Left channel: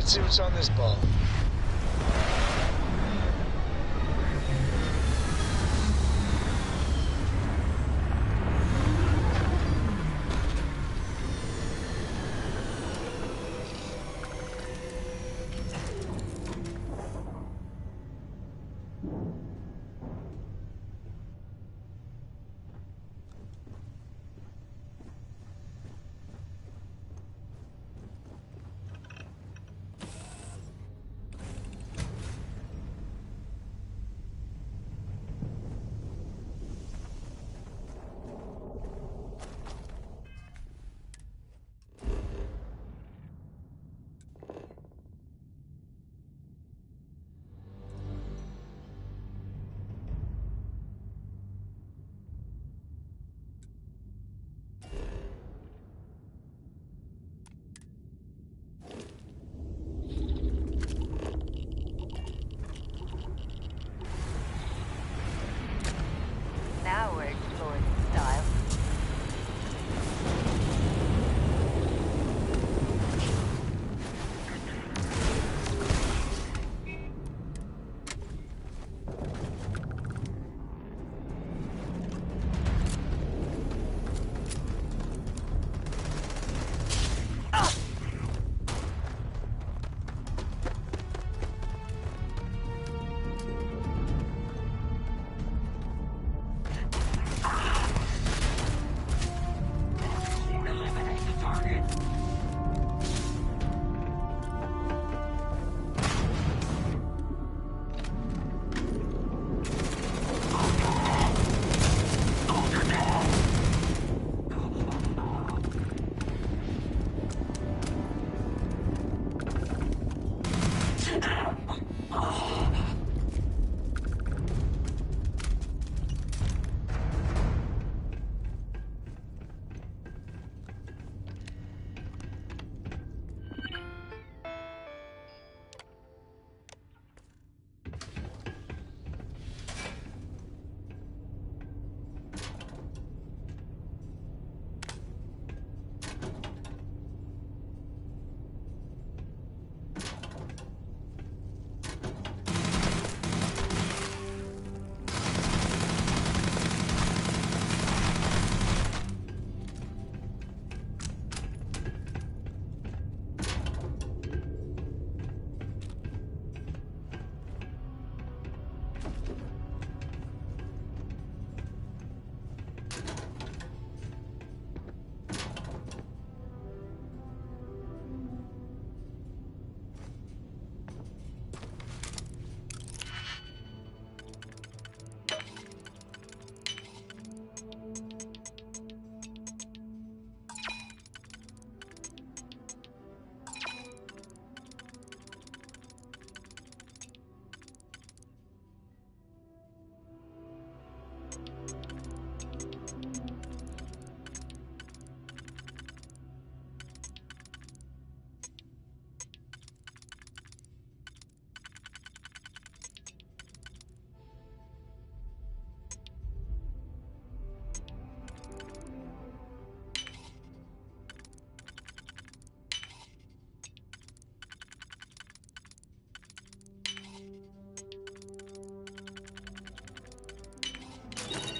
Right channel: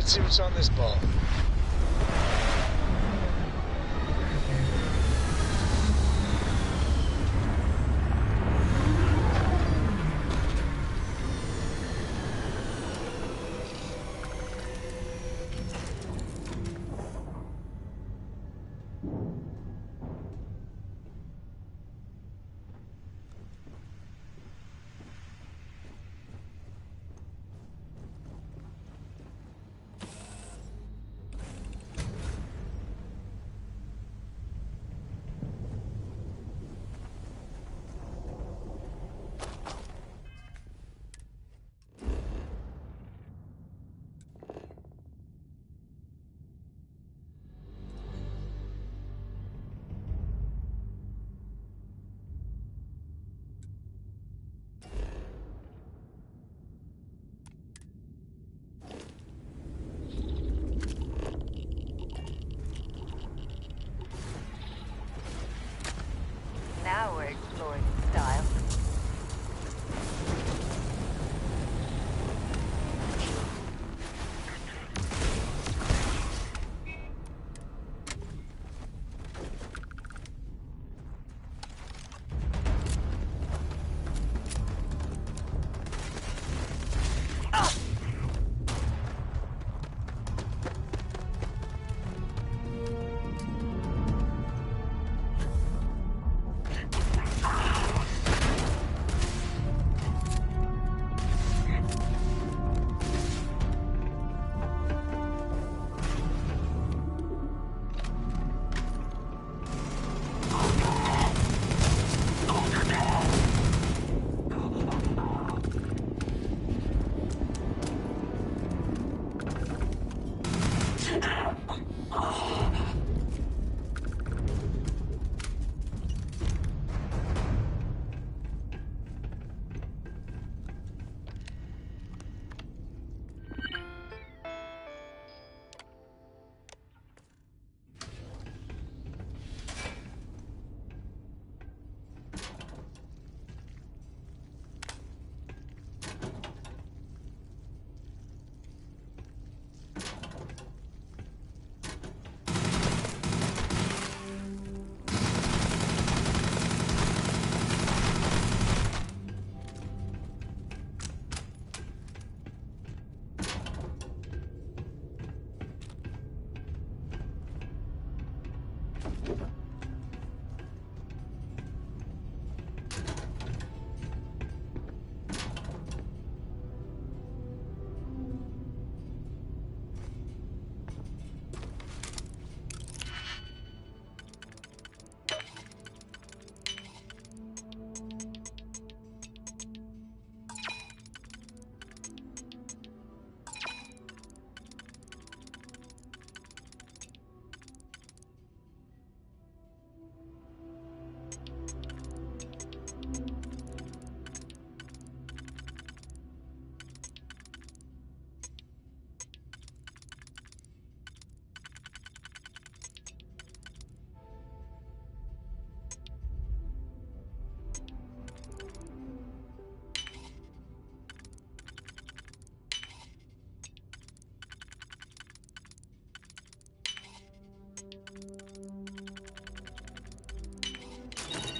Let's see what's on this ball. Now we're exploring in style.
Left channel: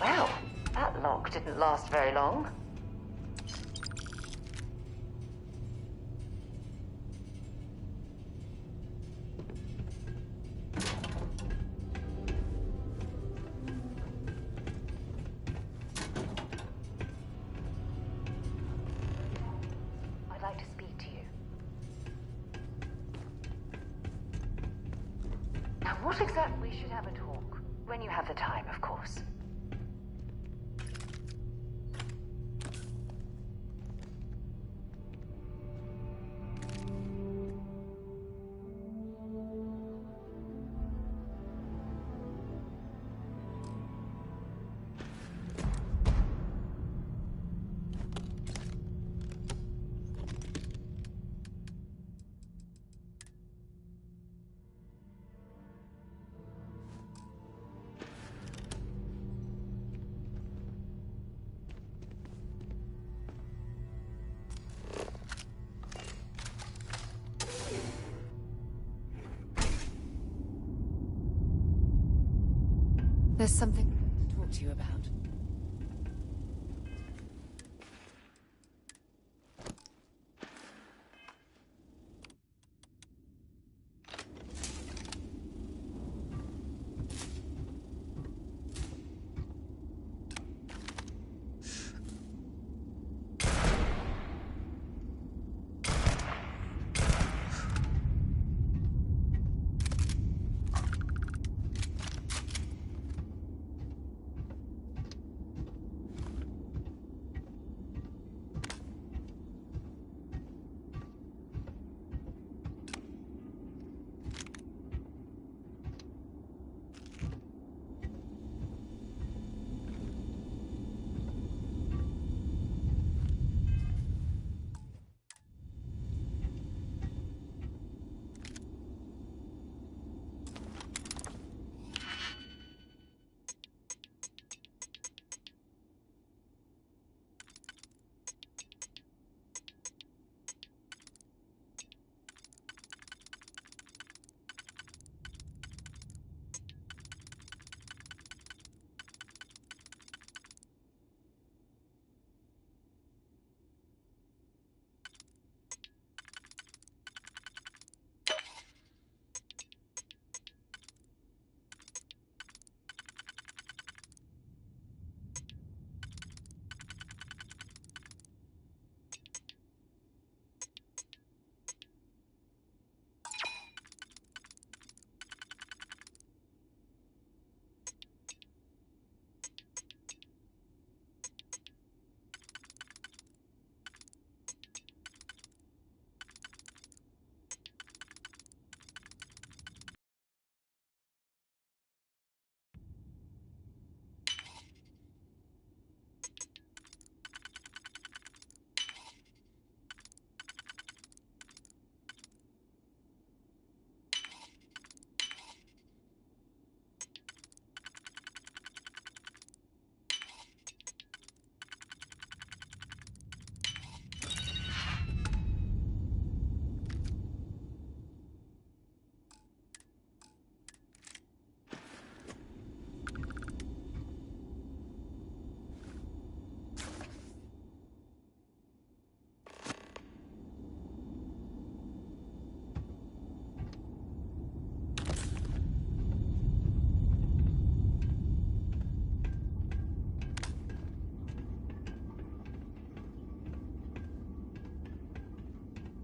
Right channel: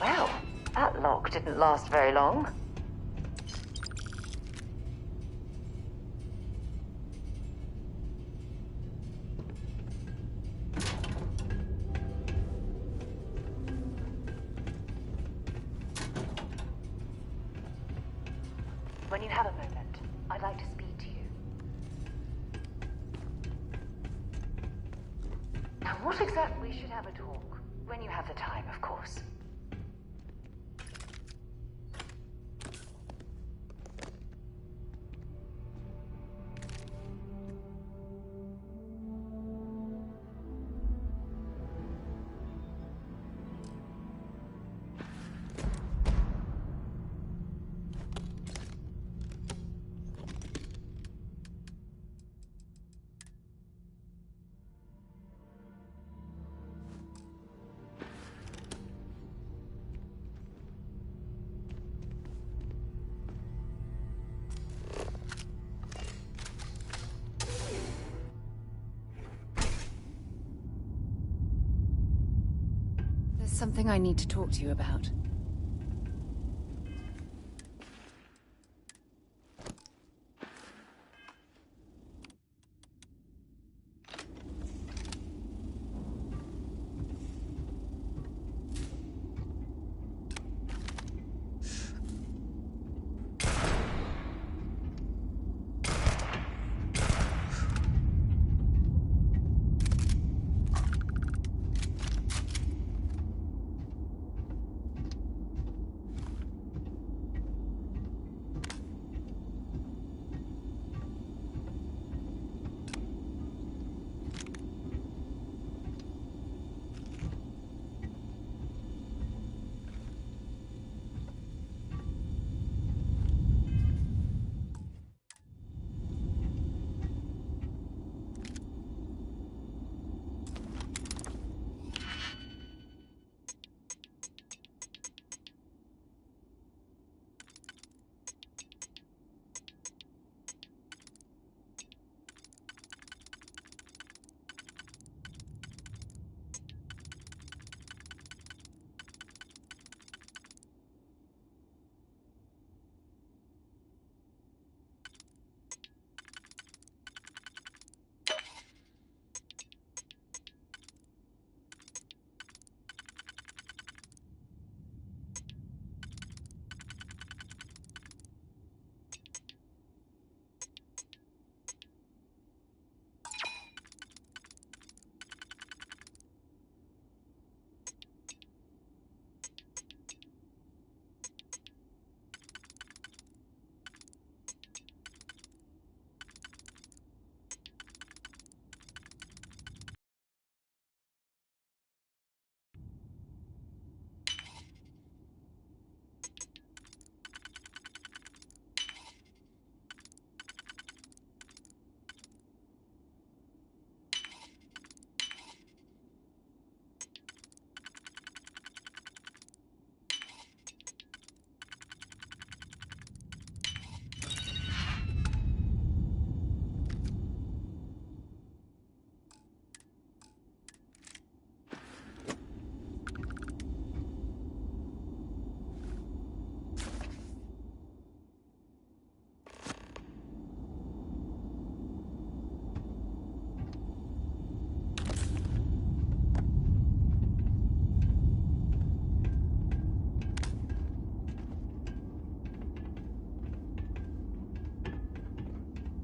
Well, that lock didn't last very long. When you have a moment, I'd like to speak to you. Now, what exactly should have a talk? When you have the time, of course. There's something I need to talk to you about.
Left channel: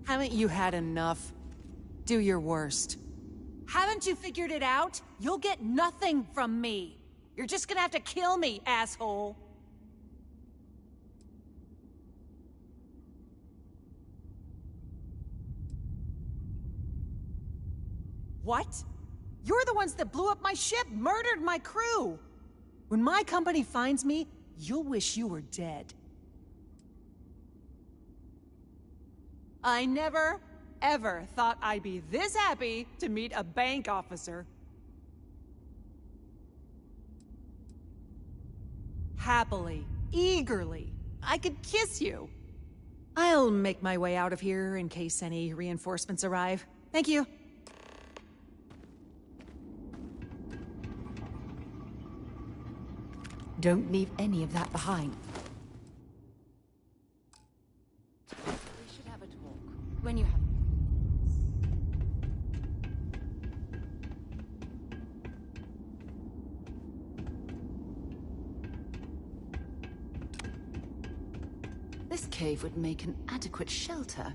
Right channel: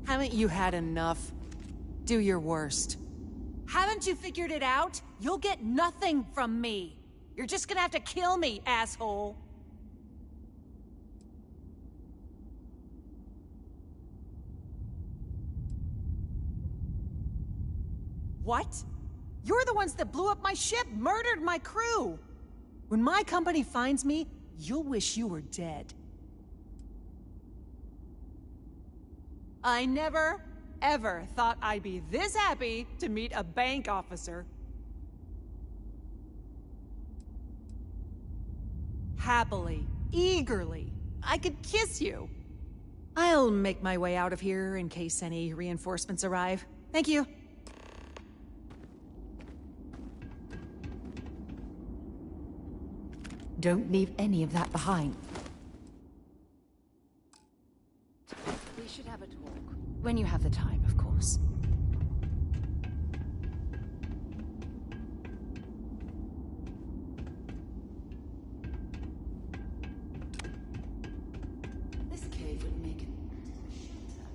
Haven't you had enough? Do your worst. Haven't you figured it out? You'll get nothing from me. You're just gonna have to kill me, asshole. What? You're the ones that blew up my ship, murdered my crew. When my company finds me, you'll wish you were dead. I never, ever thought I'd be this happy to meet a bank officer. Happily, eagerly, I could kiss you. I'll make my way out of here in case any reinforcements arrive. Thank you. Don't leave any of that behind. We should have a talk. When you have the time, of course. This cave would make an adequate shelter.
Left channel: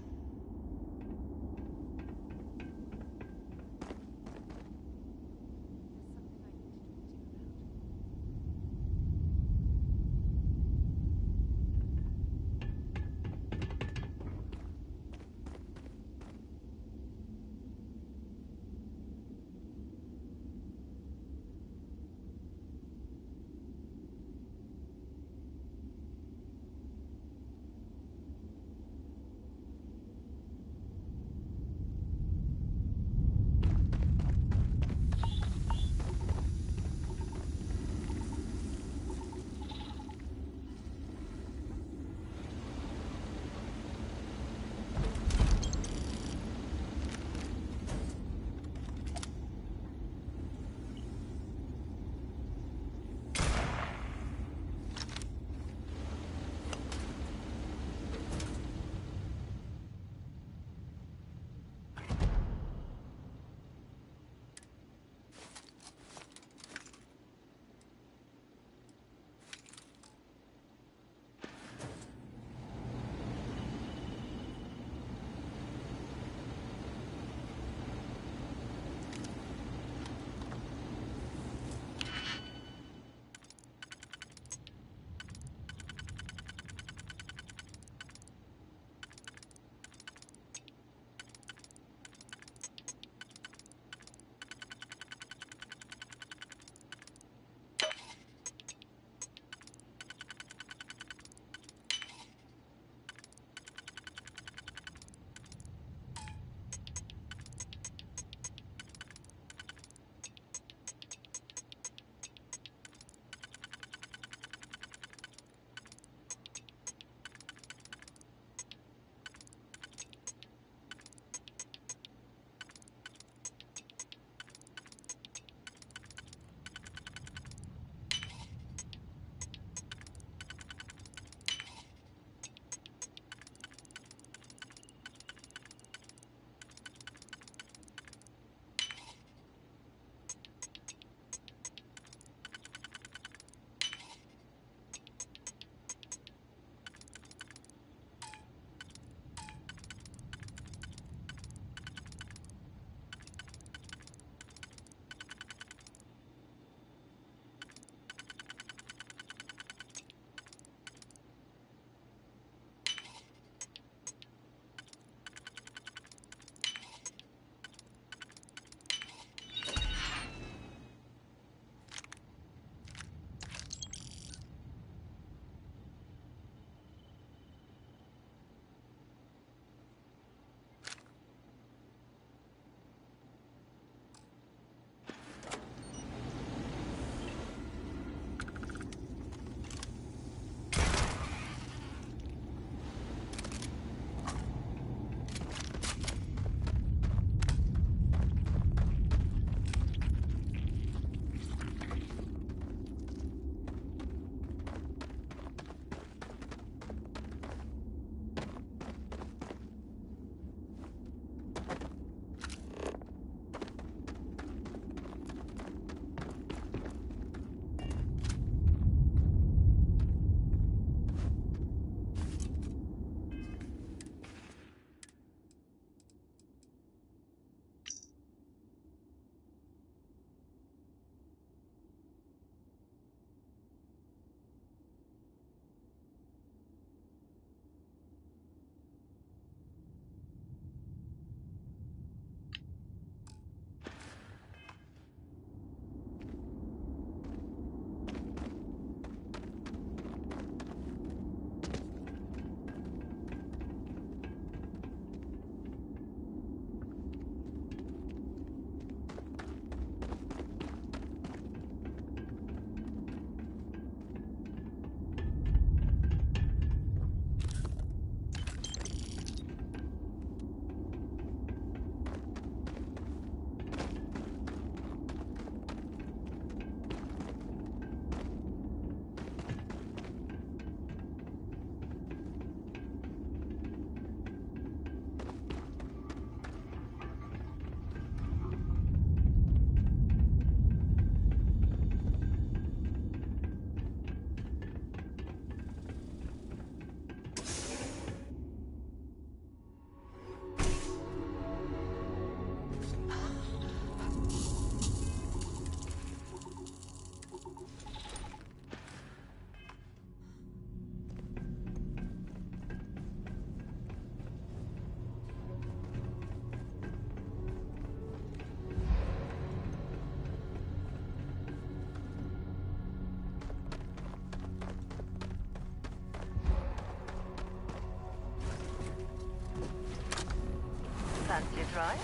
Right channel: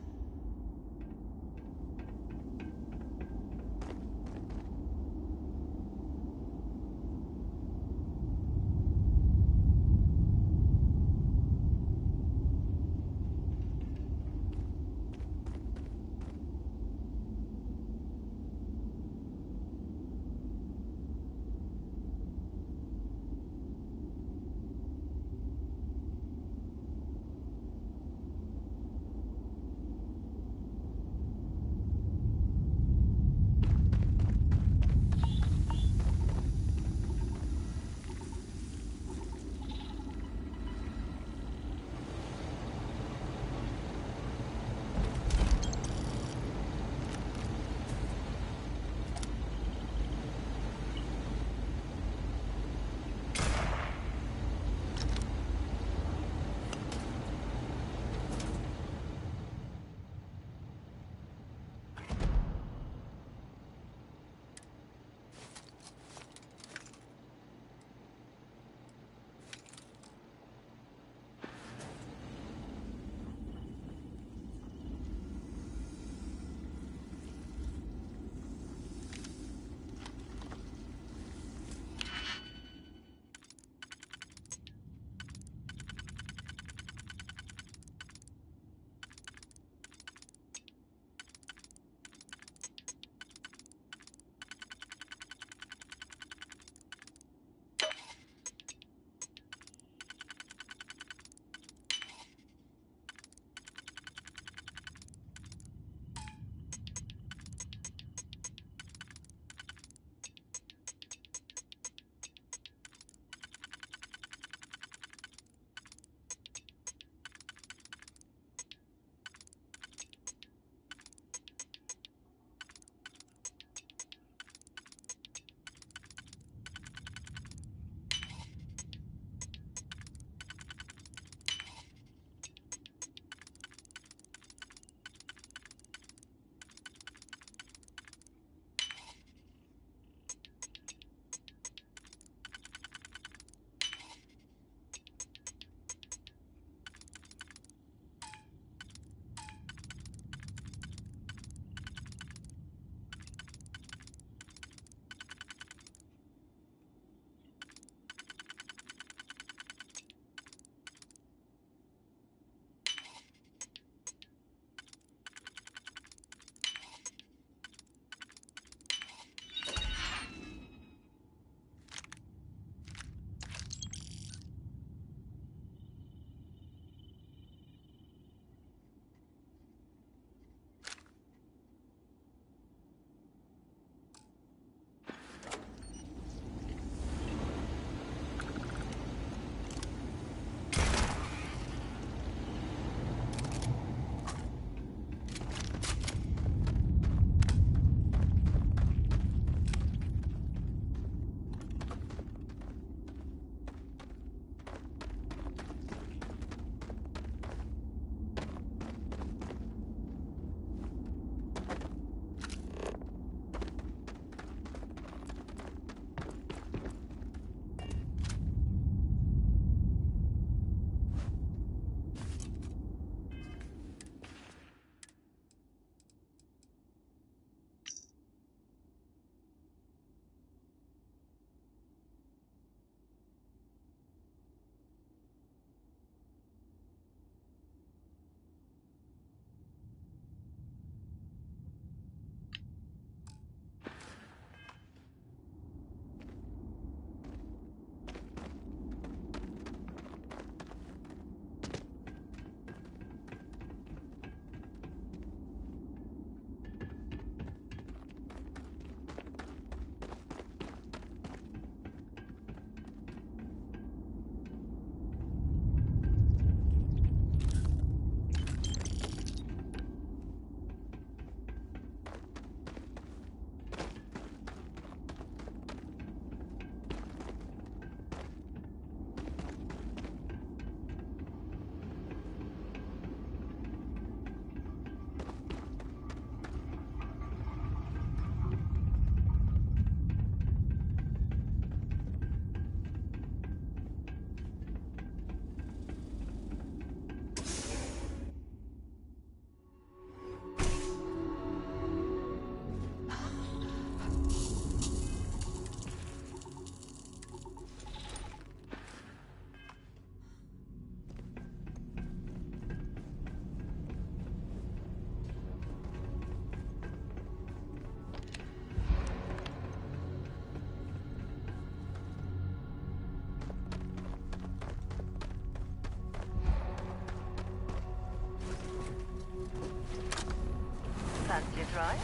Fancy a drive?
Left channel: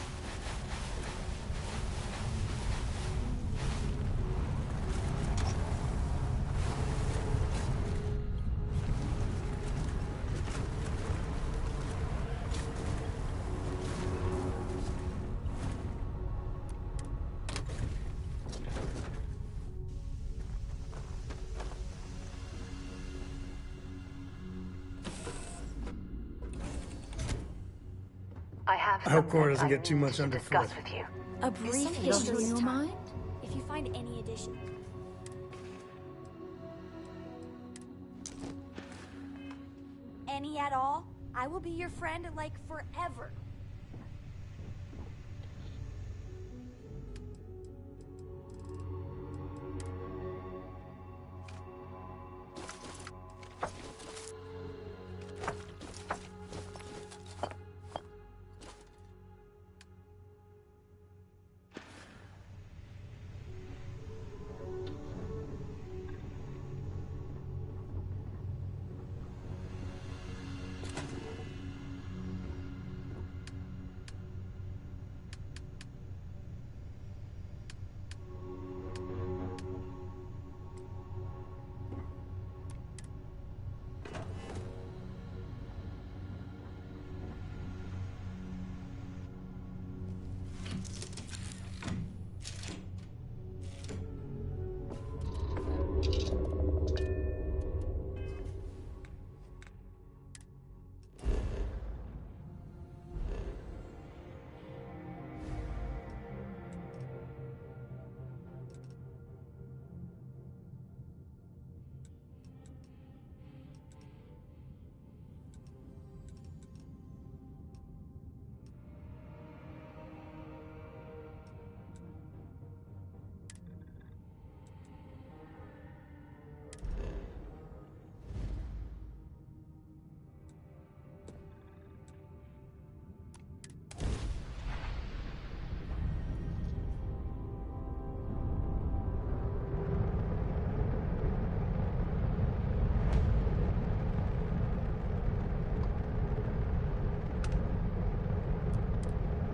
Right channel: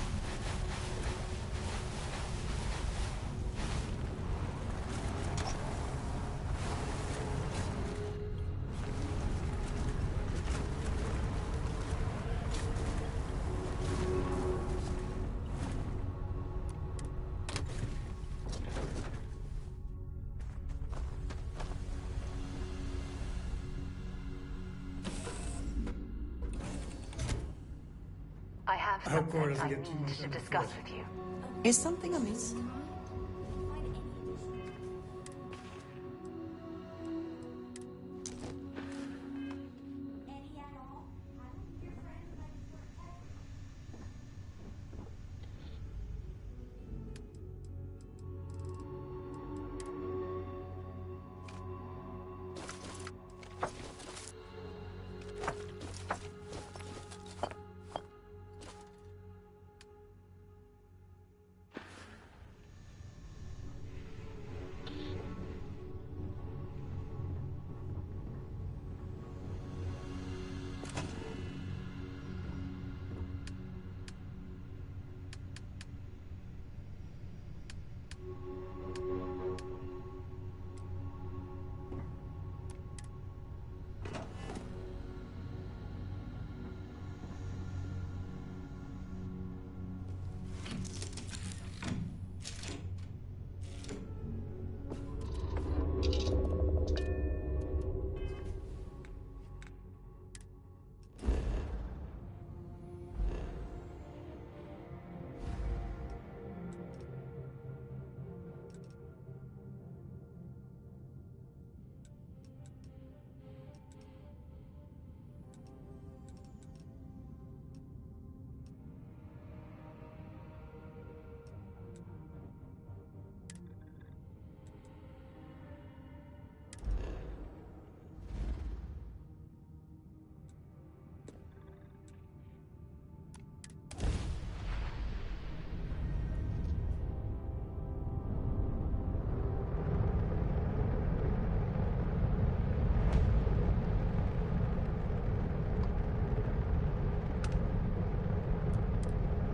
I hope Cora doesn't get too much underfoot. With you. Is something on your mind? If you find any addition. Any at all? I will be your friend like forever.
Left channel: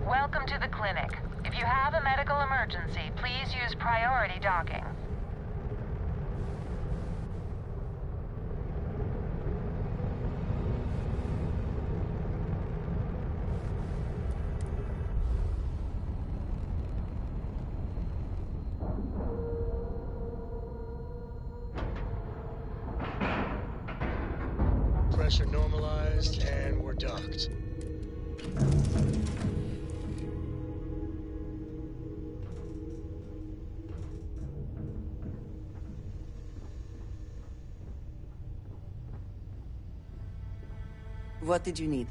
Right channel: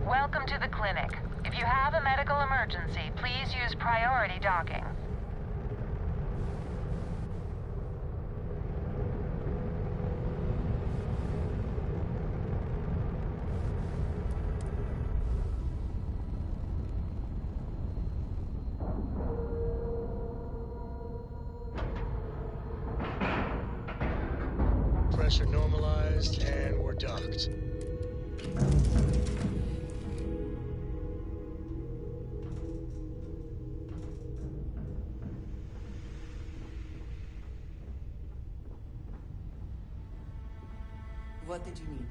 Welcome to the clinic. If you have a medical emergency, please use priority docking. Pressure normalized, and we're docked. What did you need?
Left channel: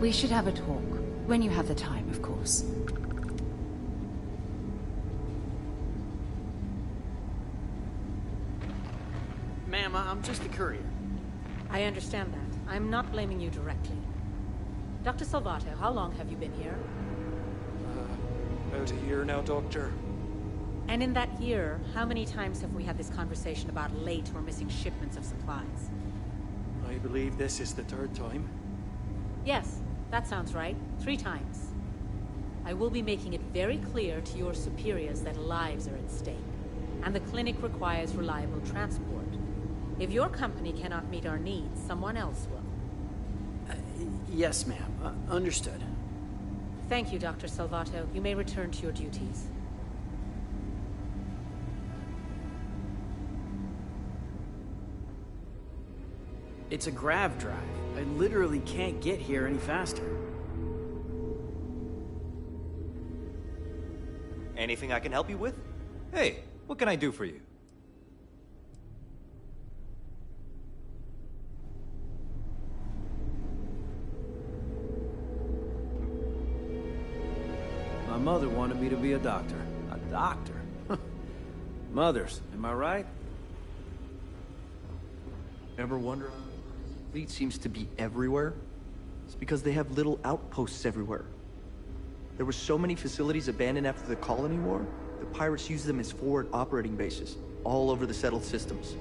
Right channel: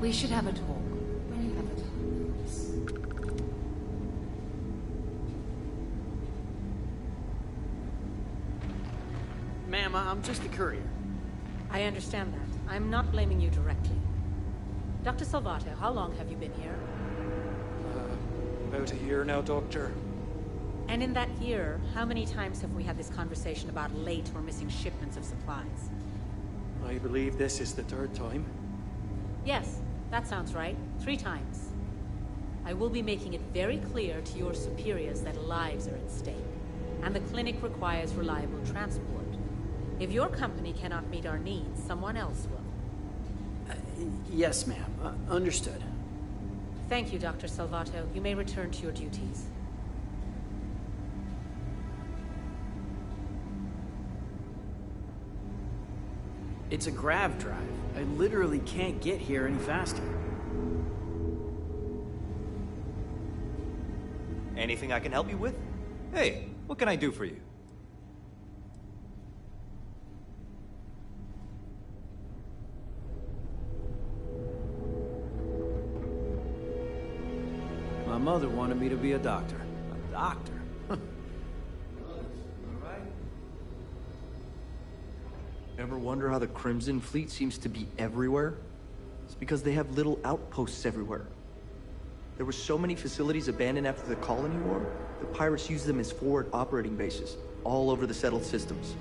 We should have a talk. When you have the time, of course. Ma'am, I'm just a courier. I understand that. I'm not blaming you directly. Dr. Salvato, how long have you been here? About a year now, Doctor. And in that year, how many times have we had this conversation about late or missing shipments of supplies? I believe this is the third time. Yes, that sounds right. 3 times. I will be making it very clear to your superiors that lives are at stake, and the clinic requires reliable transport. If your company cannot meet our needs, someone else will. Yes, ma'am. Understood. Thank you, Dr. Salvato. You may return to your duties. It's a grav drive. I literally can't get here any faster. Anything I can help you with? Hey, what can I do for you? My mother wanted me to be a doctor. A doctor? Mothers, am I right? Ever wonder how the Crimson Fleet seems to be everywhere? It's because they have little outposts everywhere. There were so many facilities abandoned after the Colony War, the pirates used them as forward operating bases, all over the settled systems.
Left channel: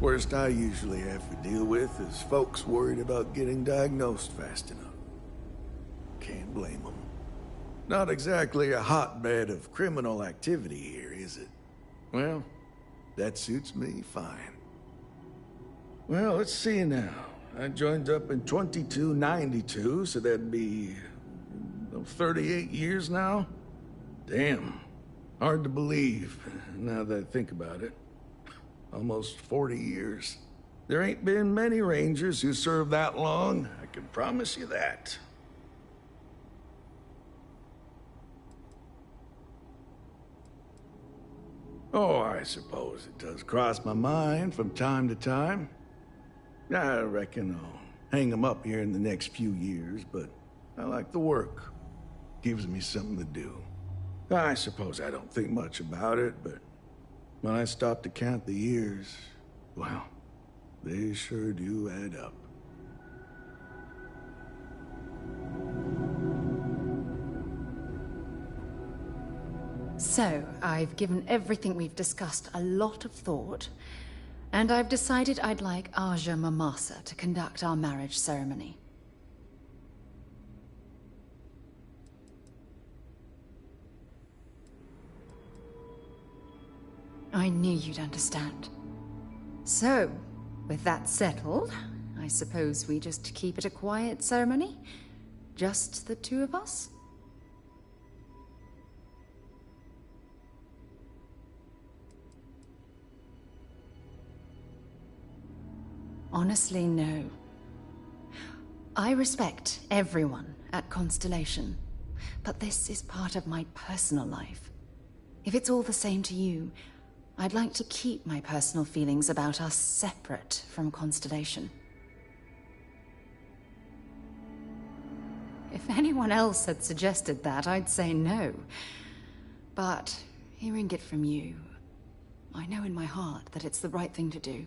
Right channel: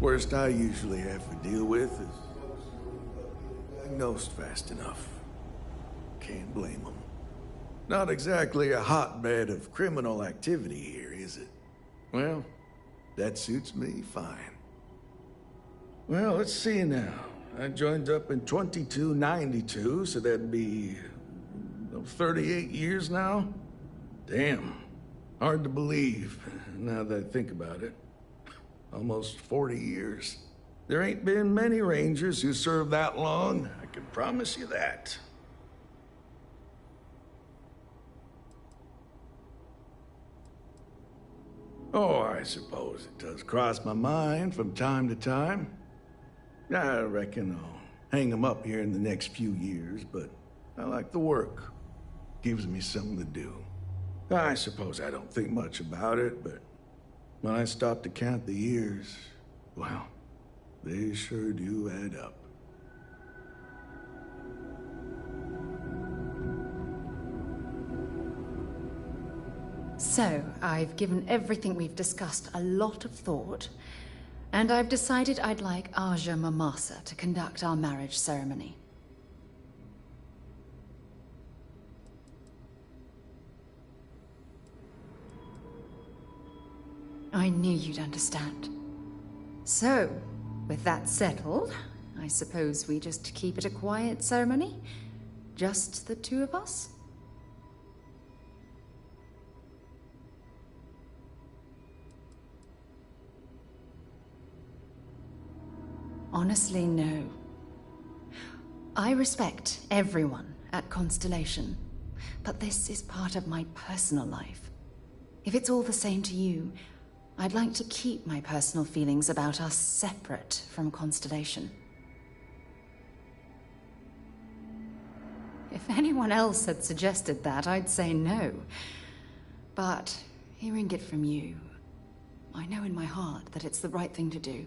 Worst I usually have to deal with is folks worried about getting diagnosed fast enough. Can't blame them. Not exactly a hotbed of criminal activity here, is it? Well, that suits me fine. Well, let's see now. I joined up in 2292, so that'd be 38 years now? Damn. Hard to believe, now that I think about it. Almost 40 years. There ain't been many Rangers who served that long, I can promise you that. Oh, I suppose it does cross my mind from time to time. I reckon I'll hang 'em up here in the next few years, but I like the work. Gives me something to do. I suppose I don't think much about it, but when I stop to count the years, well, they sure do add up. So, I've given everything we've discussed a lot of thought, and I've decided I'd like Aja Mamasa to conduct our marriage ceremony. I knew you'd understand. So, with that settled, I suppose we just keep it a quiet ceremony? Just the two of us? Honestly, no. I respect everyone at Constellation, but this is part of my personal life. If it's all the same to you, I'd like to keep my personal feelings about us separate from Constellation. If anyone else had suggested that, I'd say no. But hearing it from you, I know in my heart that it's the right thing to do.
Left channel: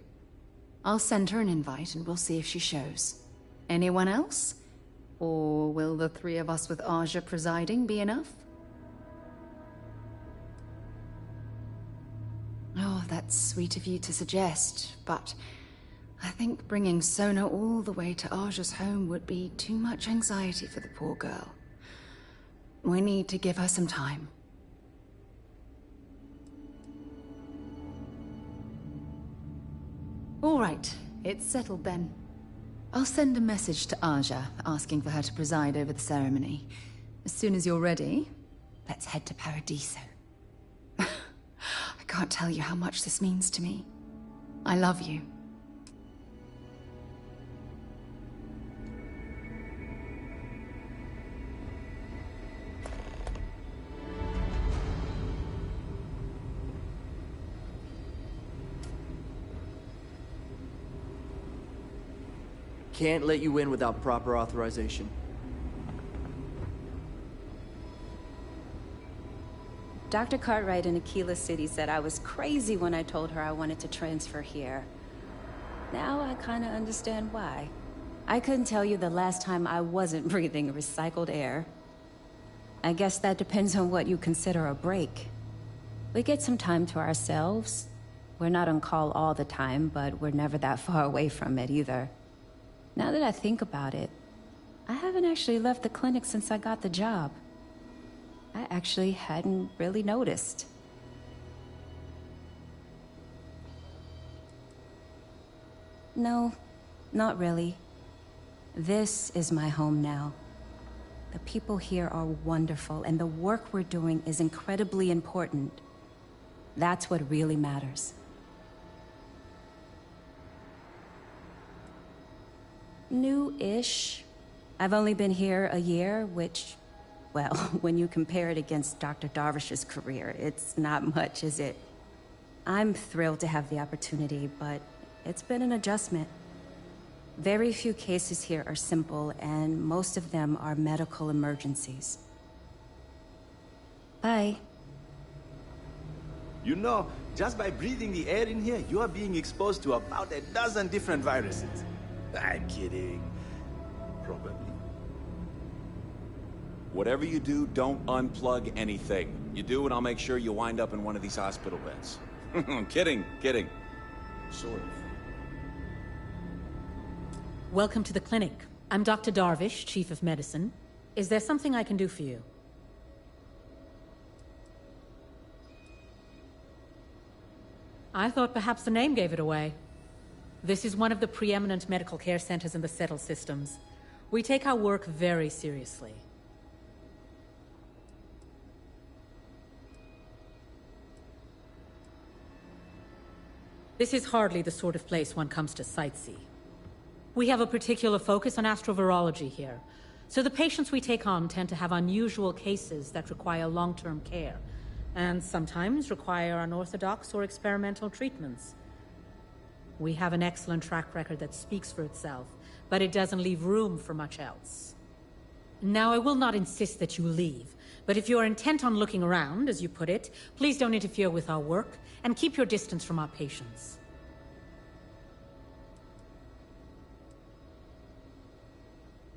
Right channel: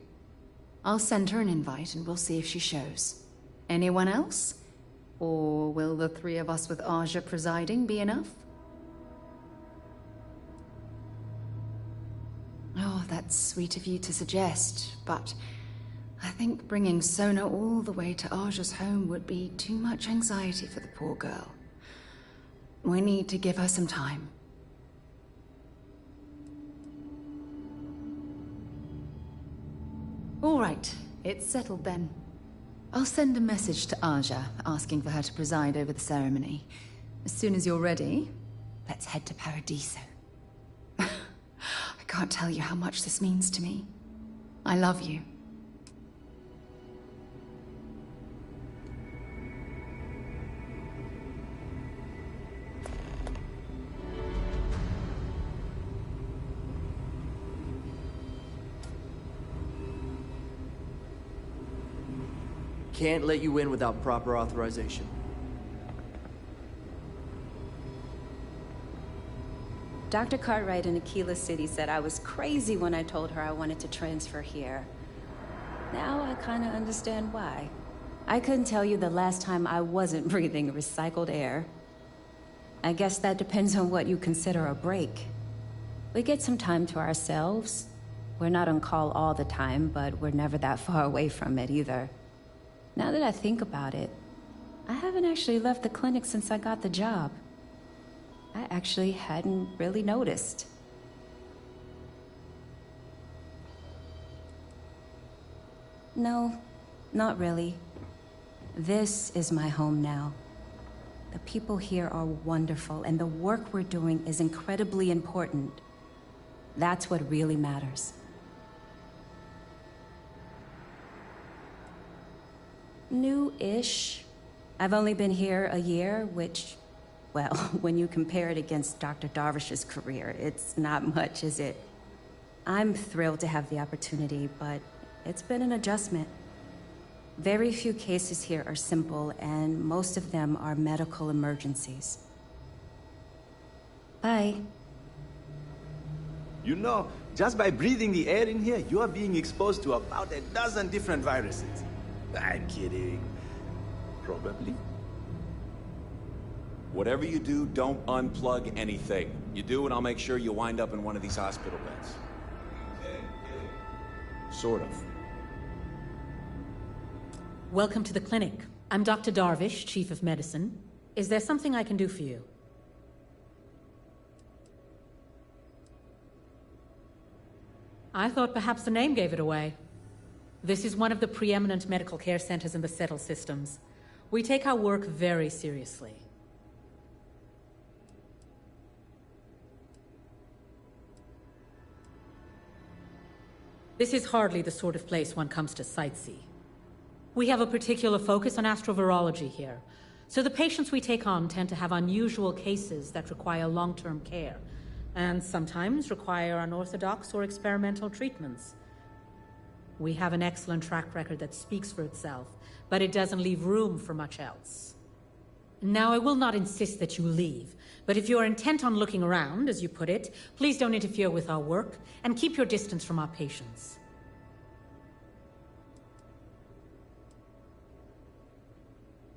I'll send her an invite and we'll see if she shows. Anyone else? Or will the three of us with Aja presiding be enough? Oh, that's sweet of you to suggest, but I think bringing Sona all the way to Aja's home would be too much anxiety for the poor girl. We need to give her some time. All right, it's settled then. I'll send a message to Aja, asking for her to preside over the ceremony. As soon as you're ready, let's head to Paradiso. I can't tell you how much this means to me. I love you. Can't let you in without proper authorization. Dr. Cartwright in Aquila City said I was crazy when I told her I wanted to transfer here. Now I kinda understand why. I couldn't tell you the last time I wasn't breathing recycled air. I guess that depends on what you consider a break. We get some time to ourselves. We're not on call all the time, but we're never that far away from it either. Now that I think about it, I haven't actually left the clinic since I got the job. I actually hadn't really noticed. No, not really. This is my home now. The people here are wonderful, and the work we're doing is incredibly important. That's what really matters. New-ish. I've only been here a year, which, well, when you compare it against Dr. Darvish's career, it's not much, is it? I'm thrilled to have the opportunity, but it's been an adjustment. Very few cases here are simple, and most of them are medical emergencies. Bye. You know, just by breathing the air in here, you are being exposed to about a dozen different viruses. I'm kidding. Probably. Whatever you do, don't unplug anything. You do, and I'll make sure you wind up in one of these hospital beds. Kidding. Sort of. Welcome to the clinic. I'm Dr. Darvish, Chief of Medicine. Is there something I can do for you? I thought perhaps the name gave it away. This is one of the preeminent medical care centers in the Settle systems. We take our work very seriously. This is hardly the sort of place one comes to sightsee. We have a particular focus on astrovirology here, so the patients we take on tend to have unusual cases that require long-term care, and sometimes require unorthodox or experimental treatments. We have an excellent track record that speaks for itself, but it doesn't leave room for much else. Now, I will not insist that you leave, but if you are intent on looking around, as you put it, please don't interfere with our work, and keep your distance from our patients.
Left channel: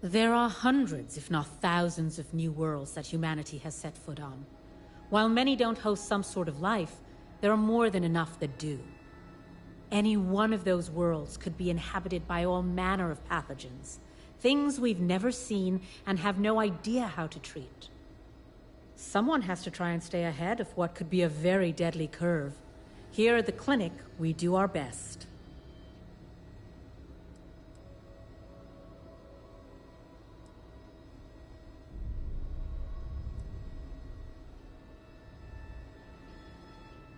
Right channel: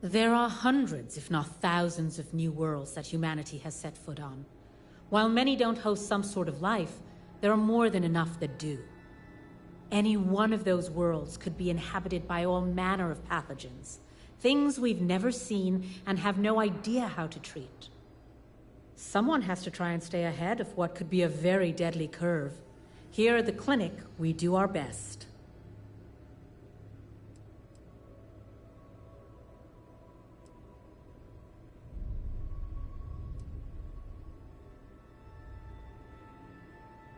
There are hundreds, if not thousands, of new worlds that humanity has set foot on. While many don't host some sort of life, there are more than enough that do. Any one of those worlds could be inhabited by all manner of pathogens, things we've never seen and have no idea how to treat. Someone has to try and stay ahead of what could be a very deadly curve. Here at the clinic, we do our best.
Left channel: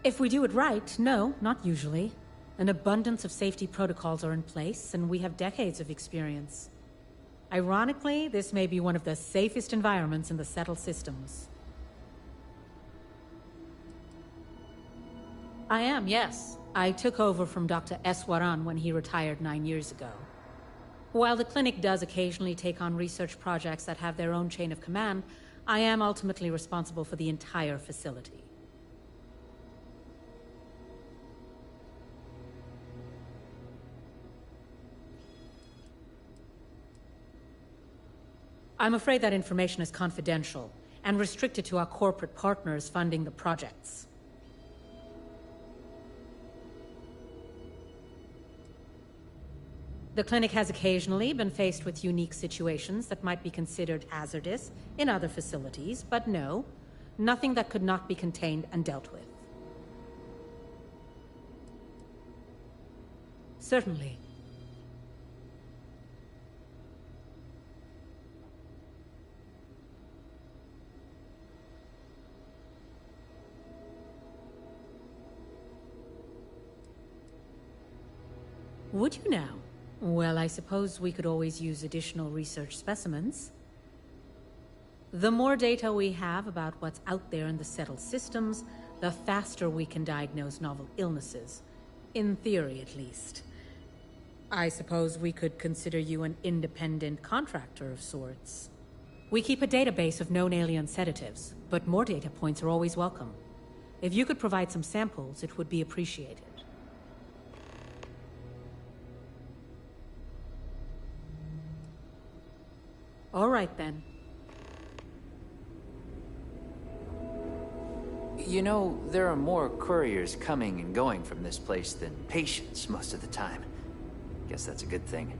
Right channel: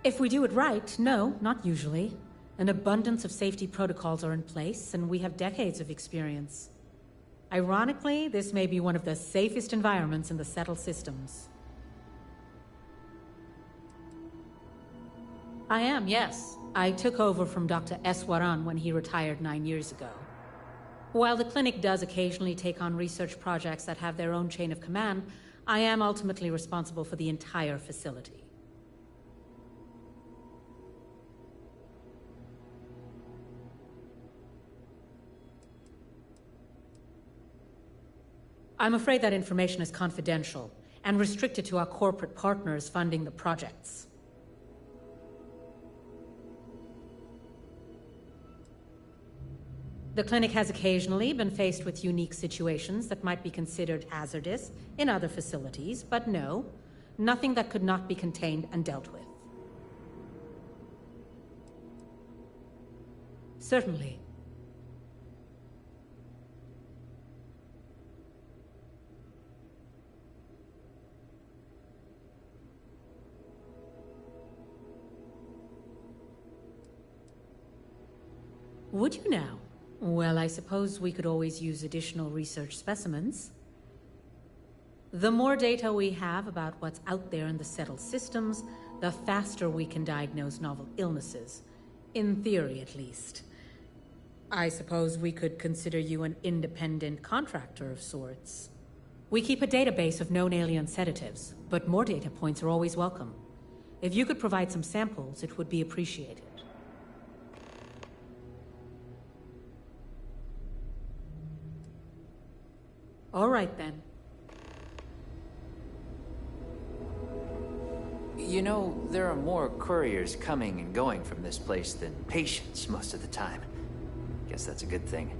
If we do it right, no, not usually. An abundance of safety protocols are in place, and we have decades of experience. Ironically, this may be one of the safest environments in the Settle systems. I am, yes. I took over from Dr. S.O.P Gone when he retired 9 years ago. While the clinic does occasionally take on research projects that have their own chain of command, I am ultimately responsible for the entire facility. I'm afraid that information is confidential and restricted to our corporate partners funding the projects. The clinic has occasionally been faced with unique situations that might be considered hazardous in other facilities, but no, nothing that could not be contained and dealt with. Certainly. Would you now? Well, I suppose we could always use additional research specimens. The more data we have about what's out there in the Settled systems, the faster we can diagnose novel illnesses. In theory, at least. I suppose we could consider you an independent contractor of sorts. We keep a database of known alien sedatives, but more data points are always welcome. If you could provide some samples, it would be appreciated. All right, then. You know, there are more couriers coming and going from this place than patients most of the time. Guess that's a good thing.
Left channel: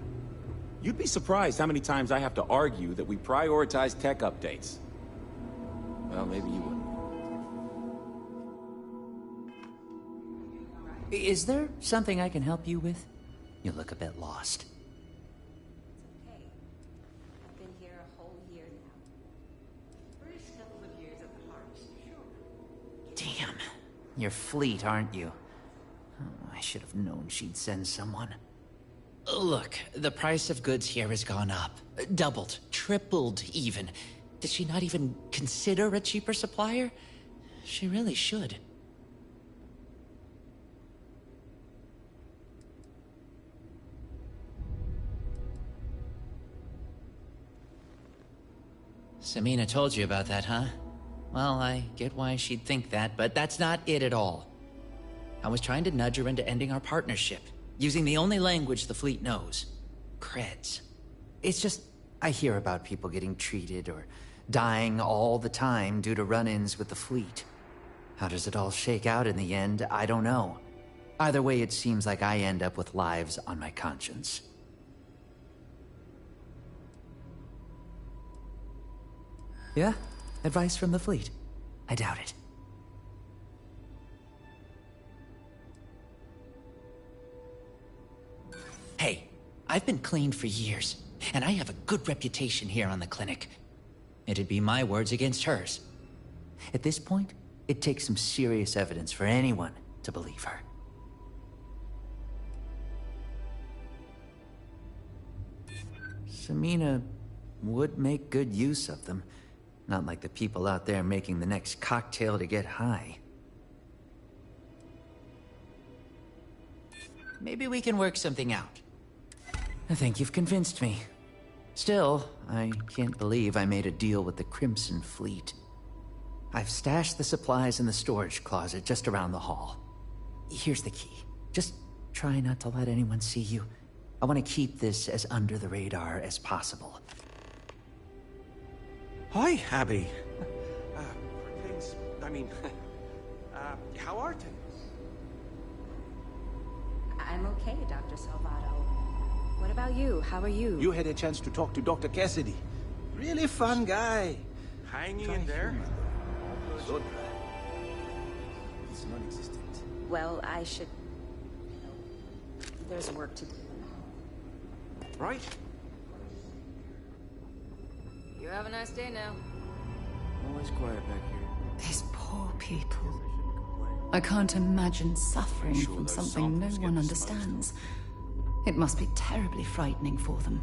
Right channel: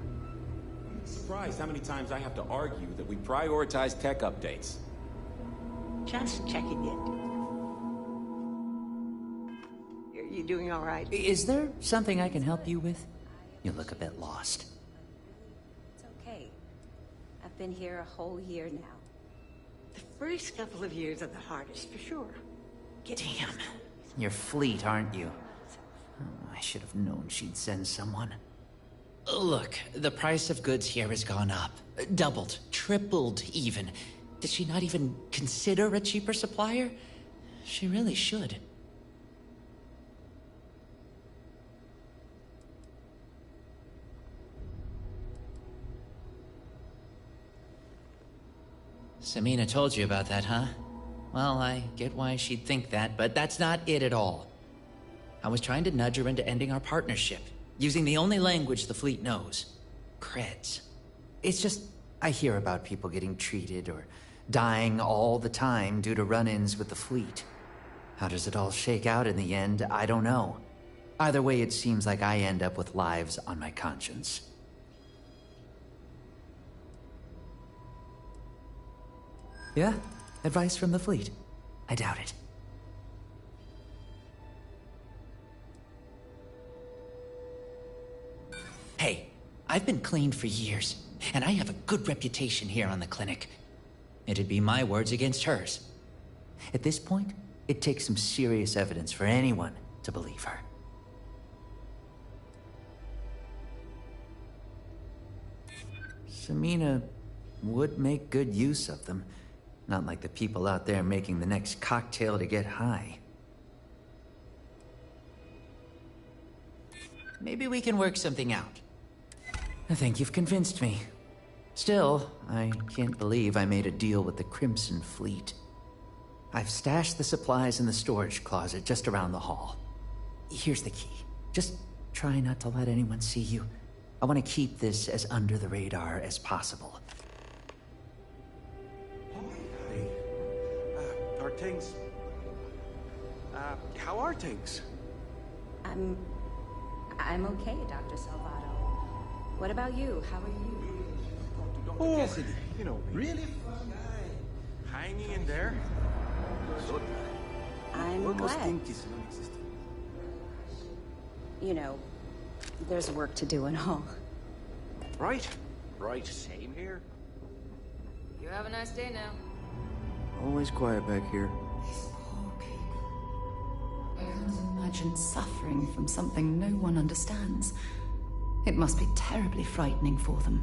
You'd be surprised how many times I have to argue that we prioritize tech updates. Just checking in. You doing all right? Is there something I can help you with? You look a bit lost. Been here a whole year now. The first couple of years are the hardest, for sure. Damn. You're fleet, aren't you? Oh, I should have known she'd send someone. Look, the price of goods here has gone up. Doubled, tripled even. Did she not even consider a cheaper supplier? She really should. Samina told you about that, huh? Well, I get why she'd think that, but that's not it at all. I was trying to nudge her into ending our partnership, using the only language the fleet knows. Creds. It's just, I hear about people getting treated or dying all the time due to run-ins with the fleet. How does it all shake out in the end? I don't know. Either way, it seems like I end up with lives on my conscience. Yeah? Advice from the fleet? I doubt it. Hey, I've been clean for years, and I have a good reputation here on the clinic. It'd be my words against hers. At this point, it takes some serious evidence for anyone to believe her. Samina would make good use of them. Not like the people out there making the next cocktail to get high. Maybe we can work something out. I think you've convinced me. Still, I can't believe I made a deal with the Crimson Fleet. I've stashed the supplies in the storage closet just around the hall. Here's the key. Just try not to let anyone see you. I want to keep this as under the radar as possible. Hi, Abby. Are things... how are things? I'm okay, Dr. Salvato. What about you? How are you? You had a chance to talk to Dr. Cassidy. You know, really fun guy. Hanging in there. So dry. I'm Almost glad. think it's non-existent. Well, I should... You know, there's work to do and all. Right. Right, same here. You have a nice day now. Always quiet back here. These poor people. I can't imagine suffering from something no one understands. It must be terribly frightening for them.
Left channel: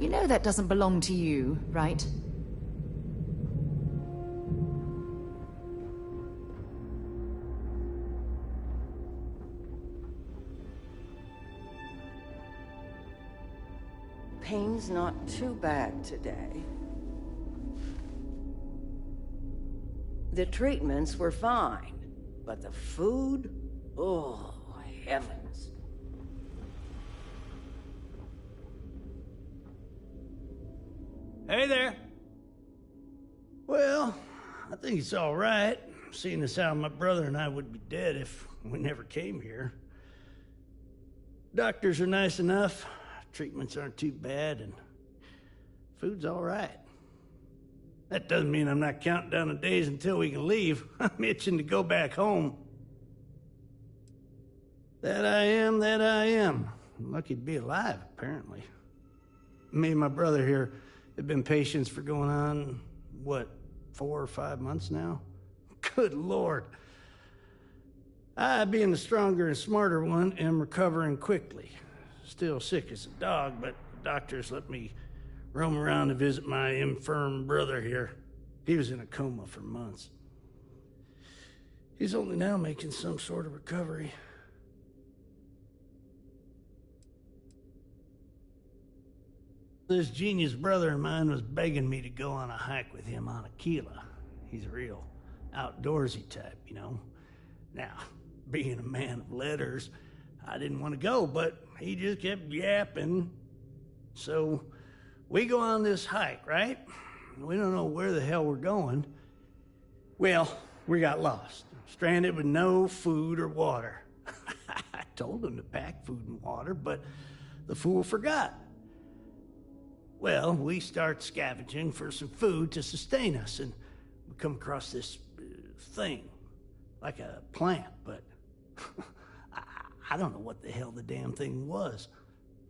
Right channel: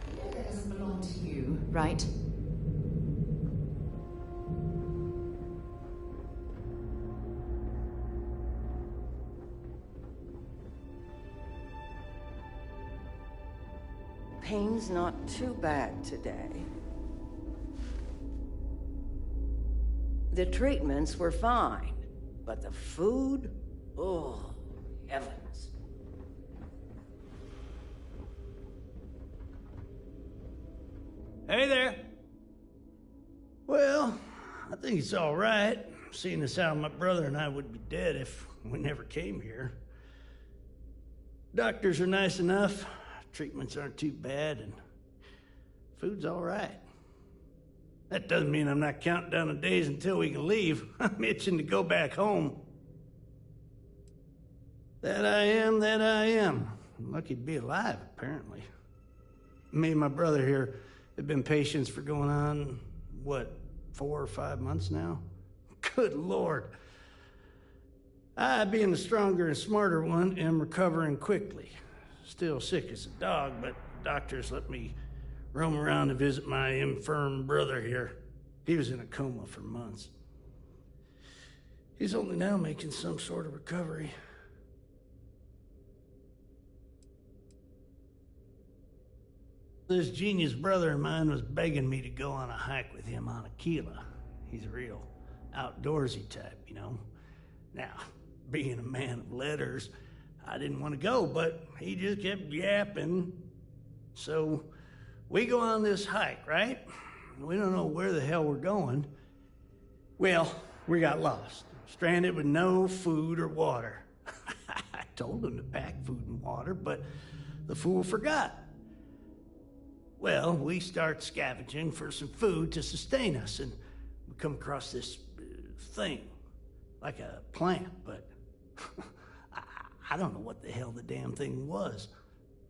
You know that doesn't belong to you, right? Pain's not too bad today. The treatments were fine, but the food? Oh, heavens. Hey there. Well, I think it's all right, seeing as how my brother and I would be dead if we never came here. Doctors are nice enough, treatments aren't too bad, and food's all right. That doesn't mean I'm not counting down the days until we can leave. I'm itching to go back home. That I am, that I am. I'm lucky to be alive, apparently. Me and my brother here have been patients for going on, what, 4 or 5 months now? Good Lord. I, being the stronger and smarter one, am recovering quickly. Still sick as a dog, but the doctors let me roam around to visit my infirm brother here. He was in a coma for months. He's only now making some sort of recovery. This genius brother of mine was begging me to go on a hike with him on Aquila. He's a real outdoorsy type, you know. Now, being a man of letters, I didn't want to go, but he just kept yapping. So we go on this hike, right? We don't know where the hell we're going. Well, we got lost, stranded with no food or water. I told him to pack food and water, but the fool forgot. Well, we start scavenging for some food to sustain us, and we come across this thing, like a plant, but I don't know what the hell the damn thing was.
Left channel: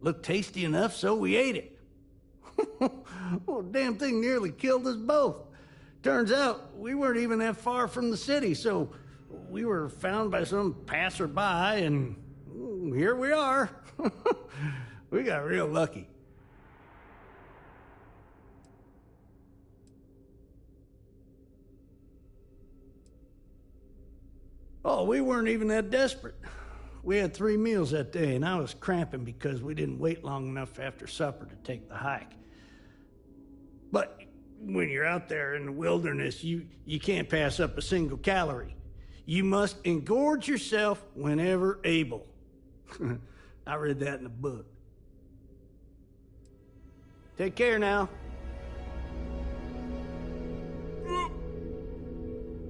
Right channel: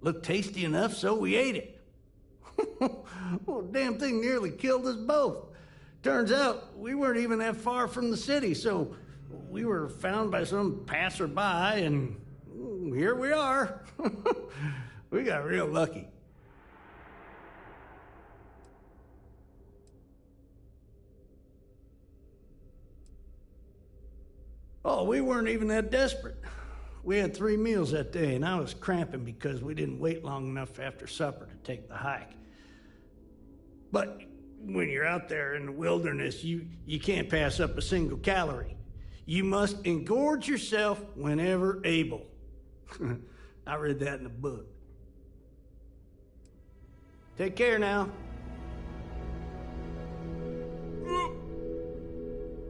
Looked tasty enough, so we ate it. Well, the damn thing nearly killed us both. Turns out, we weren't even that far from the city, so we were found by some passerby, and here we are. We got real lucky. Oh, we weren't even that desperate. We had 3 meals that day, and I was cramping because we didn't wait long enough after supper to take the hike. But when you're out there in the wilderness, you can't pass up a single calorie. You must engorge yourself whenever able. I read that in a book. Take care now.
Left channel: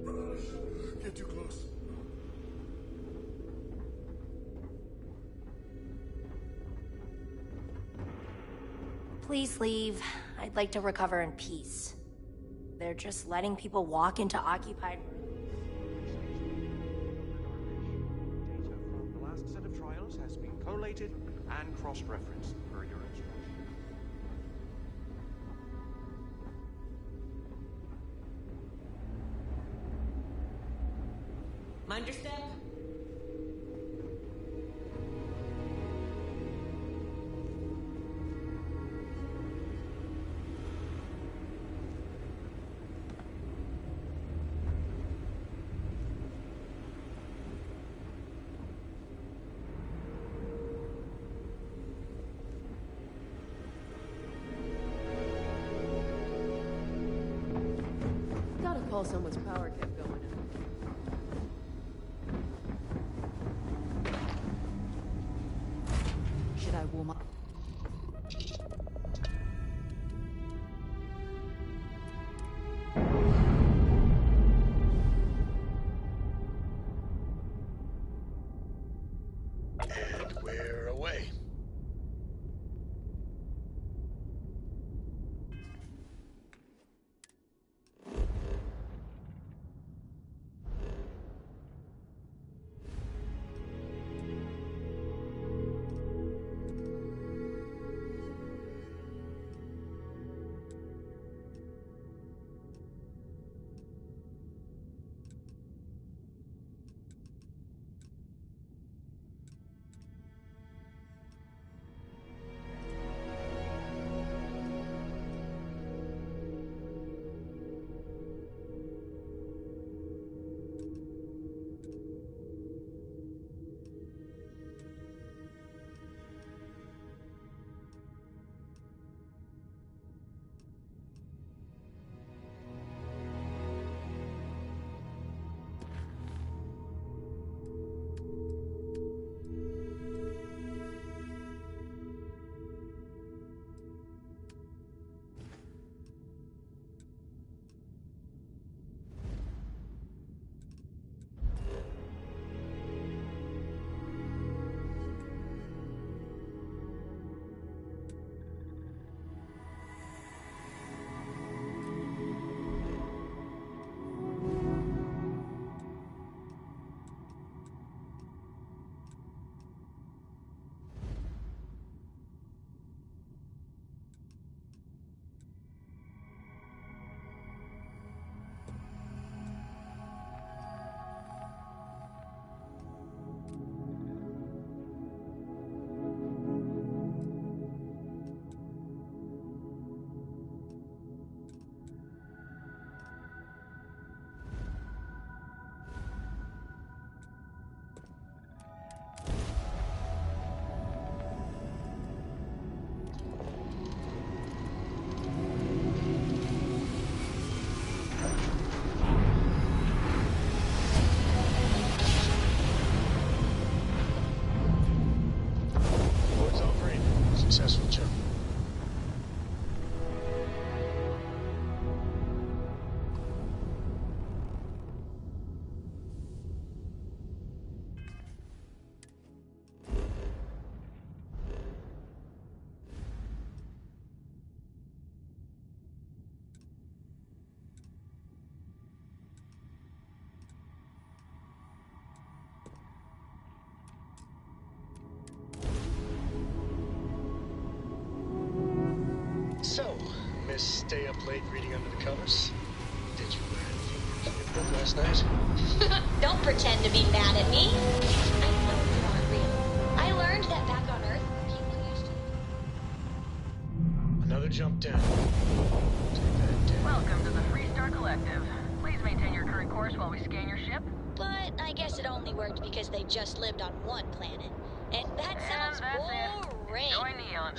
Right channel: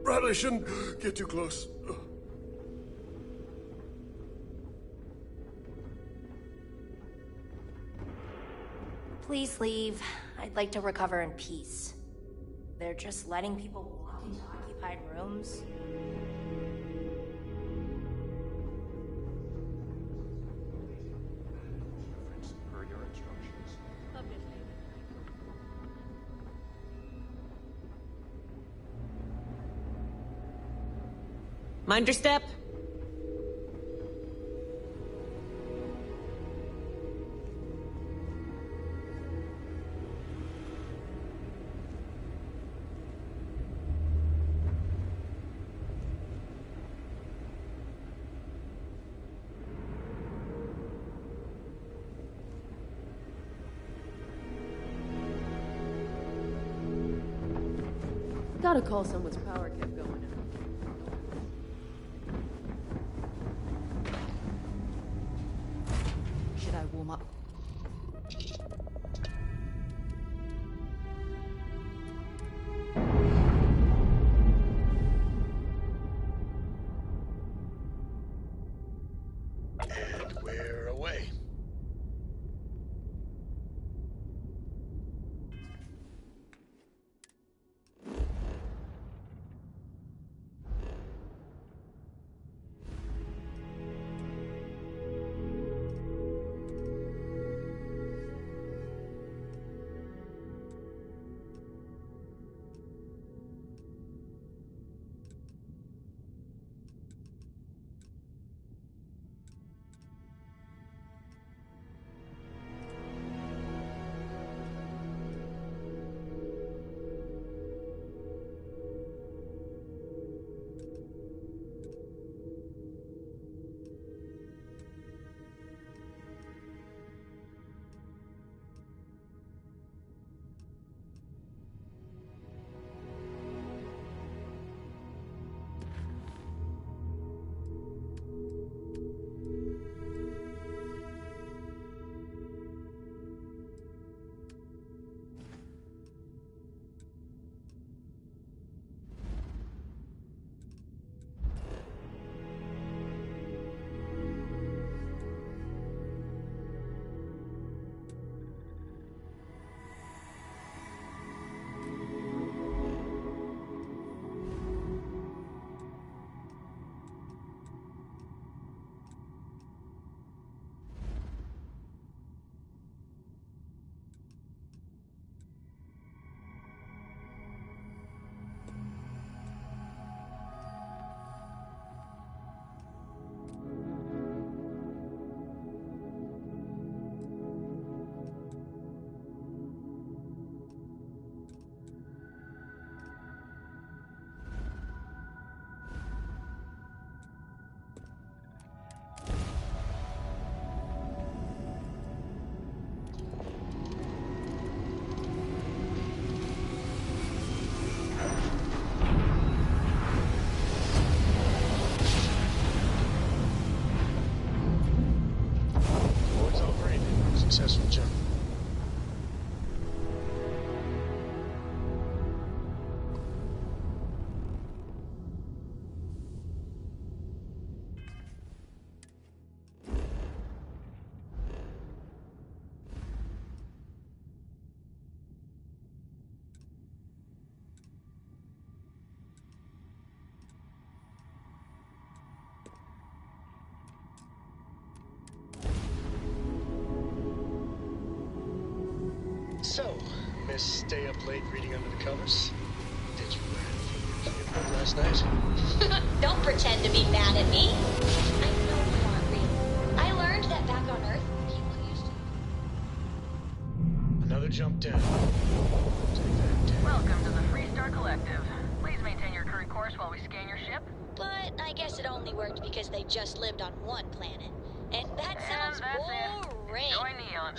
Probably shouldn't get too close. Please leave. I'd like to recover in peace. They're just letting people walk into occupied rooms. The last set of trials has been collated and cross-referenced per your instructions. Mind your step. Gotta call someone's power kept going out. Should I warm up? And we're away. Successful jump. So, Miss Stay Up Late reading under the covers? Did you learn anything from your book last night? Don't pretend to be mad at me. I know you aren't real. I learned that back on Earth, people used to... Another jump down. Take that down. Welcome to the Freestar Collective. Please maintain your current course while we scan your ship. But I guess it only worked because they just lived on one planet. And that sounds boring. Join Neon.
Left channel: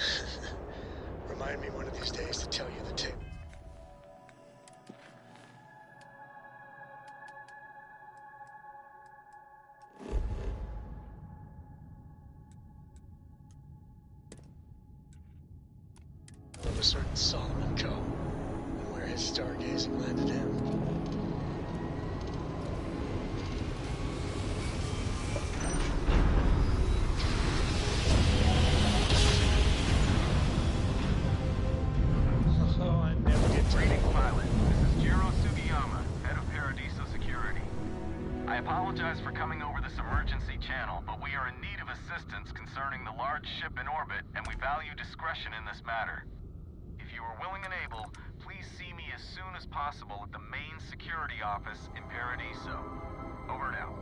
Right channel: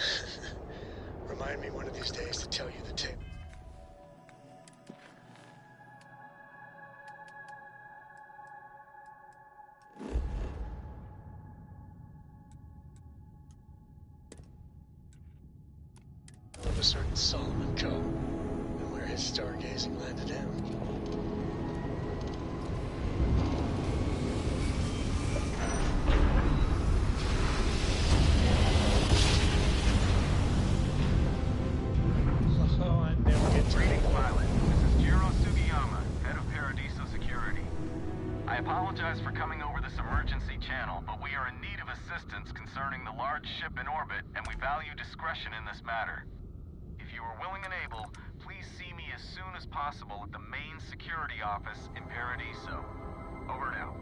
Remind me one of these days to tell you the tale. a certain Solomon Coe, and where his stargazing landed him. Oh, I never get to... Greetings, pilot. This is Jiro Sugiyama, head of Paradiso Security. I apologize for coming over this emergency channel, but we are in need of assistance concerning the large ship in orbit, and we value discretion in this matter. If you are willing and able, please see me as soon as possible at the main security office in Paradiso. Over and out.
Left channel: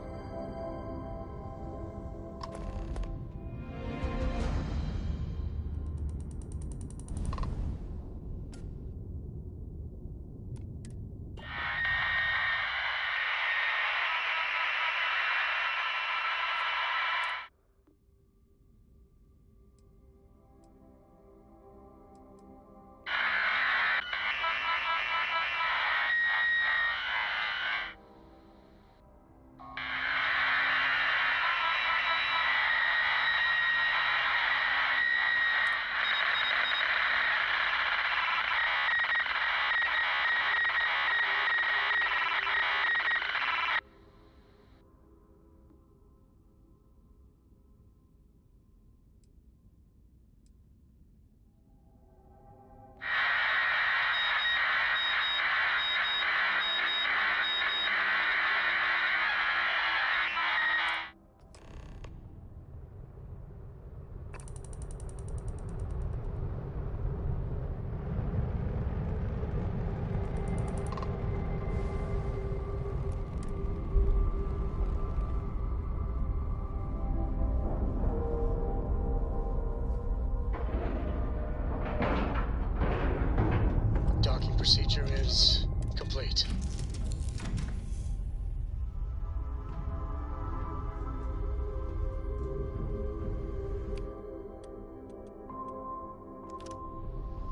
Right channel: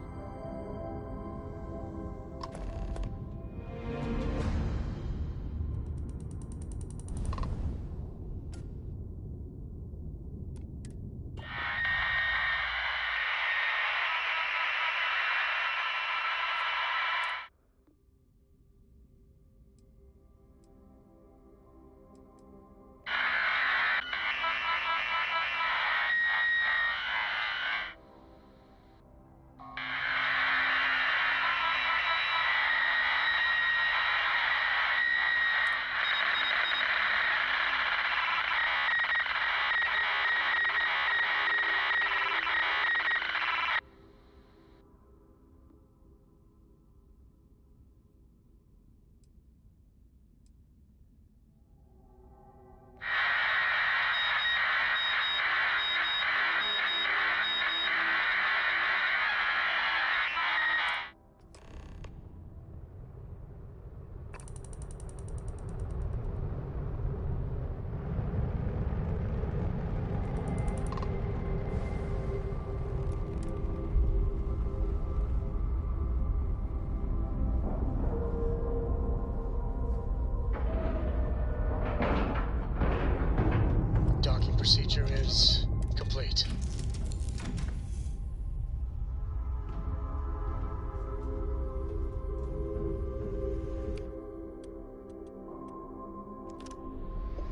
Docking procedure is complete.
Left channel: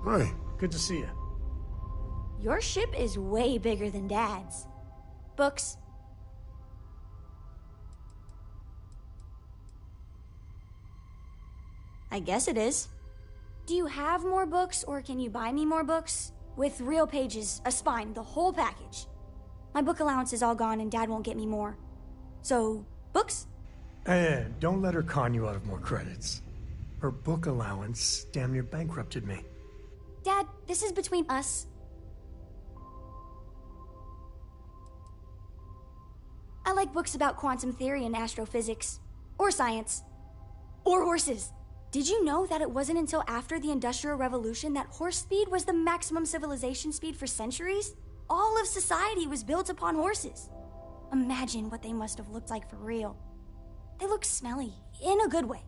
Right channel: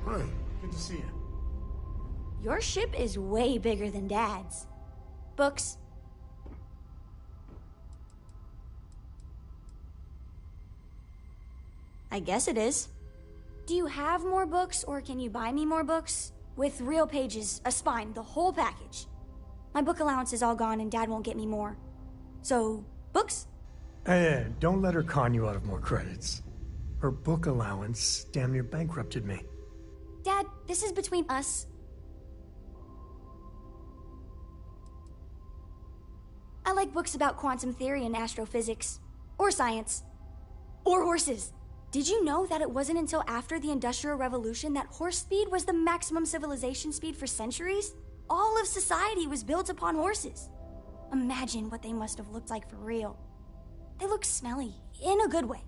Hi, good to see you. Your ship is way bigger than Dad's. Books. I guess it is. Do you have more books, or can you buy me more books? With real pages, a spine, the whole package. My book allowance is all gone and Dad won't get me more. So, books? Hey, don't let her con you out of more credits. Her book allowance damn near bankrupted me. Dad, this is between us. I like books about quantum theory and astrophysics. Or science. Or horses. Did you know that it wasn't until after the Industrial Revolution that horse speed was the maximum civilization speed for centuries? All of society was built upon horses. Imagine what they must have looked like for real. They look smelly, in a good way.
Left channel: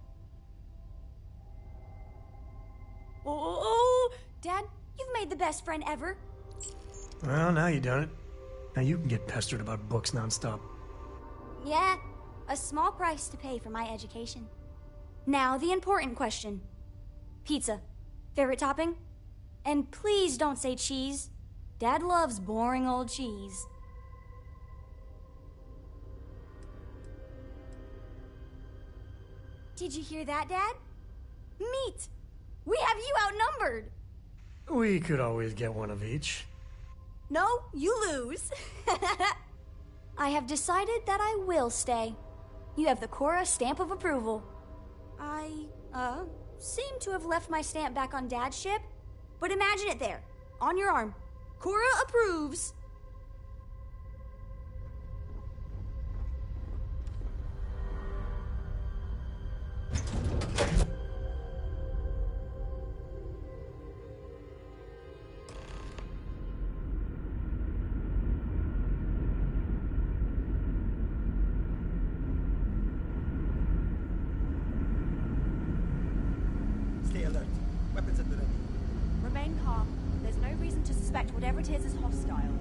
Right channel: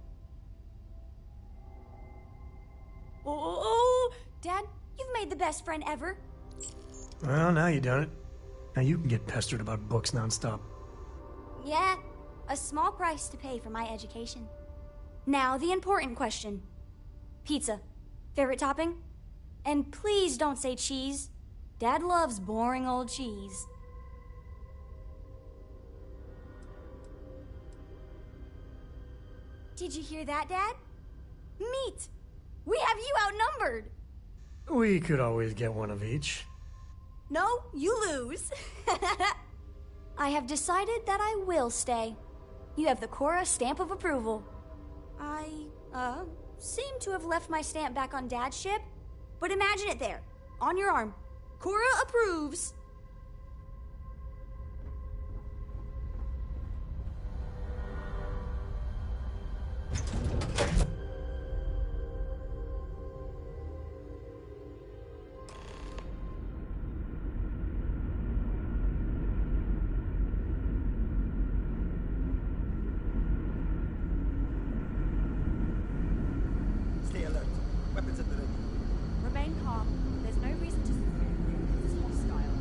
Oh, Dad, you've made the best friend ever. Well, now you done it. Now you can get pestered about books nonstop. Yeah, a small price to pay for my education. Now, the important question. Pizza. Favorite topping? And please don't say cheese. Dad loves boring old cheese. Did you hear that, Dad? Meat! We have you outnumbered! We could always get one of each. No, you lose. I have decided that I will stay. You have the Cora stamp of approval. I, seem to have left my stamp back on Dad's ship, but imagine it there, on your arm. Cora approves. Stay alert. Weapons at the ready. Remain calm. There's no reason to suspect whatever it is hostile.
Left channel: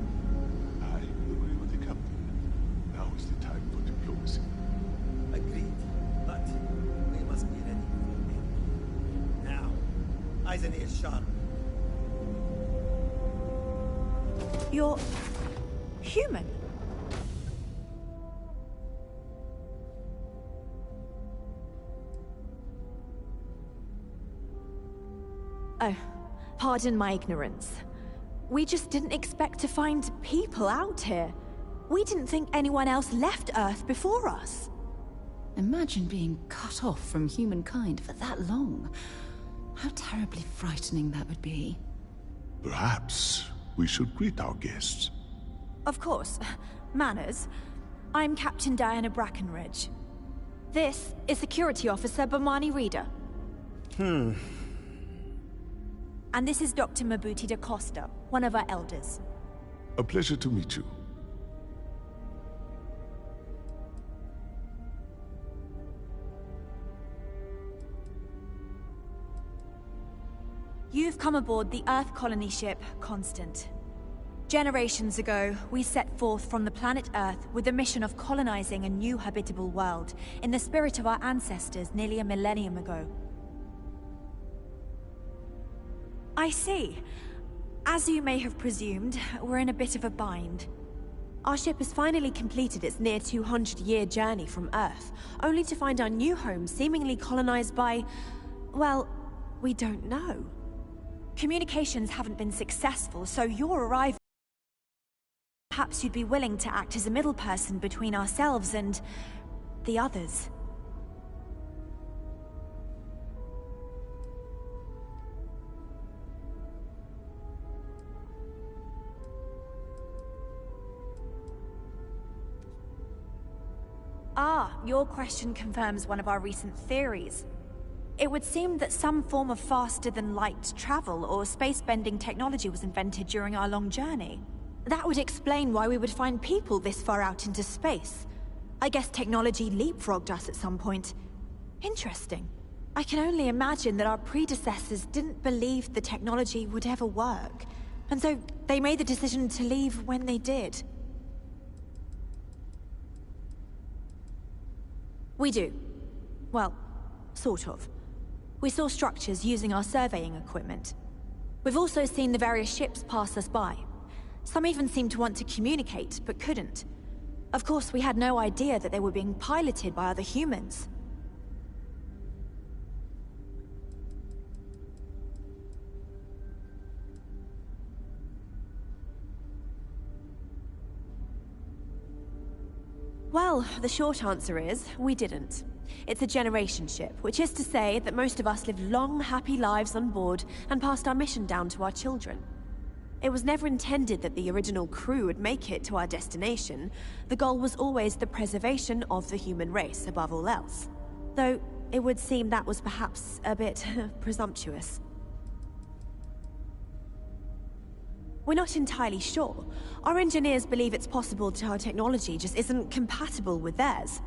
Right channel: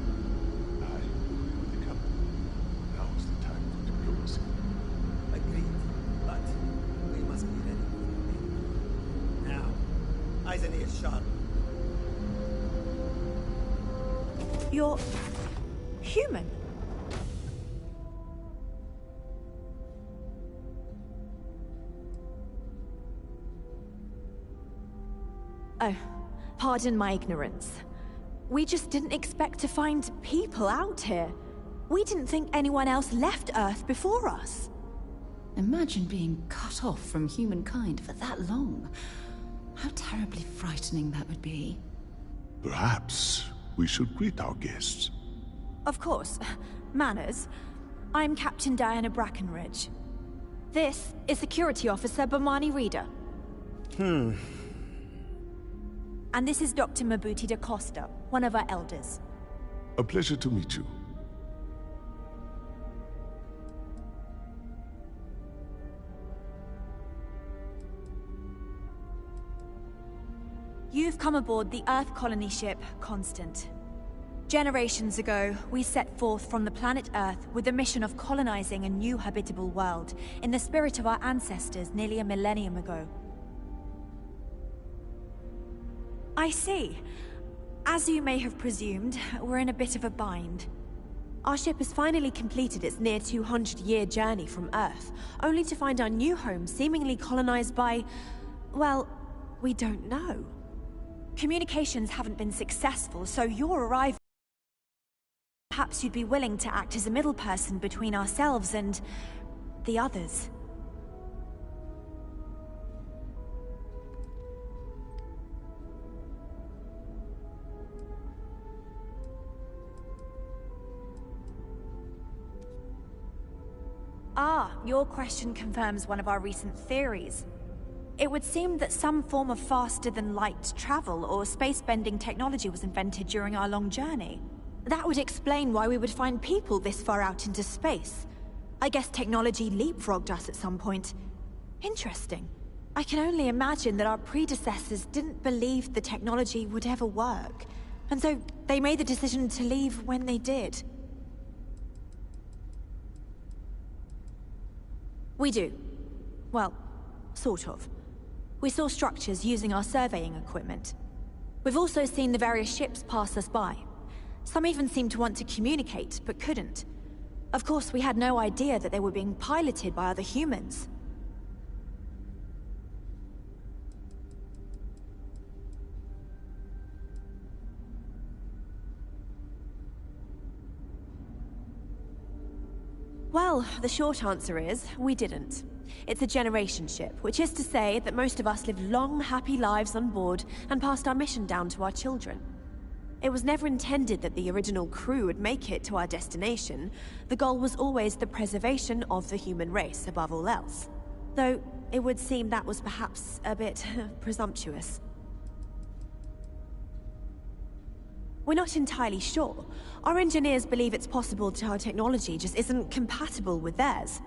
I agree with the captain. Now is the time for diplomacy. Agreed. But we must be ready for the main. Now, eyes and ears sharp. You're human. Oh, Pardon my ignorance. We just didn't expect to find people out here. We didn't think anyone else left Earth before us. Imagine being cut off from humankind for that long. How terribly frightening that would be. Perhaps we should greet our guests. Of course. Manners. I'm Captain Diana Brackenridge. This is Security Officer Bomani Reader. And this is Dr. Mabuti da Costa, one of our elders. A pleasure to meet you. You've come aboard the Earth colony ship, Constant. Generations ago, we set forth from the planet Earth with the mission of colonizing a new habitable world in the spirit of our ancestors nearly a millennium ago. I see. As you may have presumed, we're in a bit of a bind. Our ship has finally completed its near 200-year journey from Earth, only to find our new home seemingly colonized by... well, we don't know. Communications haven't been successful, so your arrival... Perhaps you'd be willing to act as a middle person between ourselves and... the others. Ah, your question confirms one of our recent theories. It would seem that some form of faster-than-light travel or space-bending technology was invented during our long journey. That would explain why we would find people this far out into space. I guess technology leapfrogged us at some point. Interesting. I can only imagine that our predecessors didn't believe the technology would ever work, and so they made the decision to leave when they did. We do. Well, sort of. We saw structures using our surveying equipment. We've also seen the various ships pass us by. Some even seemed to want to communicate, but couldn't. Of course, we had no idea that they were being piloted by other humans. Well, the short answer is, we didn't. It's a generation ship, which is to say that most of us lived long, happy lives on board and passed our mission down to our children. It was never intended that the original crew would make it to our destination. The goal was always the preservation of the human race above all else. Though, it would seem that was perhaps a bit presumptuous. We're not entirely sure. Our engineers believe it's possible that our technology just isn't compatible with theirs.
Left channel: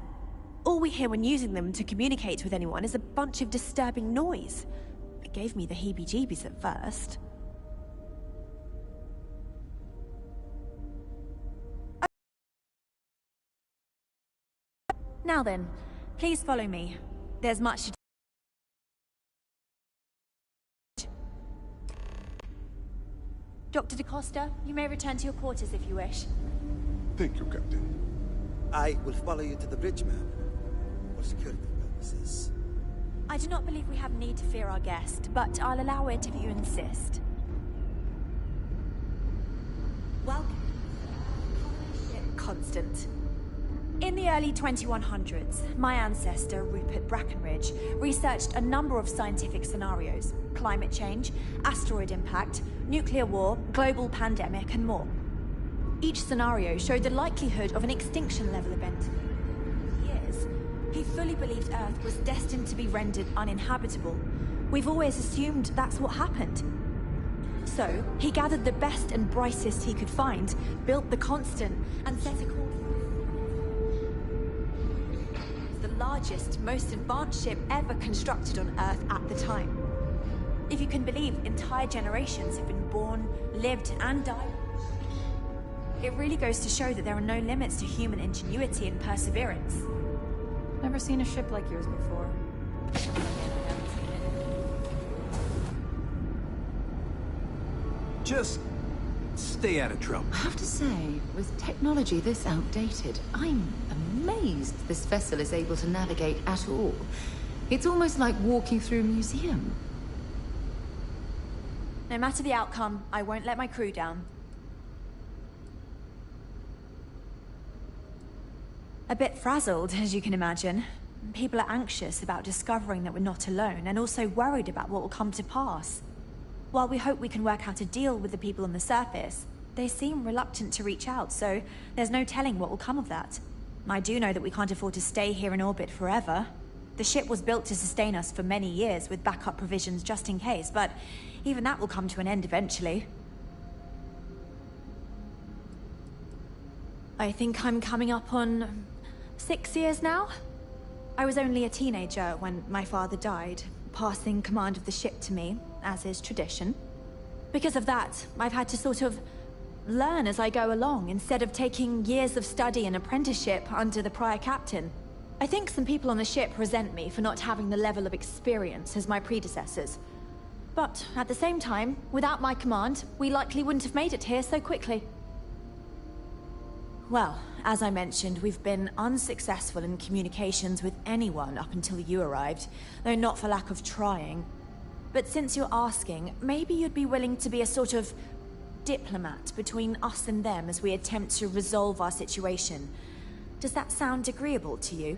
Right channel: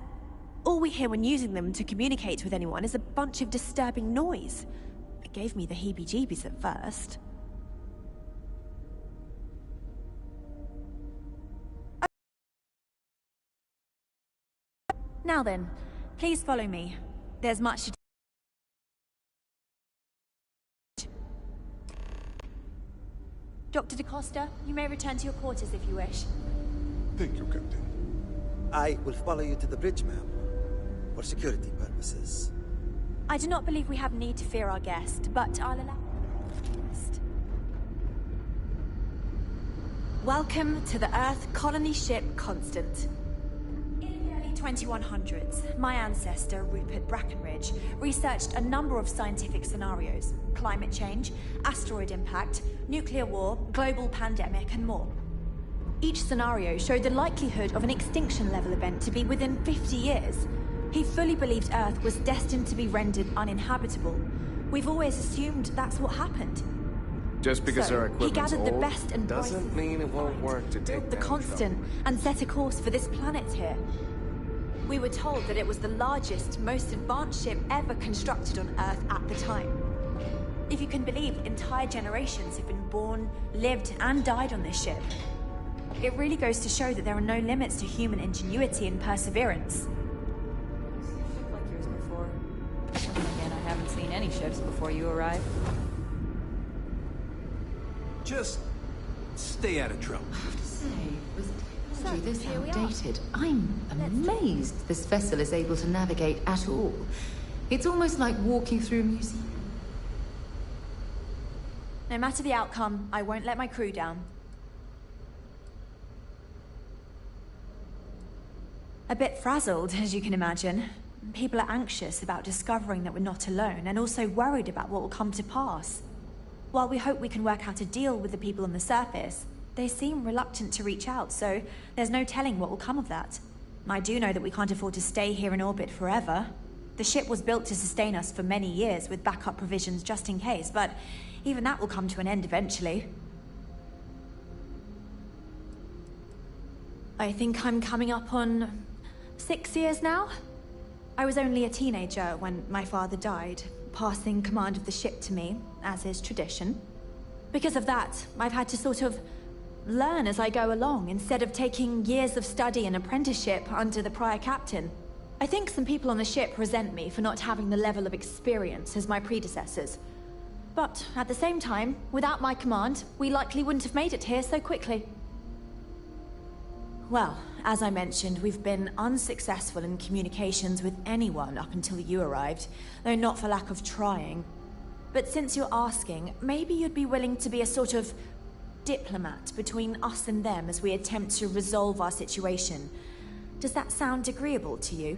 All we hear when using them to communicate with anyone is a bunch of disturbing noise. It gave me the heebie-jeebies at first. Now then, please follow me. There's much to do. Dr. da Costa, you may return to your quarters if you wish. Thank you, Captain. I will follow you to the bridge, ma'am, for security purposes. I do not believe we have need to fear our guest, but I'll allow it if you insist. Welcome to the Earth colony ship Constant. In the early 2100s, my ancestor, Rupert Brackenridge, researched a number of scientific scenarios: climate change, asteroid impact, nuclear war, global pandemic, and more. Each scenario showed the likelihood of an extinction-level event to be within 50 years. He fully believed Earth was destined to be rendered uninhabitable. We've always assumed that's what happened. Just because So, he gathered the best and brightest he could find, built the Constant, and set a course for this planet here. We were told that it was the largest, most advanced ship ever constructed on Earth at the time. If you can believe, entire generations have been born, lived, and died on this ship. It really goes to show that there are no limits to human ingenuity and perseverance. Never seen a ship like yours before. Again, I haven't seen any ships before you arrived. Just stay out of trouble. I have to say, with technology this outdated, I'm amazed this vessel is able to navigate at all. It's almost like walking through a museum. No matter the outcome, I won't let my crew down. A bit frazzled, as you can imagine. People are anxious about discovering that we're not alone, and also worried about what will come to pass. While we hope we can work out a deal with the people on the surface, they seem reluctant to reach out, so there's no telling what will come of that. I do know that we can't afford to stay here in orbit forever. The ship was built to sustain us for many years with backup provisions just in case, but even that will come to an end eventually. I think I'm coming up on 6 years now. I was only a teenager when my father died, passing command of the ship to me, as is tradition. Because of that, I've had to sort of learn as I go along, instead of taking years of study and apprenticeship under the prior captain. I think some people on the ship resent me for not having the level of experience as my predecessors. But at the same time, without my command, we likely wouldn't have made it here so quickly. Well, as I mentioned, we've been unsuccessful in communications with anyone up until you arrived, though not for lack of trying. But since you're asking, maybe you'd be willing to be a sort of diplomat between us and them as we attempt to resolve our situation. Does that sound agreeable to you?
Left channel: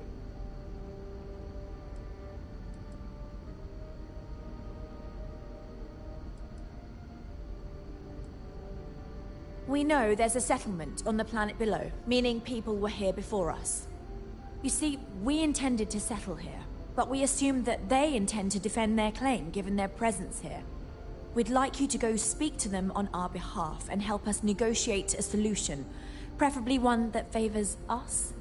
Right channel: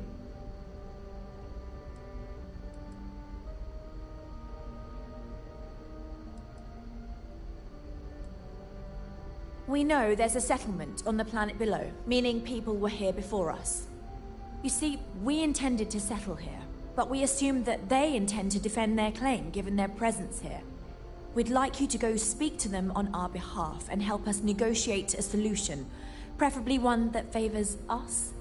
We know there's a settlement on the planet below, meaning people were here before us. You see, we intended to settle here, but we assumed that they intend to defend their claim given their presence here. We'd like you to go speak to them on our behalf and help us negotiate a solution, preferably one that favors us.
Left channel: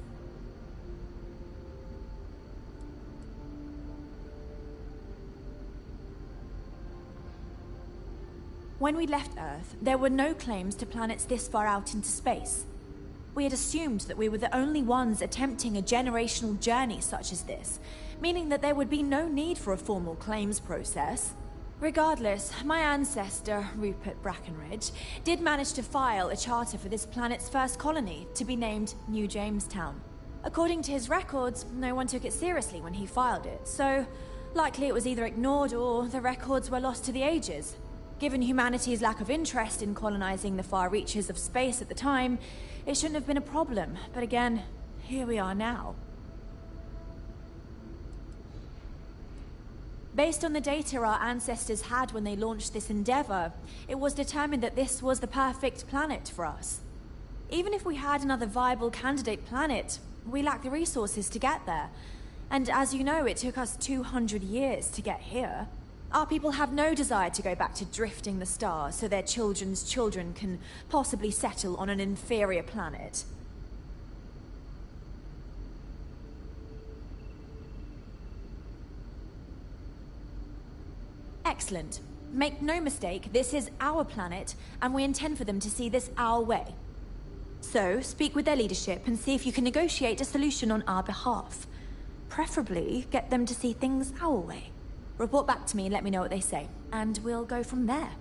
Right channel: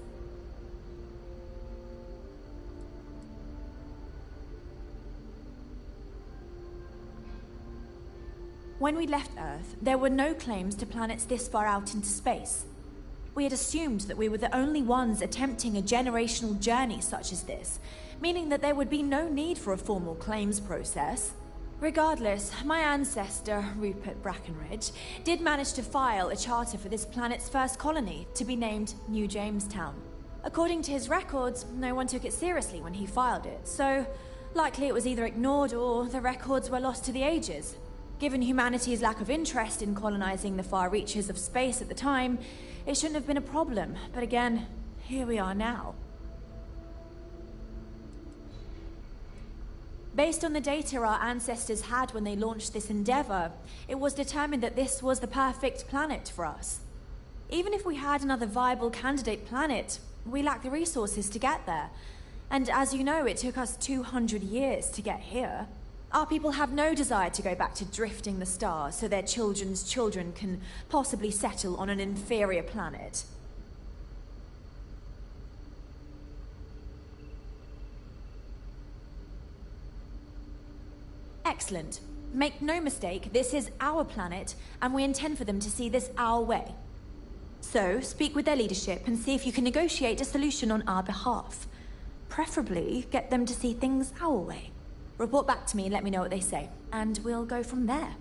When we left Earth, there were no claims to planets this far out into space. We had assumed that we were the only ones attempting a generational journey such as this, meaning that there would be no need for a formal claims process. Regardless, my ancestor, Rupert Brackenridge, did manage to file a charter for this planet's first colony, to be named New Jamestown. According to his records, no one took it seriously when he filed it, so likely it was either ignored or the records were lost to the ages. Given humanity's lack of interest in colonizing the far reaches of space at the time, it shouldn't have been a problem, but again, here we are now. Based on the data our ancestors had when they launched this endeavor, it was determined that this was the perfect planet for us. Even if we had another viable candidate planet, we lack the resources to get there. And as you know, it took us 200 years to get here. Our people have no desire to go back to drifting the stars so their children's children can possibly settle on an inferior planet. Excellent. Make no mistake, this is our planet, and we intend for them to see this our way. So, speak with their leadership and see if you can negotiate a solution on our behalf. Preferably, get them to see things our way. Report back to me and let me know what they say, and we'll go from there.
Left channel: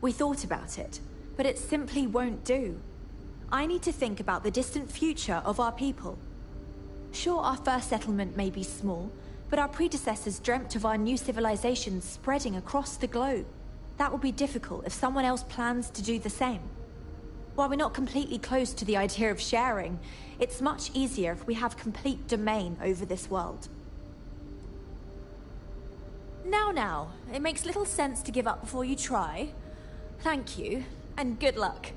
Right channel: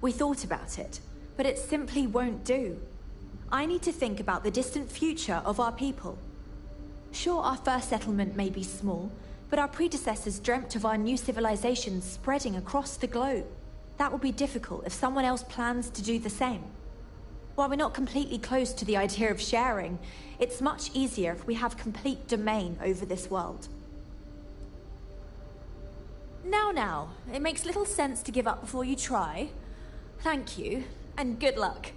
We thought about it, but it simply won't do. I need to think about the distant future of our people. Sure, our first settlement may be small, but our predecessors dreamt of our new civilization spreading across the globe. That will be difficult if someone else plans to do the same. While we're not completely close to the idea of sharing, it's much easier if we have complete domain over this world. Now, it makes little sense to give up before you try. Thank you, and good luck.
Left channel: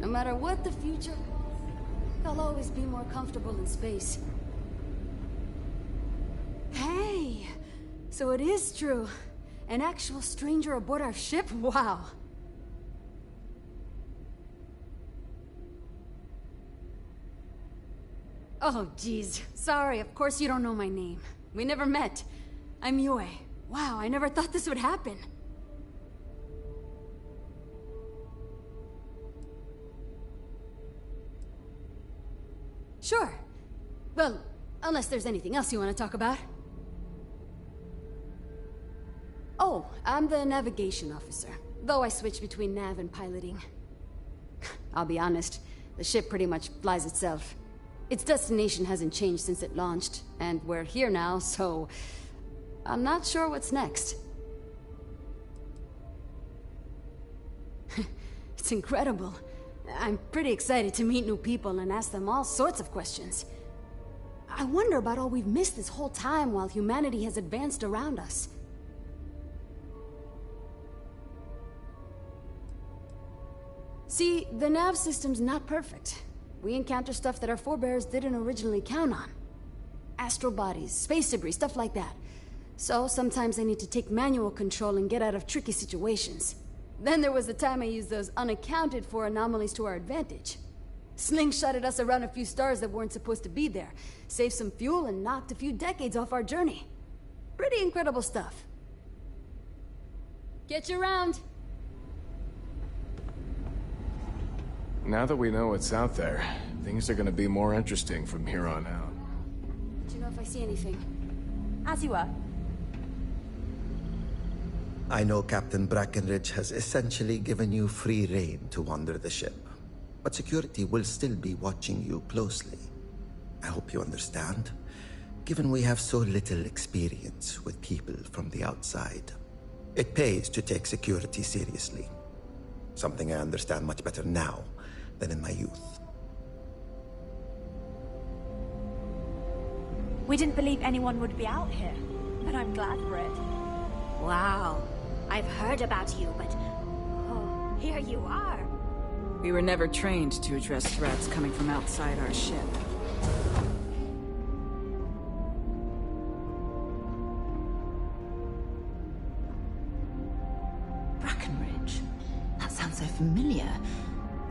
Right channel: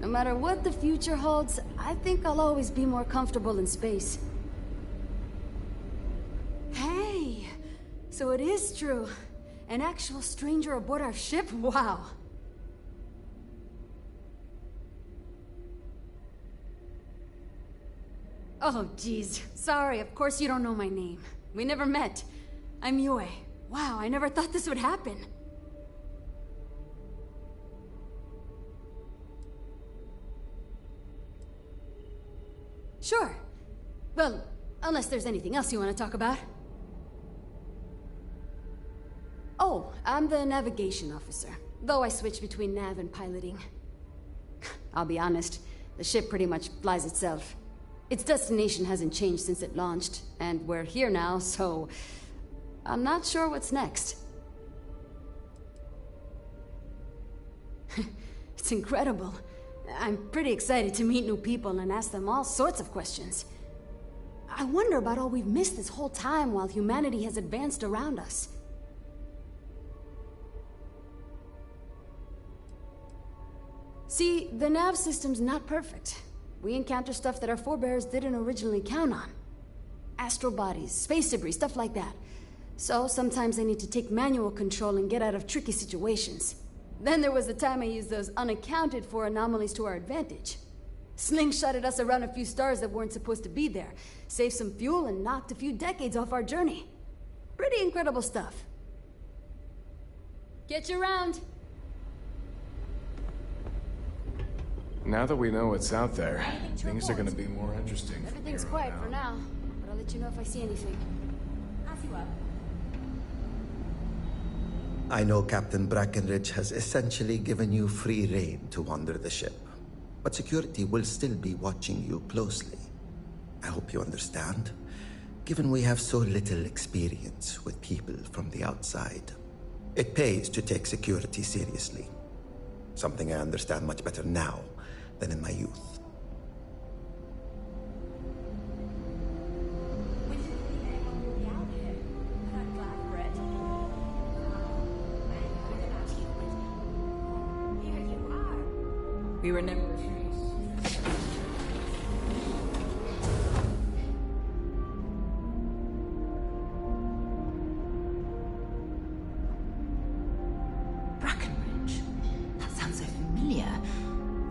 No matter what the future holds, I think I'll always be more comfortable in space. Hey! So it is true. An actual stranger aboard our ship? Wow. Oh, geez. Sorry, of course you don't know my name. We never met. I'm Yue. Wow, I never thought this would happen. Sure. Well, unless there's anything else you want to talk about. Oh, I'm the navigation officer, though I switch between nav and piloting. I'll be honest, the ship pretty much flies itself. Its destination hasn't changed since it launched, and we're here now, so I'm not sure what's next. It's incredible. I'm pretty excited to meet new people and ask them all sorts of questions. I wonder about all we've missed this whole time while humanity has advanced around us. See, the nav system's not perfect. We encounter stuff that our forebears didn't originally count on. Astral bodies, space debris, stuff like that. So sometimes I need to take manual control and get out of tricky situations. Then there was the time I used those unaccounted for anomalies to our advantage. Slingshotted us around a few stars that weren't supposed to be there, saved some fuel and knocked a few decades off our journey. Pretty incredible stuff. Get you around. Now that we know what's out there, things are gonna be more interesting from here on Quiet for out. now, but I'll let you know if I see anything. As you were. I know Captain Brackenridge has essentially given you free rein to wander the ship, but security will still be watching you closely. I hope you understand, given we have so little experience with people from the outside. It pays to take security seriously, something I understand much better now than in my youth. We didn't believe anyone would be out here, but I'm glad for it. Wow. I've heard about you, but... oh, here you are. We were never trained to address threats coming from outside our ship. Brackenridge? That sounds so familiar.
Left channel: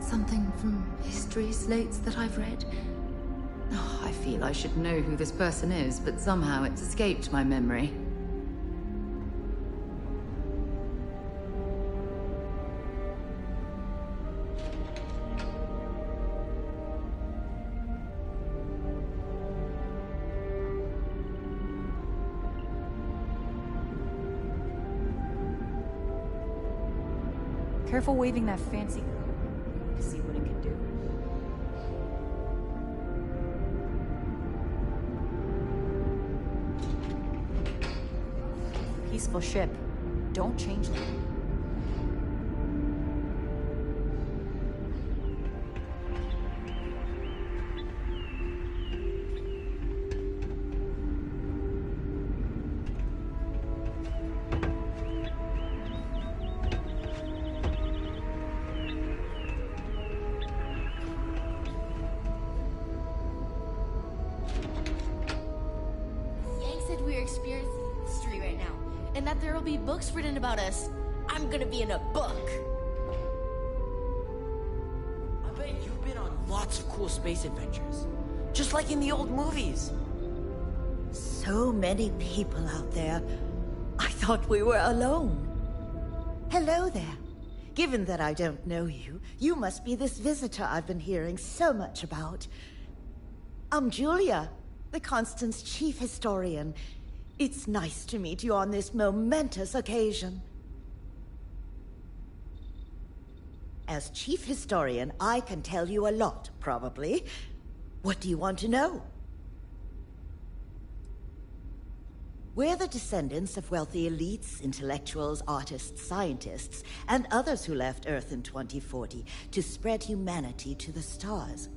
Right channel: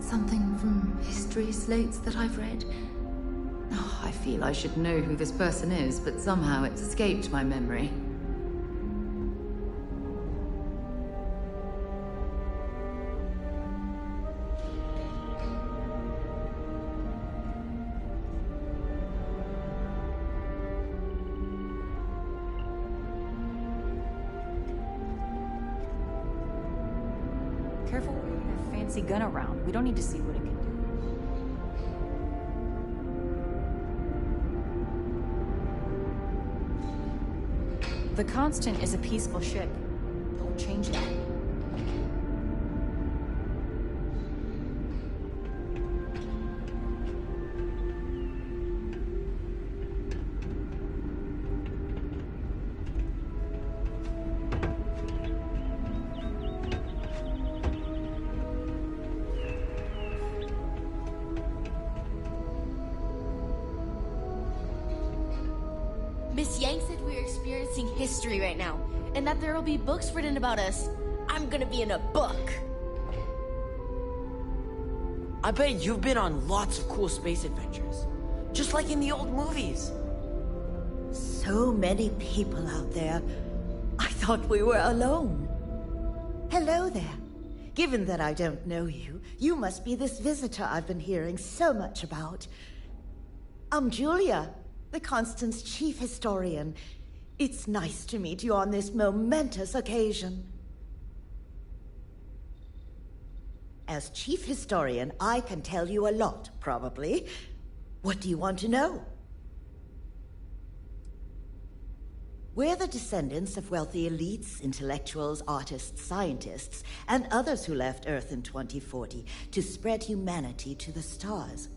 Something from history slates that I've read. Oh, I feel I should know who this person is, but somehow it's escaped my memory. Careful waving that fancy gun around. We don't need to see what it can do. The Constant is a peaceful ship. Don't change that. Miss Yang said we're experiencing history right now, and that there will be books written about us. I'm gonna be in a book. I bet you've been on lots of cool space adventures. Just like in the old movies. So many people out there. I thought we were alone. Hello there. Given that I don't know you, you must be this visitor I've been hearing so much about. I'm Julia, the Constant's chief historian. It's nice to meet you on this momentous occasion. As chief historian, I can tell you a lot, probably. What do you want to know? We're the descendants of wealthy elites, intellectuals, artists, scientists, and others who left Earth in 2040 to spread humanity to the stars.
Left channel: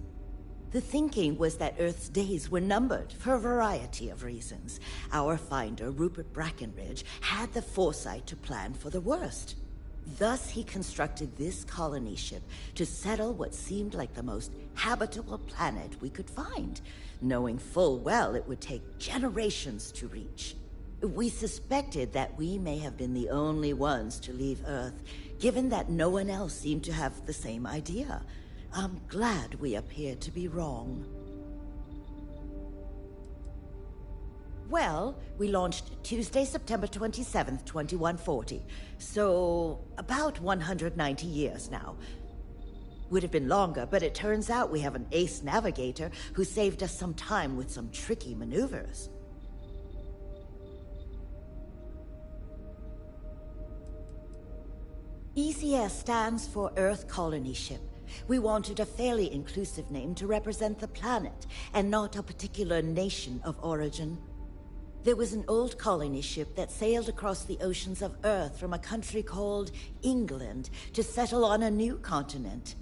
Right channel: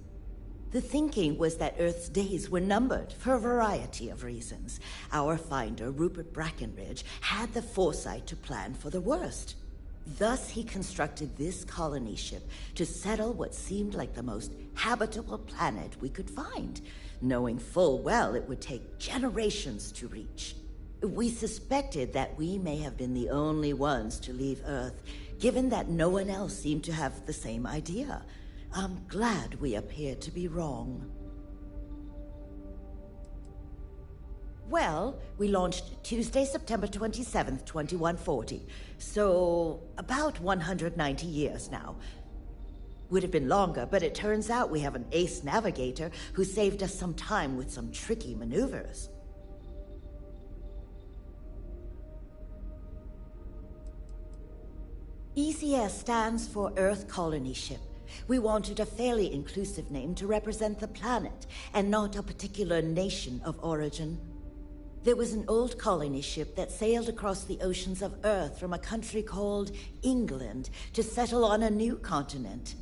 The thinking was that Earth's days were numbered for a variety of reasons. Our finder, Rupert Brackenridge, had the foresight to plan for the worst. Thus, he constructed this colony ship to settle what seemed like the most habitable planet we could find, knowing full well it would take generations to reach. We suspected that we may have been the only ones to leave Earth, given that no one else seemed to have the same idea. I'm glad we appear to be wrong. Well, we launched Tuesday, September 27th, 2140. So, about 190 years now. Would have been longer, but it turns out we have an ace navigator who saved us some time with some tricky maneuvers. ECS stands for Earth Colony Ship. We wanted a fairly inclusive name to represent the planet, and not a particular nation of origin. There was an old colony ship that sailed across the oceans of Earth from a country called England to settle on a new continent.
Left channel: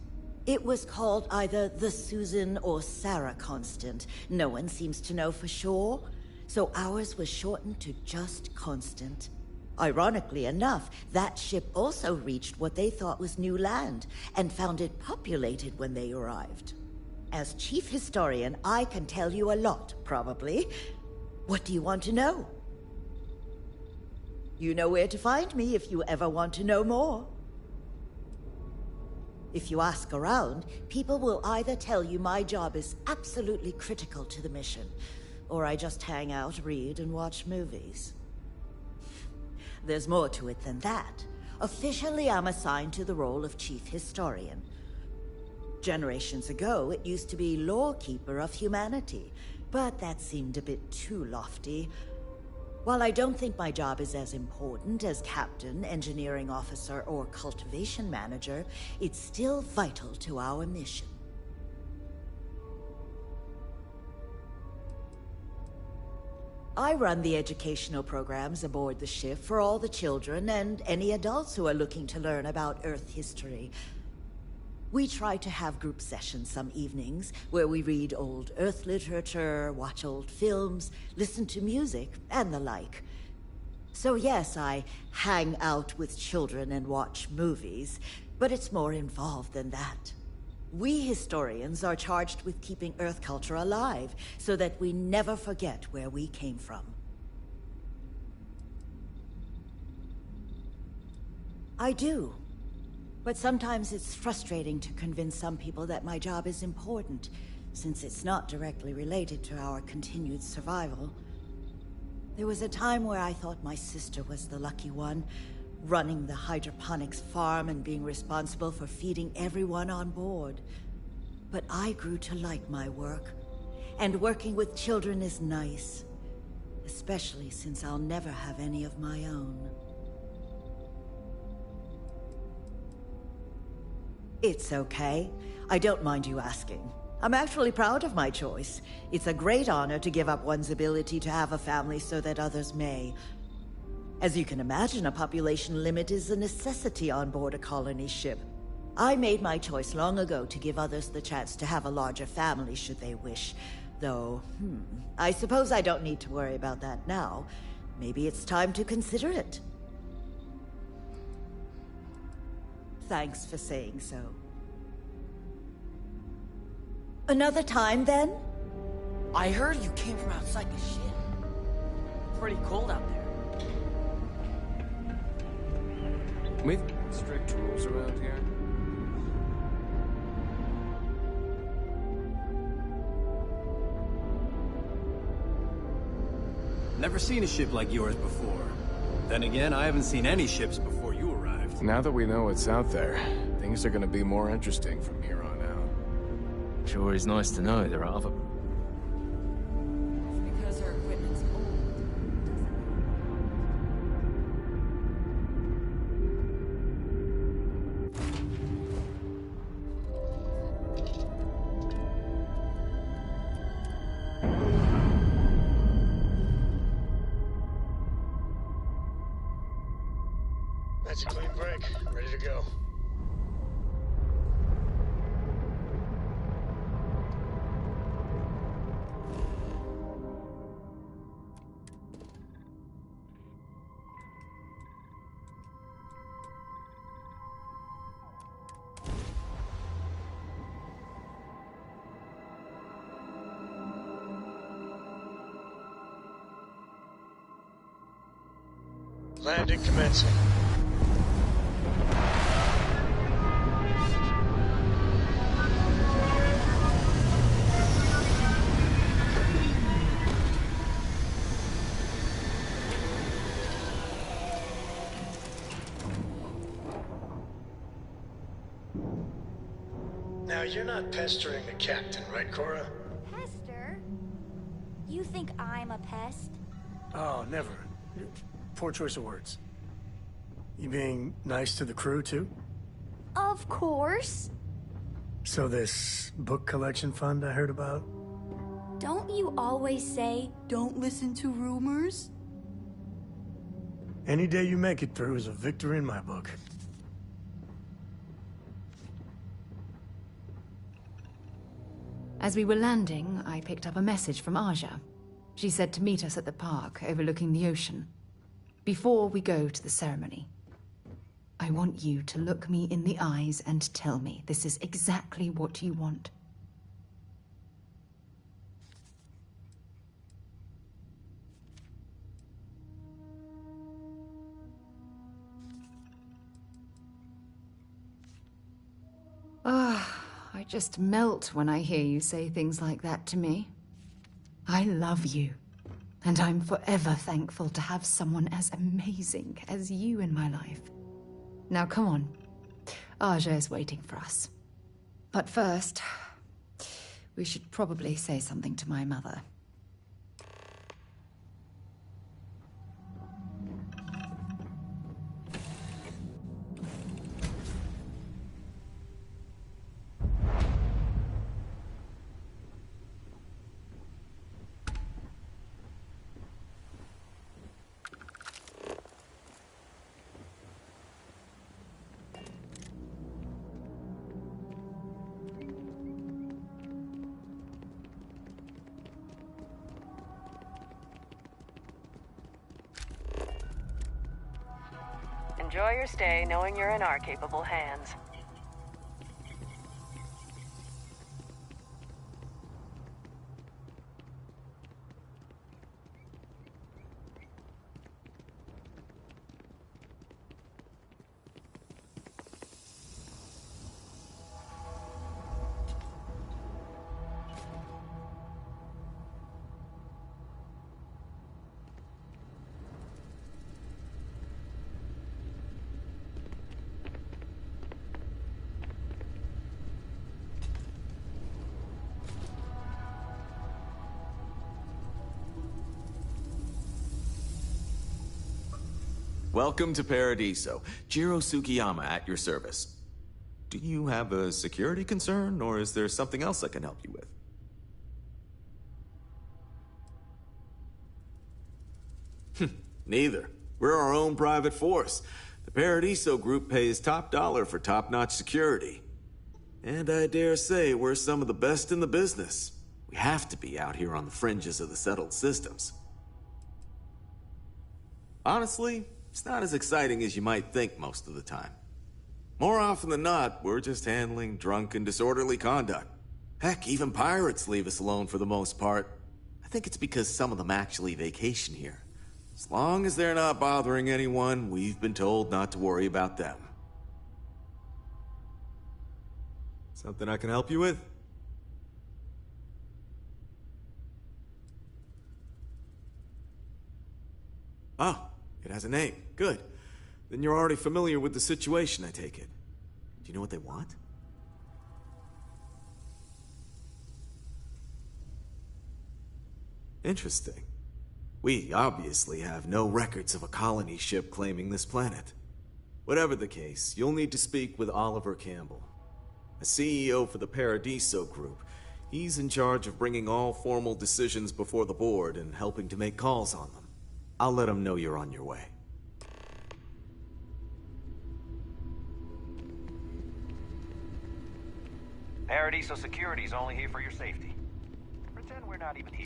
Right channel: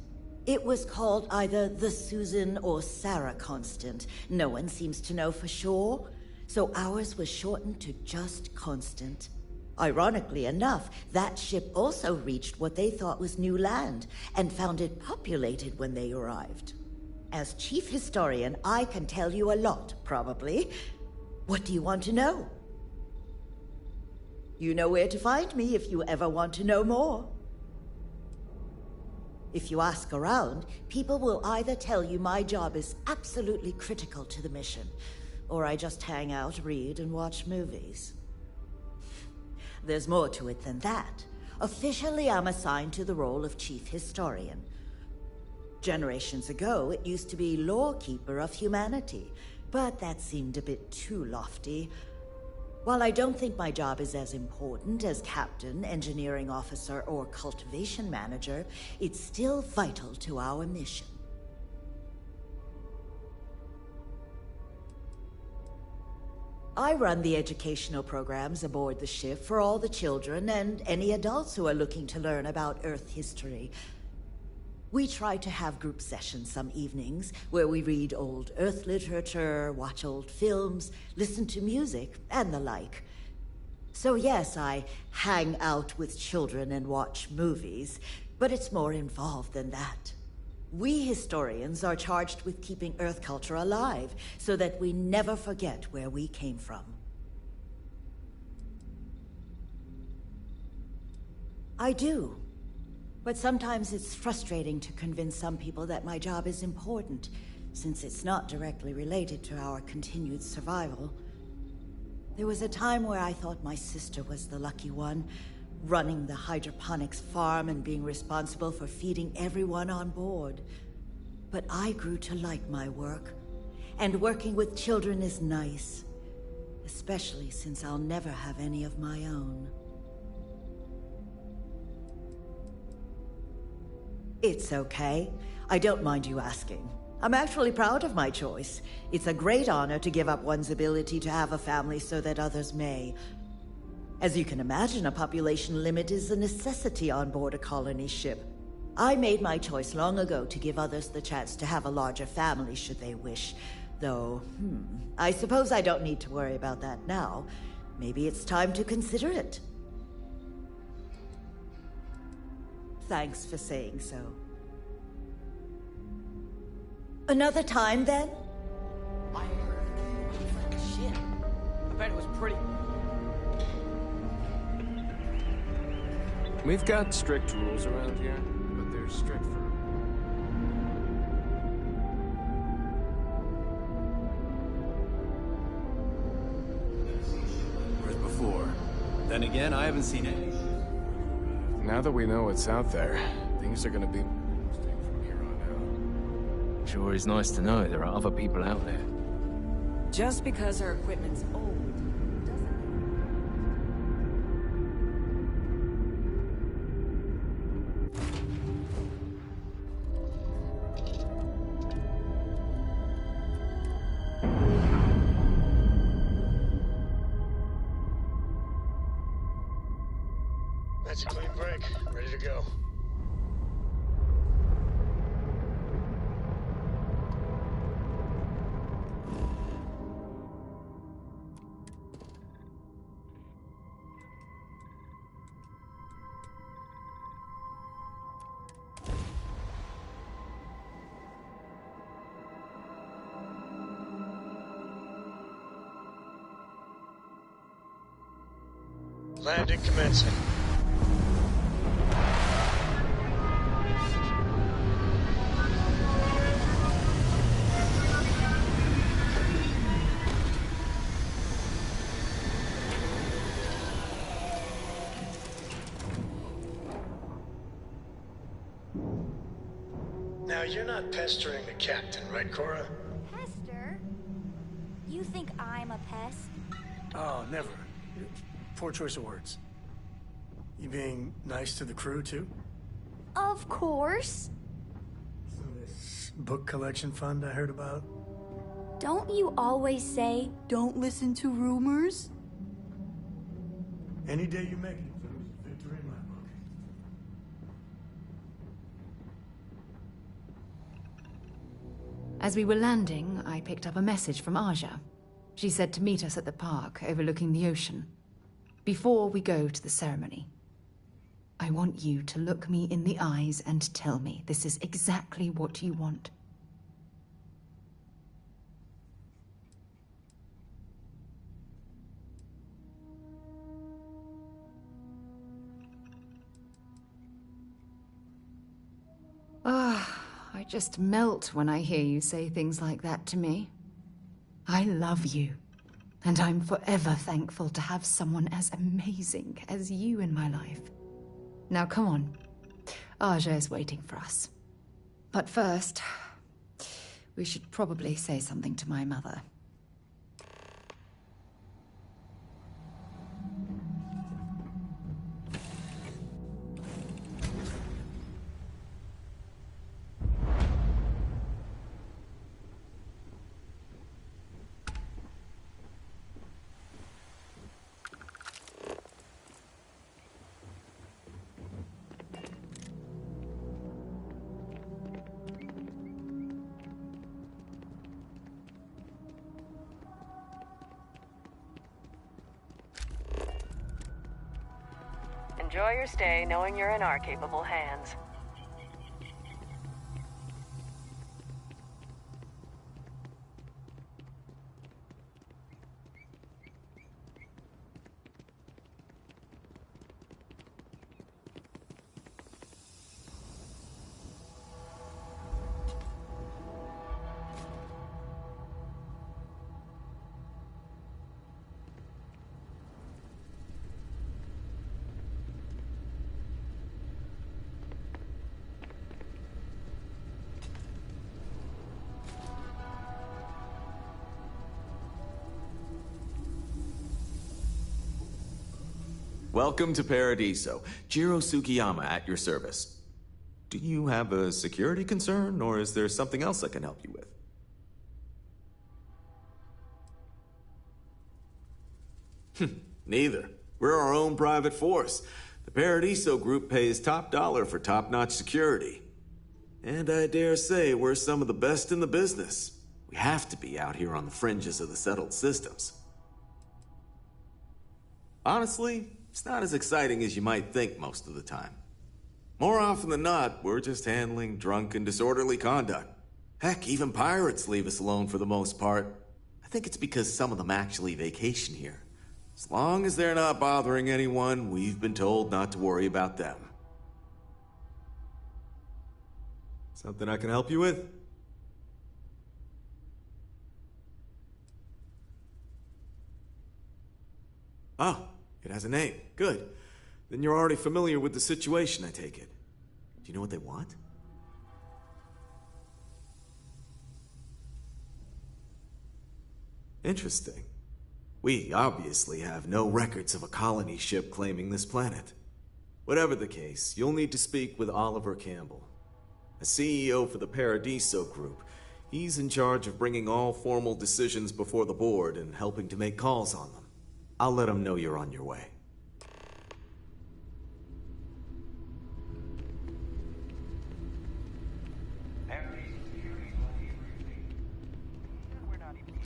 It was called either the Susan or Sarah Constant. No one seems to know for sure, so ours was shortened to just Constant. Ironically enough, that ship also reached what they thought was new land, and found it populated when they arrived. As chief historian, I can tell you a lot, probably. What do you want to know? You know where to find me if you ever want to know more. If you ask around, people will either tell you my job is absolutely critical to the mission, or I just hang out, read, and watch movies. There's more to it than that. Officially, I'm assigned to the role of chief historian. Generations ago, it used to be lawkeeper of humanity, but that seemed a bit too lofty. While I don't think my job is as important as captain, engineering officer, or cultivation manager, it's still vital to our mission. I run the educational programs aboard the ship for all the children and any adults who are looking to learn about Earth history. We try to have group sessions some evenings where we read old Earth literature, watch old films, listen to music, and the like. So yes, I hang out with children and watch movies, but it's more involved than that. We historians are charged with keeping Earth culture alive, so that we never forget where we came from. I do. But sometimes it's frustrating to convince some people that my job is important, since it's not directly related to our continued survival. There was a time where I thought my sister was the lucky one, running the hydroponics farm and being responsible for feeding everyone on board. But I grew to like my work, and working with children is nice, especially since I'll never have any of my own. It's okay. I don't mind you asking. I'm actually proud of my choice. It's a great honor to give up one's ability to have a family so that others may. As you can imagine, a population limit is a necessity on board a colony ship. I made my choice long ago to give others the chance to have a larger family should they wish. Though, I suppose I don't need to worry about that now. Maybe it's time to consider it. Thanks for saying so. Another time, then? I heard you came from outside the ship. I bet it was pretty cold out there. We've got strict rules around here, but they're strict. Never seen a ship like yours before. Then again, I haven't seen any ships before you arrived. Now that we know what's out there, things are gonna be more interesting from here on out. Sure is nice to know there are other people out there. Just because our equipment's old. That's a clean break. Ready to go. Landing commencing. Now, you're not pestering the captain, right, Cora? Pester? You think I'm a pest? Oh, never. Poor choice of words. You being nice to the crew, too? Of course. So this book collection fund I heard about? Don't you always say, don't listen to rumors? Any day you make it through is a victory in my book. As we were landing, I picked up a message from Aja. She said to meet us at the park overlooking the ocean. Before we go to the ceremony, I want you to look me in the eyes and tell me this is exactly what you want. I just melt when I hear you say things like that to me. I love you, and I'm forever thankful to have someone as amazing as you in my life. Now come on, Aja is waiting for us. But first, we should probably say something to my mother. Enjoy your stay knowing you're in our capable hands. Welcome to Paradiso. Jiro Sugiyama at your service. Do you have a security concern, or is there something else I can help you with? Neither. We're our own private force. The Paradiso group pays top dollar for top-notch security. And I dare say we're some of the best in the business. We have to be out here on the fringes of the settled systems. Honestly, it's not as exciting as you might think most of the time. More often than not, we're just handling drunk and disorderly conduct. Heck, even pirates leave us alone for the most part. I think it's because some of them actually vacation here. As long as they're not bothering anyone, we've been told not to worry about them. Something I can help you with? Oh, it has a name. Good. Then you're already familiar with the situation, I take it. Do you know what they want? Interesting. We obviously have no records of a colony ship claiming this planet. Whatever the case, you'll need to speak with Oliver Campbell, a CEO for the Paradiso Group. He's in charge of bringing all formal decisions before the board and helping to make calls on them. I'll let him know you're on your way. Paradiso Security's only here for your safety. Pretend we're not even here.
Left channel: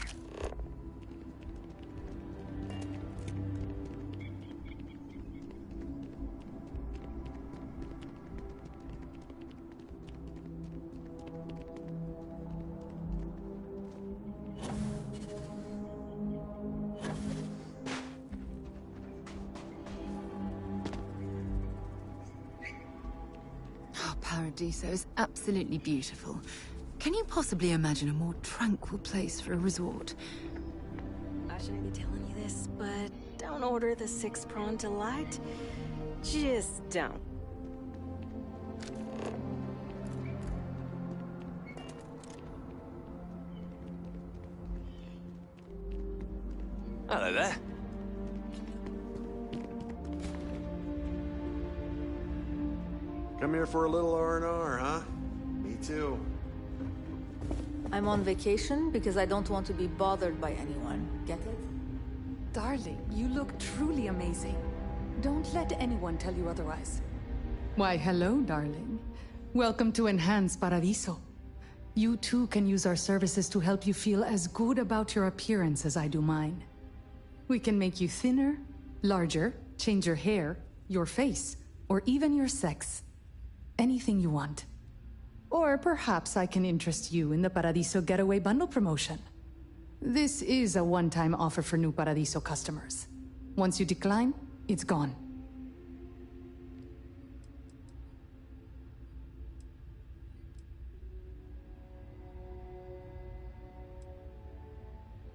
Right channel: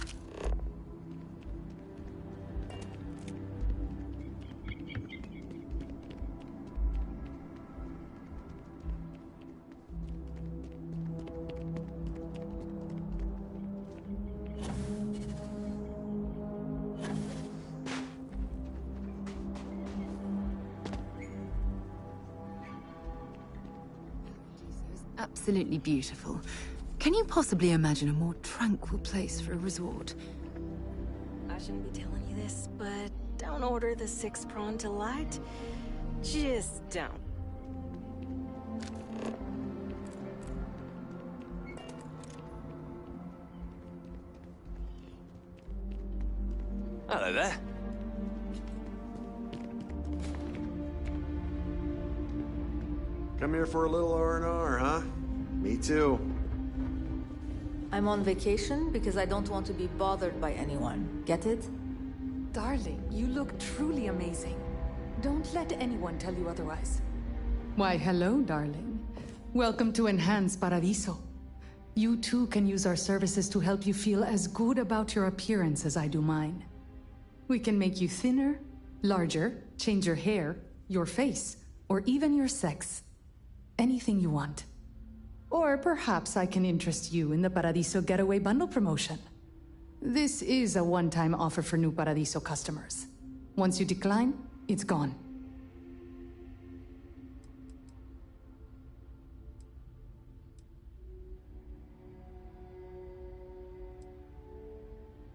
Paradiso is absolutely beautiful. Can you possibly imagine a more tranquil place for a resort? I shouldn't be telling you this, but don't order the 6-prawn delight. Just don't. Hello there. Come here for a little R&R, huh? Me too. I'm on vacation because I don't want to be bothered by anyone. Get it? Darling, you look truly amazing. Don't let anyone tell you otherwise. Why, hello, darling. Welcome to Enhanced Paradiso. You too can use our services to help you feel as good about your appearance as I do mine. We can make you thinner, larger, change your hair, your face, or even your sex. Anything you want. Or perhaps I can interest you in the Paradiso Getaway Bundle promotion. This is a one-time offer for new Paradiso customers. Once you decline, it's gone.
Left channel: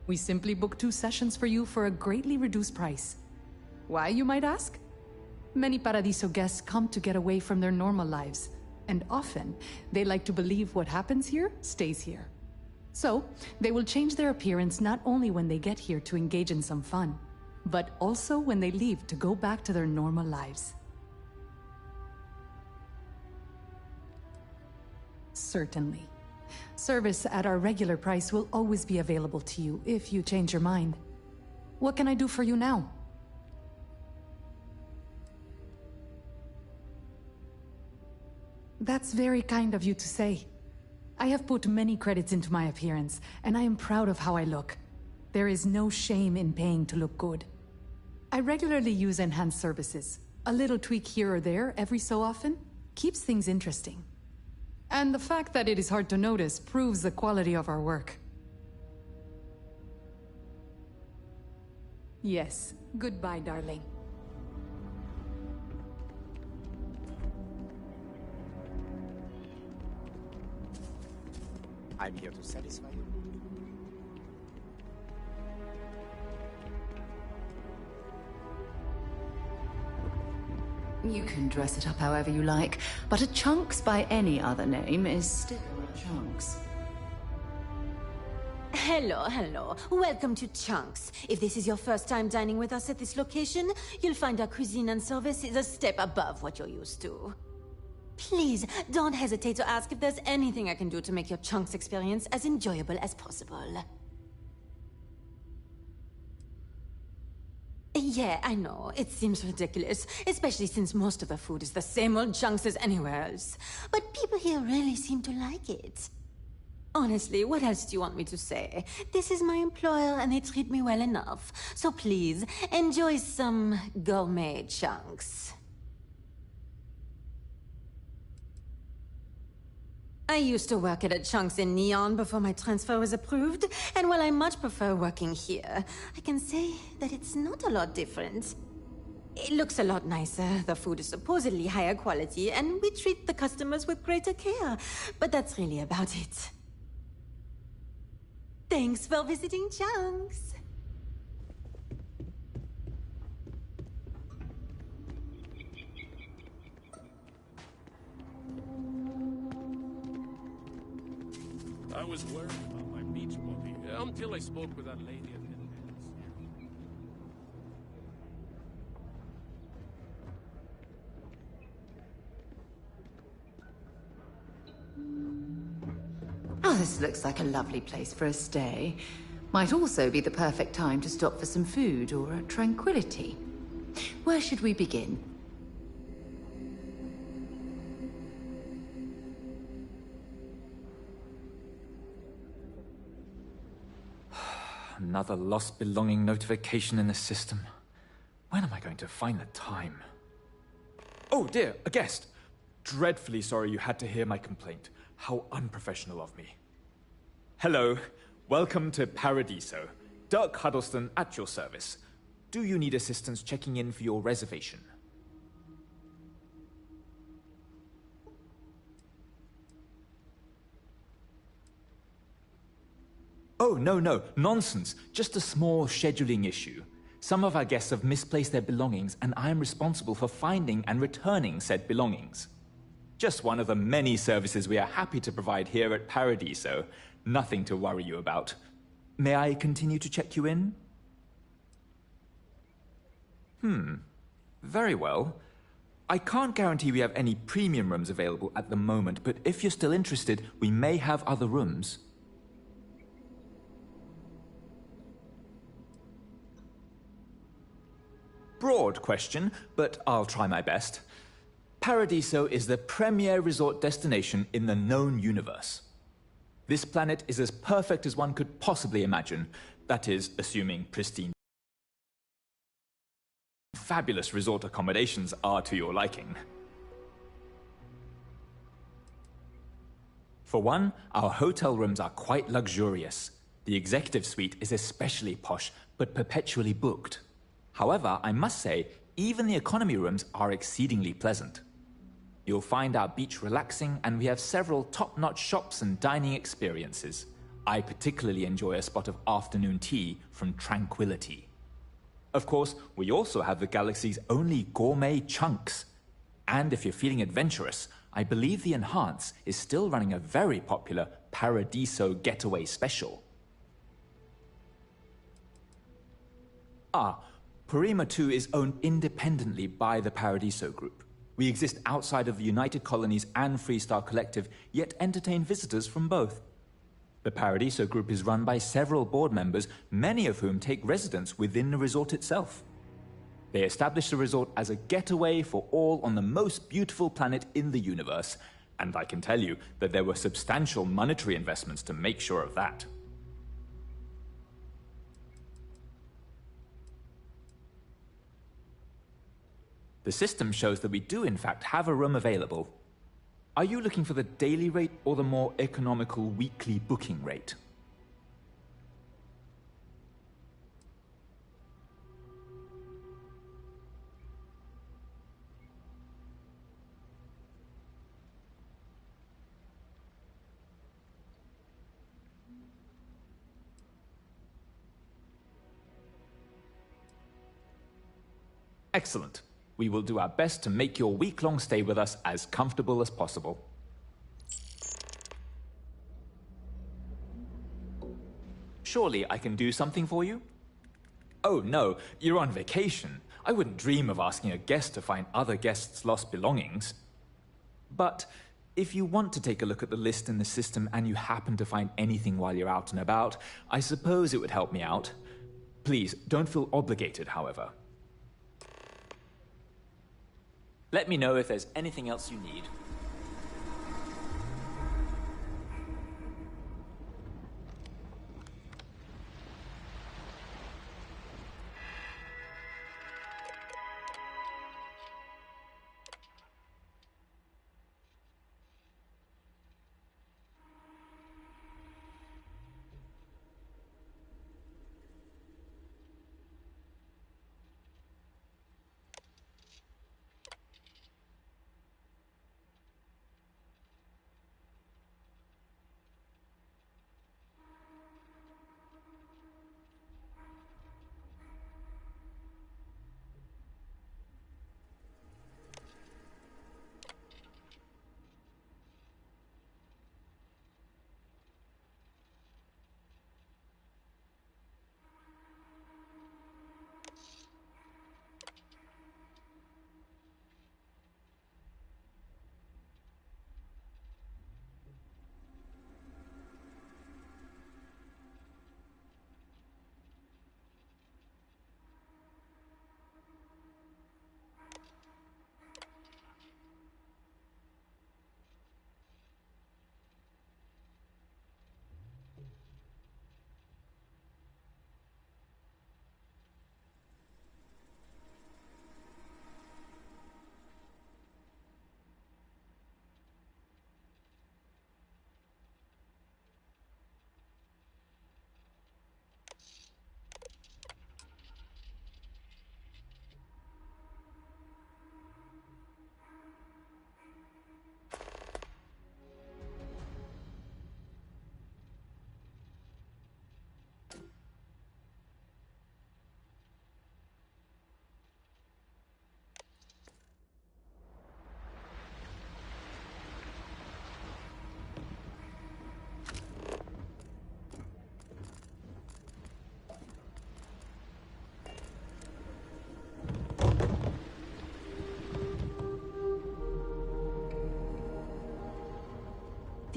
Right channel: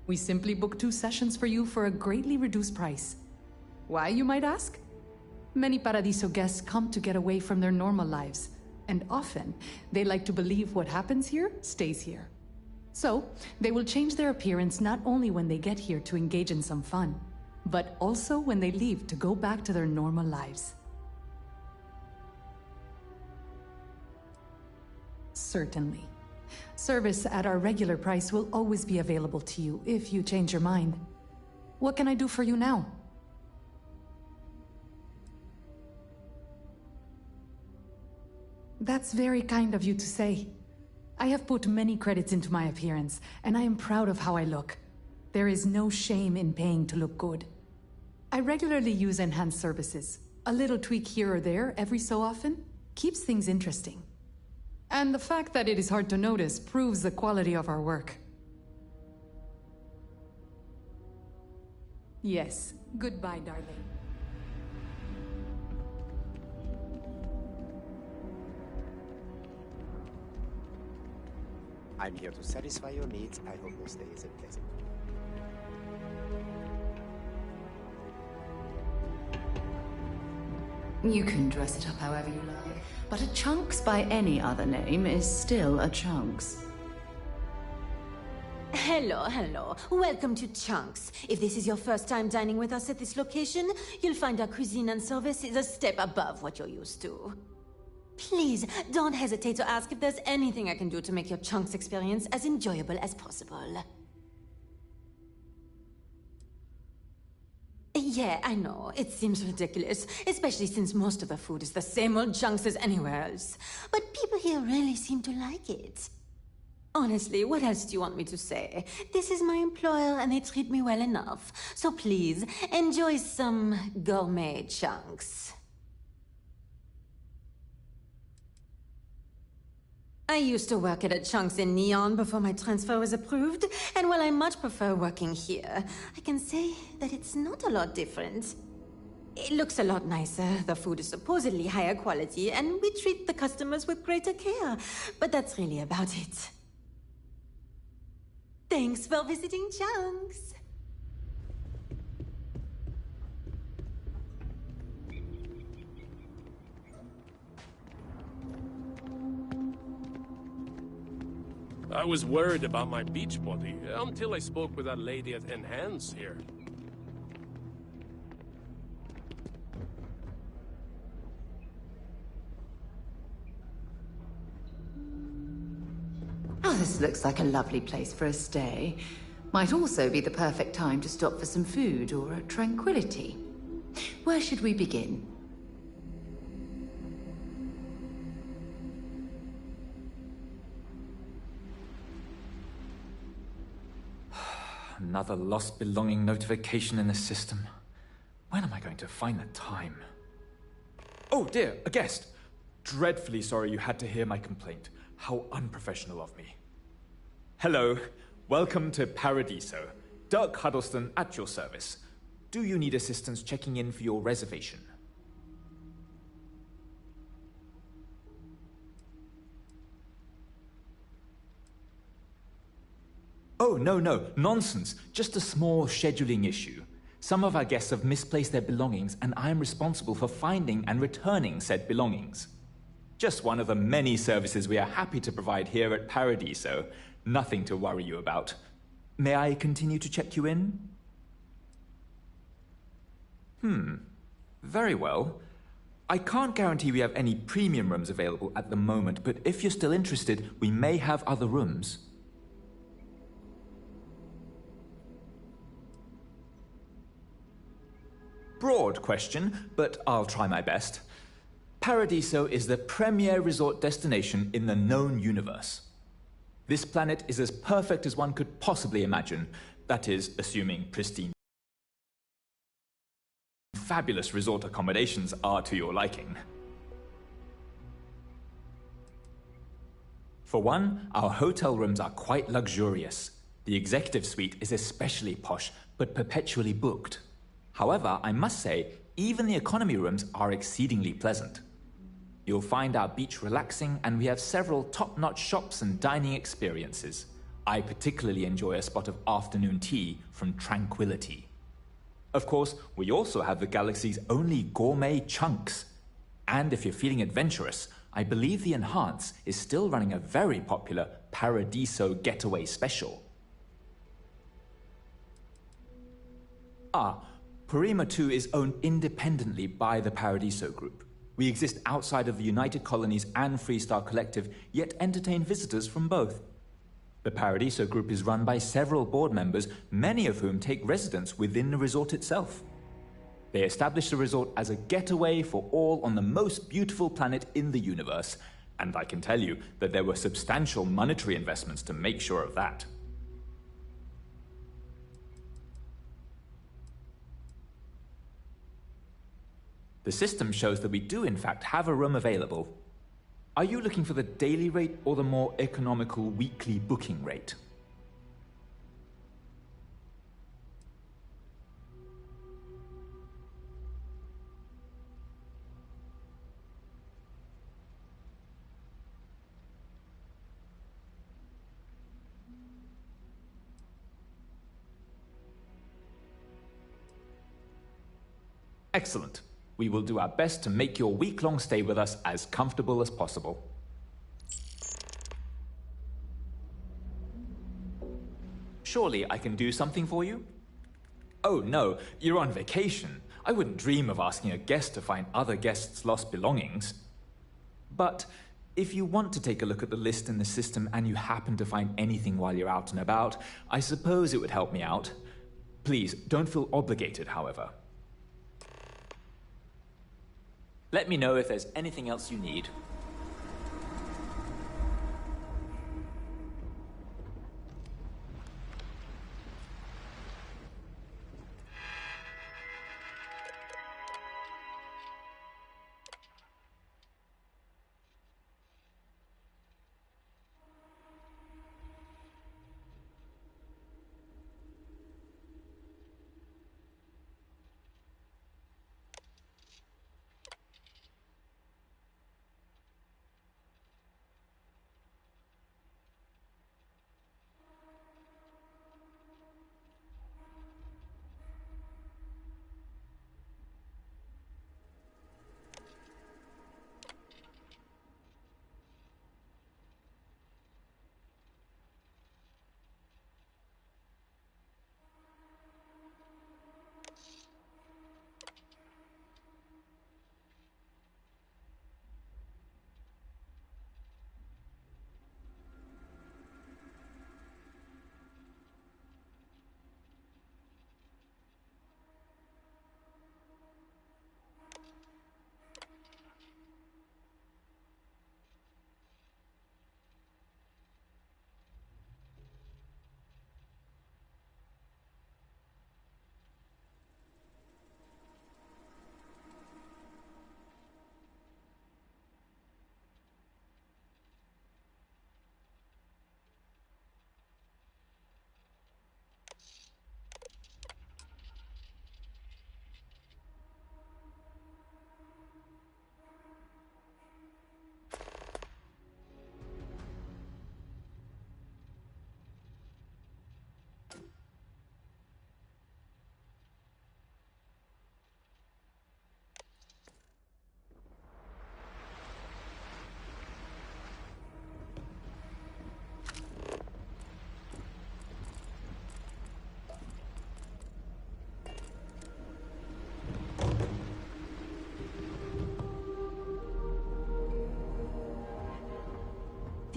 We simply book 2 sessions for you for a greatly reduced price. Why, you might ask? Many Paradiso guests come to get away from their normal lives, and often they like to believe what happens here stays here. So, they will change their appearance not only when they get here to engage in some fun, but also when they leave to go back to their normal lives. Certainly. Service at our regular price will always be available to you if you change your mind. What can I do for you now? That's very kind of you to say. I have put many credits into my appearance, and I am proud of how I look. There is no shame in paying to look good. I regularly use enhanced services. A little tweak here or there every so often keeps things interesting. And the fact that it is hard to notice proves the quality of our work. Yes, goodbye, darling. I'm here to satisfy your needs. I hope your stay is pleasant. You can dress it up however you like, but a Chunks by any other name is still a Chunks. Hello. Welcome to Chunks. If this is your first time dining with us at this location, you'll find our cuisine and service is a step above what you're used to. Please, don't hesitate to ask if there's anything I can do to make your Chunks experience as enjoyable as possible. Yeah, I know. It seems ridiculous, especially since most of the food is the same old Chunks as anywhere else. But people here really seem to like it. Honestly, what else do you want me to say? This is my employer and they treat me well enough. So please, enjoy some gourmet Chunks. I used to work at a Chunks in Neon before my transfer was approved, and while I much prefer working here, I can say that it's not a lot different. It looks a lot nicer, the food is supposedly higher quality, and we treat the customers with greater care, but that's really about it. Thanks for visiting Chunks! I was worried about my beach body until I spoke with that lady at Enhance here. Oh, this looks like a lovely place for a stay. Might also be the perfect time to stop for some food or a tranquility. Where should we begin? Another lost belonging notification in the system. When am I going to find the time? Oh dear, a guest! Dreadfully sorry you had to hear my complaint. How unprofessional of me. Hello, welcome to Paradiso. Dirk Huddleston at your service. Do you need assistance checking in for your reservation? Oh, no, nonsense. Just a small scheduling issue. Some of our guests have misplaced their belongings, and I am responsible for finding and returning said belongings. Just one of the many services we are happy to provide here at Paradiso. Nothing to worry you about. May I continue to check you in? Very well. I can't guarantee we have any premium rooms available at the moment, but if you're still interested, we may have other rooms. Broad question, but I'll try my best. Paradiso is the premier resort destination in the known universe. This planet is as perfect as one could possibly imagine. That is, assuming pristine, fabulous resort accommodations are to your liking. For one, our hotel rooms are quite luxurious. The executive suite is especially posh, but perpetually booked. However, I must say, even the economy rooms are exceedingly pleasant. You'll find our beach relaxing, and we have several top-notch shops and dining experiences. I particularly enjoy a spot of afternoon tea from Tranquility. Of course, we also have the galaxy's only gourmet chunks. And if you're feeling adventurous, I believe the Enhance is still running a very popular Paradiso Getaway Special. Parima 2 is owned independently by the Paradiso Group. We exist outside of the United Colonies and Freestar Collective, yet entertain visitors from both. The Paradiso Group is run by several board members, many of whom take residence within the resort itself. They established the resort as a getaway for all on the most beautiful planet in the universe, and I can tell you that there were substantial monetary investments to make sure of that. The system shows that we do in fact have a room available. Are you looking for the daily rate or the more economical weekly booking rate? Excellent. We will do our best to make your week-long stay with us as comfortable as possible. Surely I can do something for you? Oh no, you're on vacation. I wouldn't dream of asking a guest to find other guests' lost belongings. But if you want to take a look at the list in the system and you happen to find anything while you're out and about, I suppose it would help me out. Please, don't feel obligated, however. Let me know if there's anything else you need.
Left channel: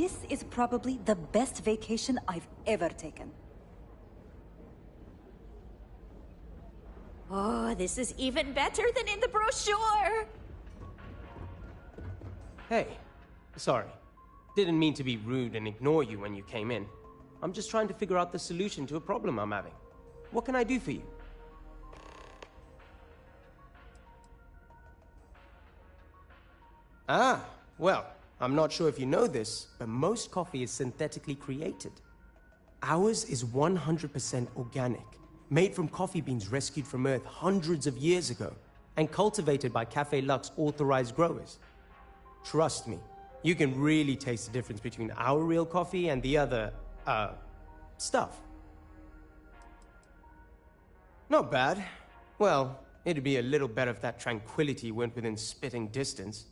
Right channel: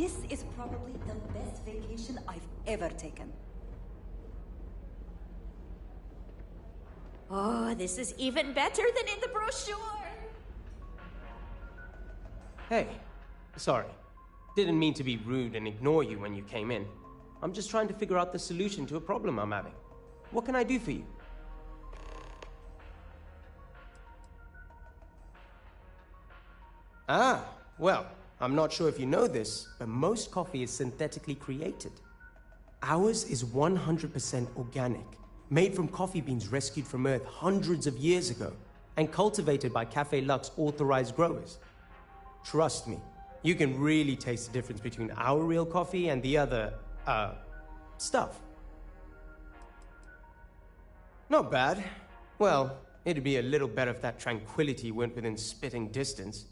This is probably the best vacation I've ever taken. Oh, this is even better than in the brochure! Hey, sorry. Didn't mean to be rude and ignore you when you came in. I'm just trying to figure out the solution to a problem I'm having. What can I do for you? Ah, well, I'm not sure if you know this, but most coffee is synthetically created. Ours is 100% organic, made from coffee beans rescued from Earth hundreds of years ago, and cultivated by Café Luxe authorized growers. Trust me, you can really taste the difference between our real coffee and the other, stuff. Not bad. Well, it'd be a little better if that tranquility went within spitting distance.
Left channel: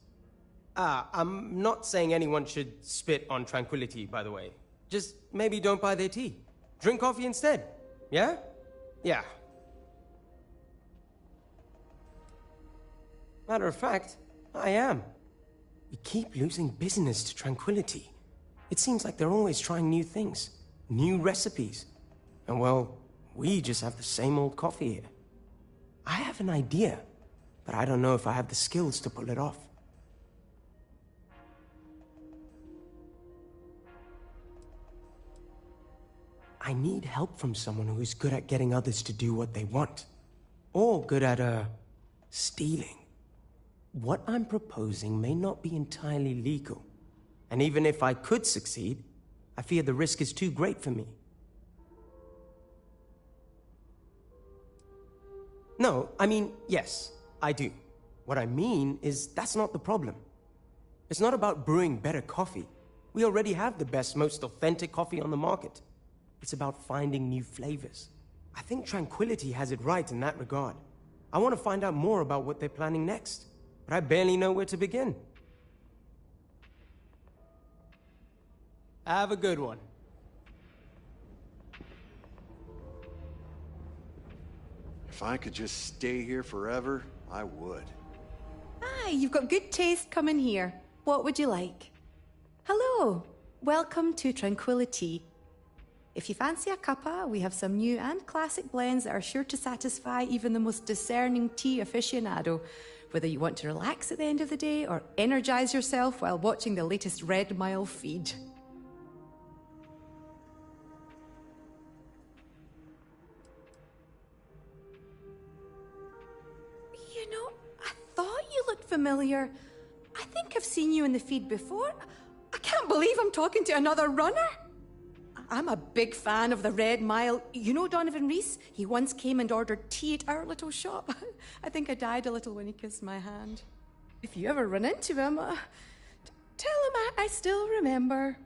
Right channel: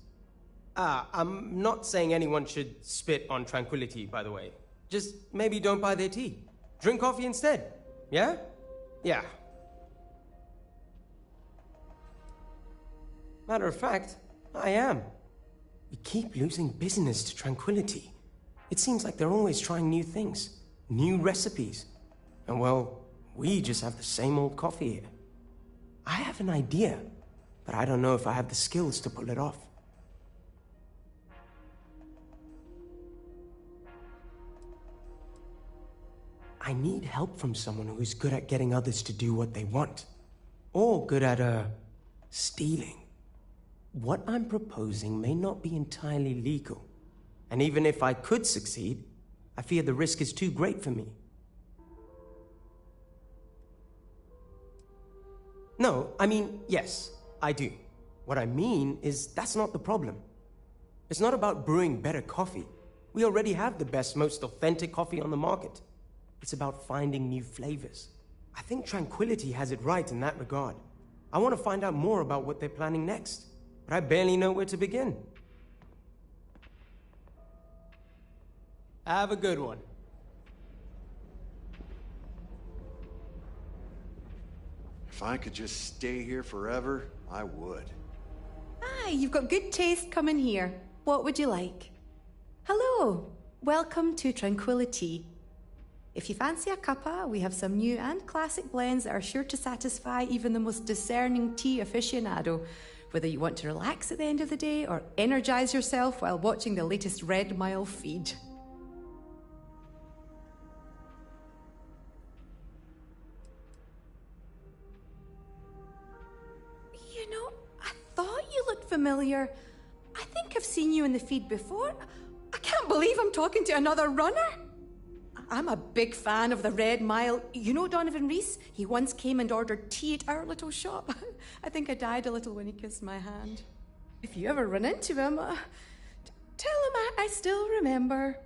I'm not saying anyone should spit on tranquility, by the way. Just maybe don't buy their tea. Drink coffee instead. Yeah? Yeah. Matter of fact, I am. We keep losing business to tranquility. It seems like they're always trying new things, new recipes. And well, we just have the same old coffee here. I have an idea, but I don't know if I have the skills to pull it off. I need help from someone who is good at getting others to do what they want. Or good at, stealing. What I'm proposing may not be entirely legal. And even if I could succeed, I fear the risk is too great for me. No, I mean, yes, I do. What I mean is that's not the problem. It's not about brewing better coffee. We already have the best, most authentic coffee on the market. It's about finding new flavors. I think Tranquility has it right in that regard. I want to find out more about what they're planning next, but I barely know where to begin. Have a good one. If I could just stay here forever, I would. Hi, you've got good taste coming here. What would you like? Hello, welcome to Tranquility. If you fancy a cuppa, we have some new and classic blends that are sure to satisfy even the most discerning tea aficionado, whether you want to relax at the end of the day or energize yourself while watching the latest Red Mile feed. You know, I thought you looked familiar. I think I've seen you in the feed before. I can't believe I'm talking to another runner. I'm a big fan of the Red Mile. You know Donovan Reese? He once came and ordered tea at our little shop. I think I died a little when he kissed my hand. If you ever run into him, tell him I still remember.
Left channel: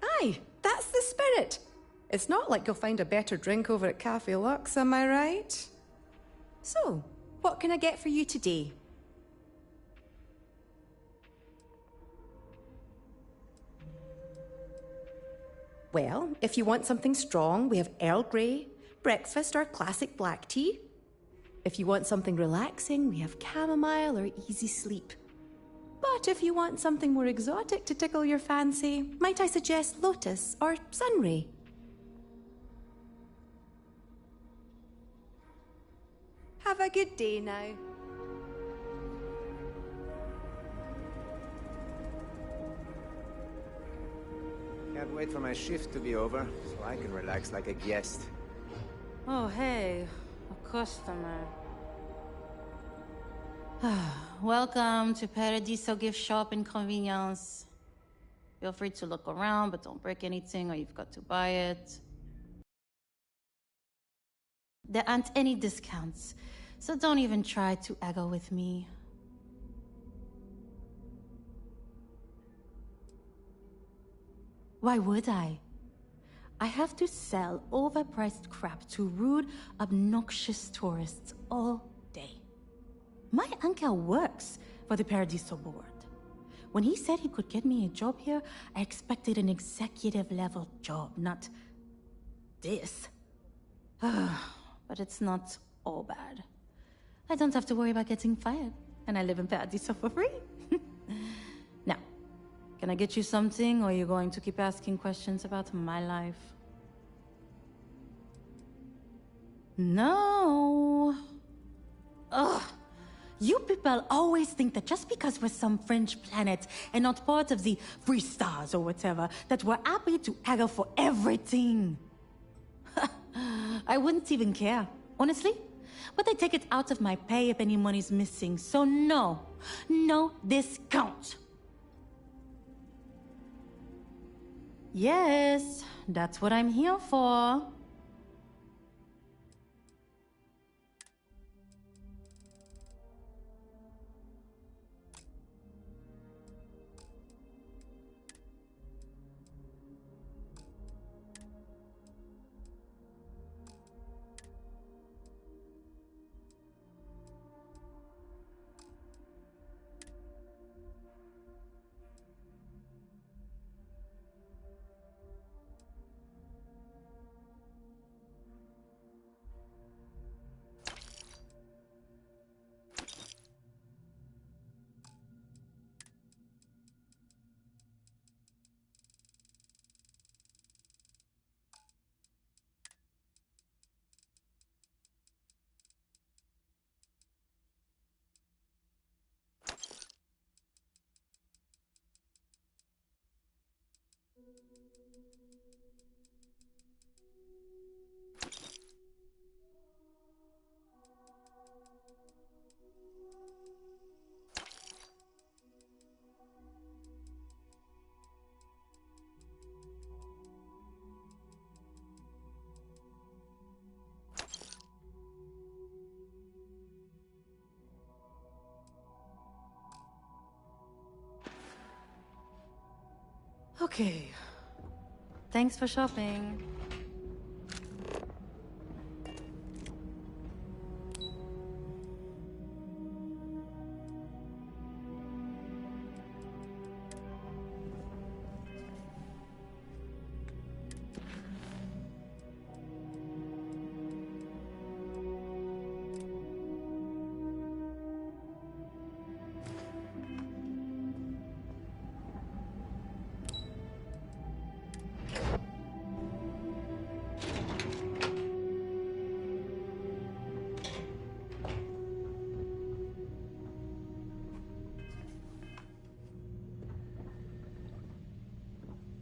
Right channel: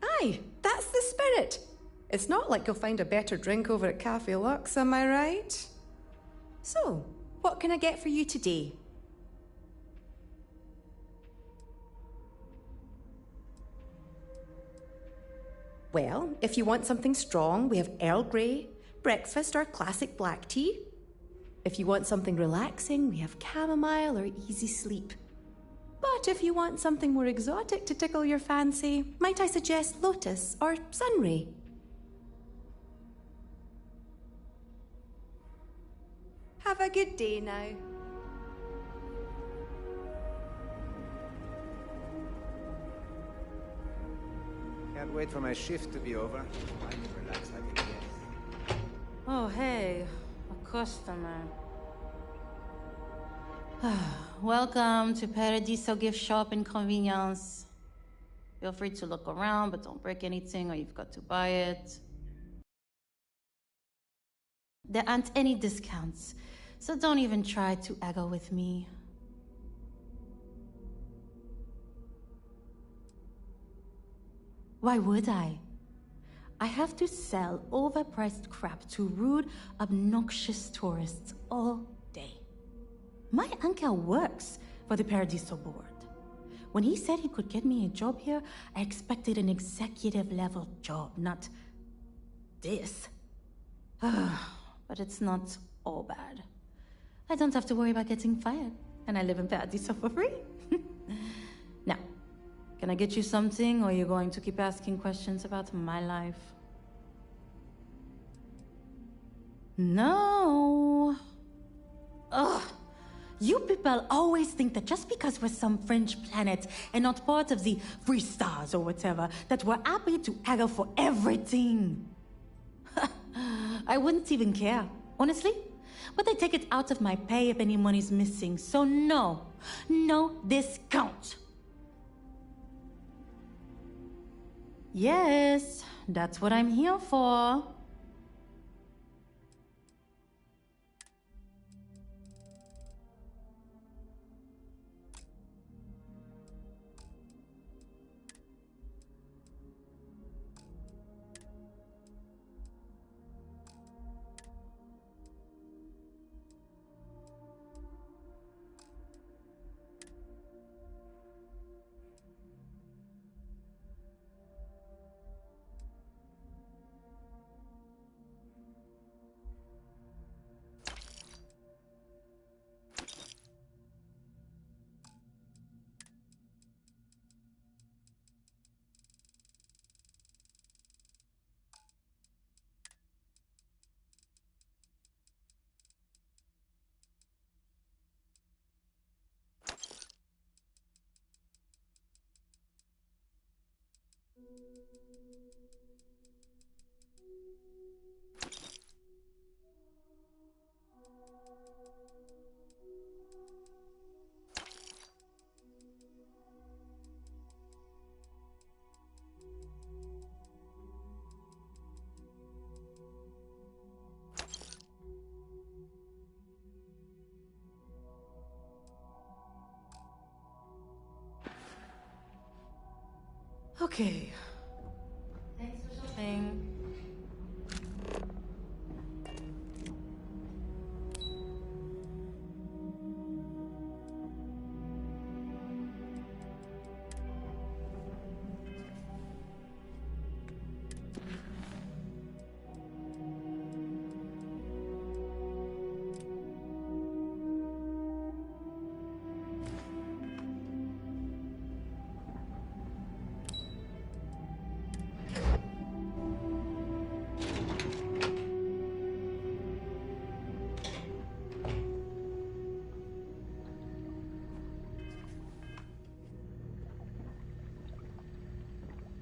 Aye, that's the spirit. It's not like you'll find a better drink over at Café Luxe, am I right? So, what can I get for you today? Well, if you want something strong, we have Earl Grey, breakfast or classic black tea. If you want something relaxing, we have chamomile or easy sleep. But if you want something more exotic to tickle your fancy, might I suggest lotus or sunray? Have a good day now. Can't wait for my shift to be over, so I can relax like a guest. Oh, hey. A customer. Welcome to Paradiso Gift Shop and Convenience. Feel free to look around, but don't break anything or you've got to buy it. There aren't any discounts, so don't even try to haggle with me. Why would I? I have to sell overpriced crap to rude, obnoxious tourists all day. My uncle works for the Paradiso board. When he said he could get me a job here, I expected an executive-level job, not this. But it's not all bad. I don't have to worry about getting fired, and I live in Paradiso for free. Can I get you something, or are you going to keep asking questions about my life? No. Ugh. You people always think that just because we're some French planet and not part of the free stars or whatever, that we're happy to haggle for everything. I wouldn't even care, honestly. But I take it out of my pay if any money's missing, so no. No discount. Yes, that's what I'm here for. Okay. Thanks for shopping.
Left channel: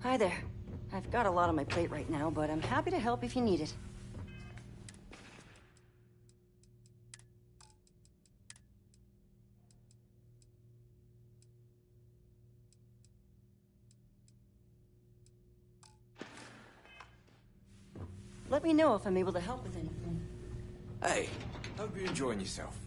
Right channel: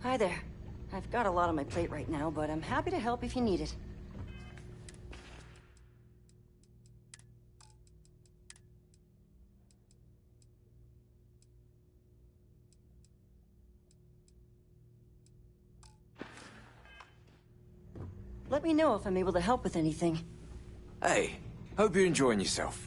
Hi there. I've got a lot on my plate right now, but I'm happy to help if you need it. Let me know if I'm able to help with anything. Hey, hope you're enjoying yourself.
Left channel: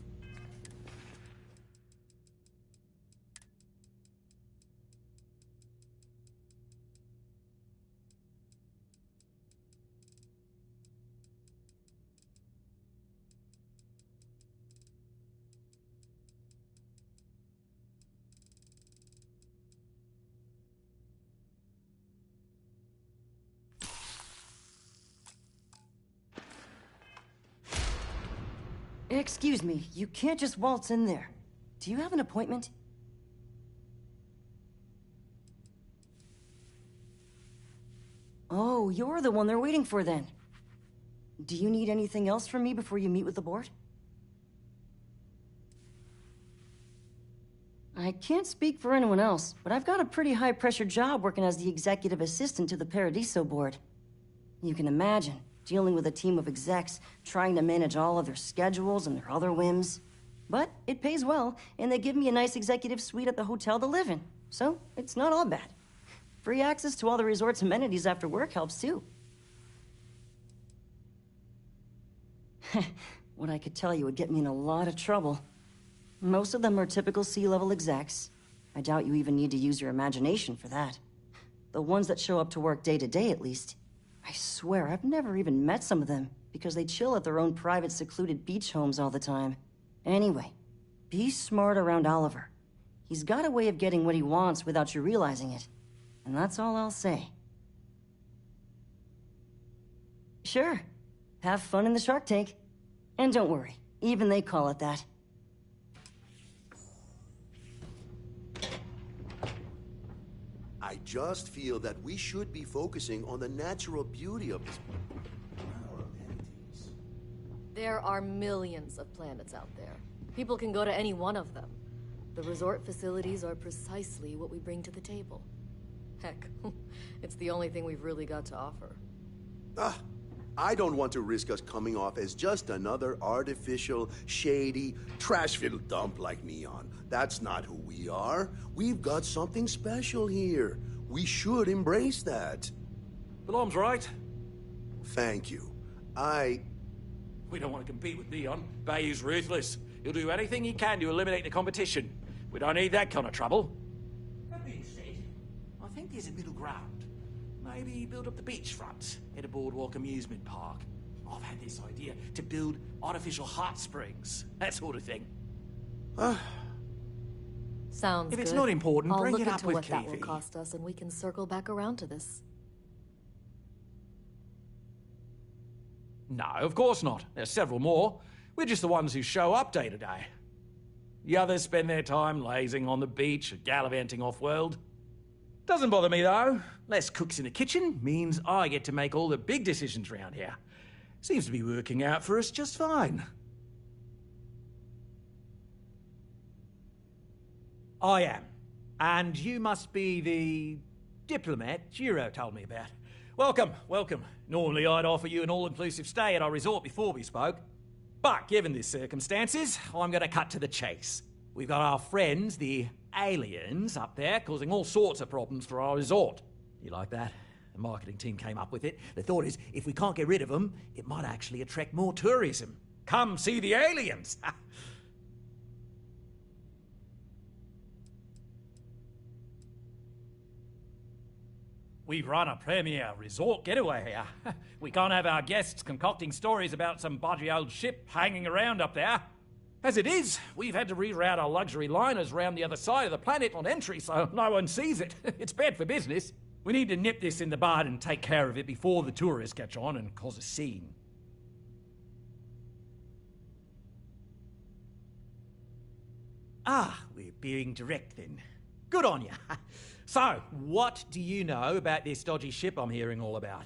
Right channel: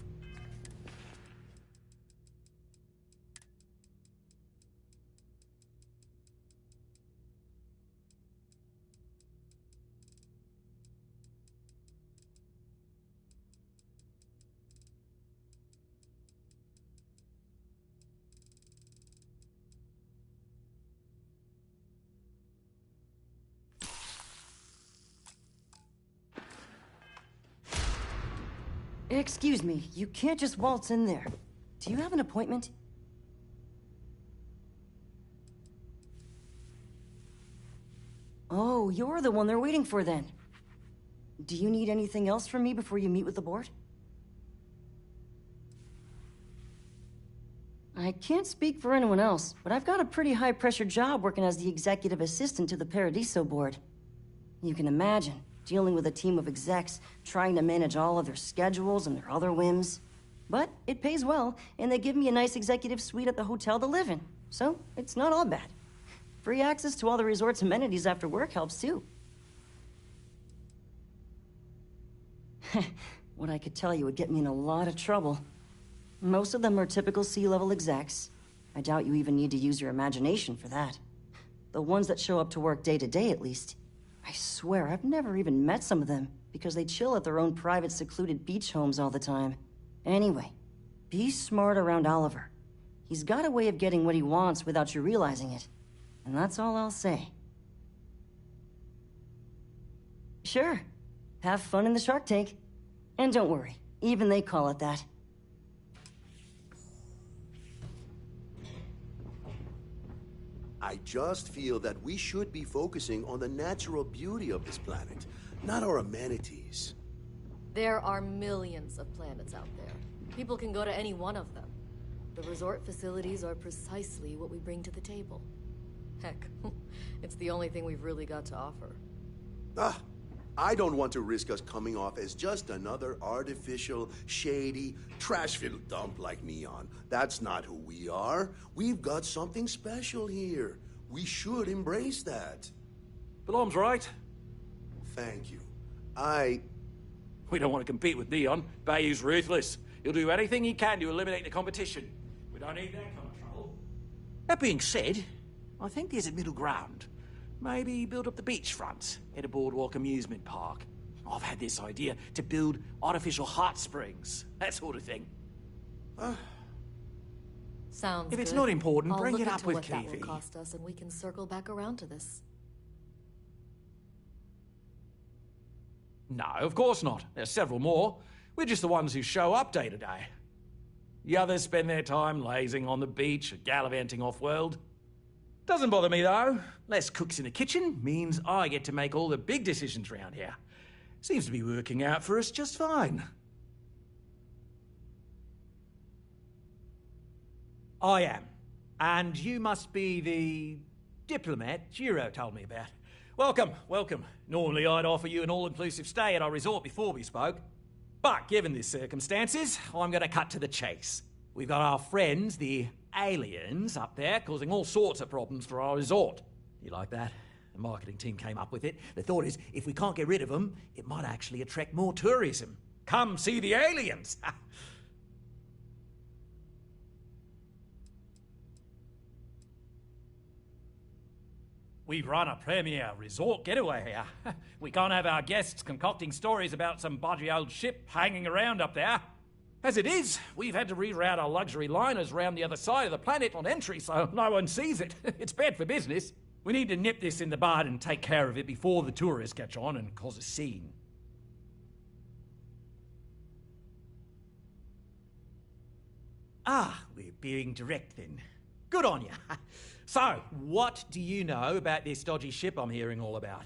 Excuse me, you can't just waltz in there. Do you have an appointment? Oh, you're the one they're waiting for then. Do you need anything else from me before you meet with the board? I can't speak for anyone else, but I've got a pretty high-pressure job working as the executive assistant to the Paradiso board. You can imagine, dealing with a team of execs, trying to manage all of their schedules and their other whims. But it pays well, and they give me a nice executive suite at the hotel to live in, so it's not all bad. Free access to all the resort's amenities after work helps too. What I could tell you would get me in a lot of trouble. Most of them are typical C-level execs. I doubt you even need to use your imagination for that. The ones that show up to work day to day, at least. I swear, I've never even met some of them, because they chill at their own private, secluded beach homes all the time. Anyway, be smart around Oliver. He's got a way of getting what he wants without you realizing it. And that's all I'll say. Sure. Have fun in the shark tank. And don't worry, even they call it that. I just feel that we should be focusing on the natural beauty of this planet, not our amenities. There are millions of planets out there. People can go to any one of them. The resort facilities are precisely what we bring to the table. Heck, it's the only thing we've really got to offer. I don't want to risk us coming off as just another artificial, shady, trash-filled dump like Neon. That's not who we are. We've got something special here. We should embrace that. Belom's right. Thank you. We don't want to compete with Neon. Bayou's ruthless. He'll do anything he can to eliminate the competition. We don't need that kind of trouble. That being said, I think there's a middle ground. Maybe build up the beachfront at a boardwalk amusement park. I've had this idea to build artificial hot springs, that sort of thing. Sounds good. If it's not important, I'll bring look it up into with what that will Keefe. cost us, and we can circle back around to this. No, of course not. There's several more. We're just the ones who show up day to day. The others spend their time lazing on the beach or gallivanting off-world. Doesn't bother me, though. Less cooks in the kitchen means I get to make all the big decisions around here. Seems to be working out for us just fine. I am. And you must be the diplomat Jiro told me about. Welcome, welcome. Normally I'd offer you an all-inclusive stay at our resort before we spoke. But given the circumstances, I'm going to cut to the chase. We've got our friends, the aliens, up there causing all sorts of problems for our resort. You like that? The marketing team came up with it. The thought is, if we can't get rid of them, it might actually attract more tourism. Come see the aliens! We run a premier resort getaway here. We can't have our guests concocting stories about some bodgy old ship hanging around up there. As it is, we've had to reroute our luxury liners round the other side of the planet on entry so no one sees it. It's bad for business. We need to nip this in the bud and take care of it before the tourists catch on and cause a scene. We're being direct then. Good on you. So, what do you know about this dodgy ship I'm hearing all about?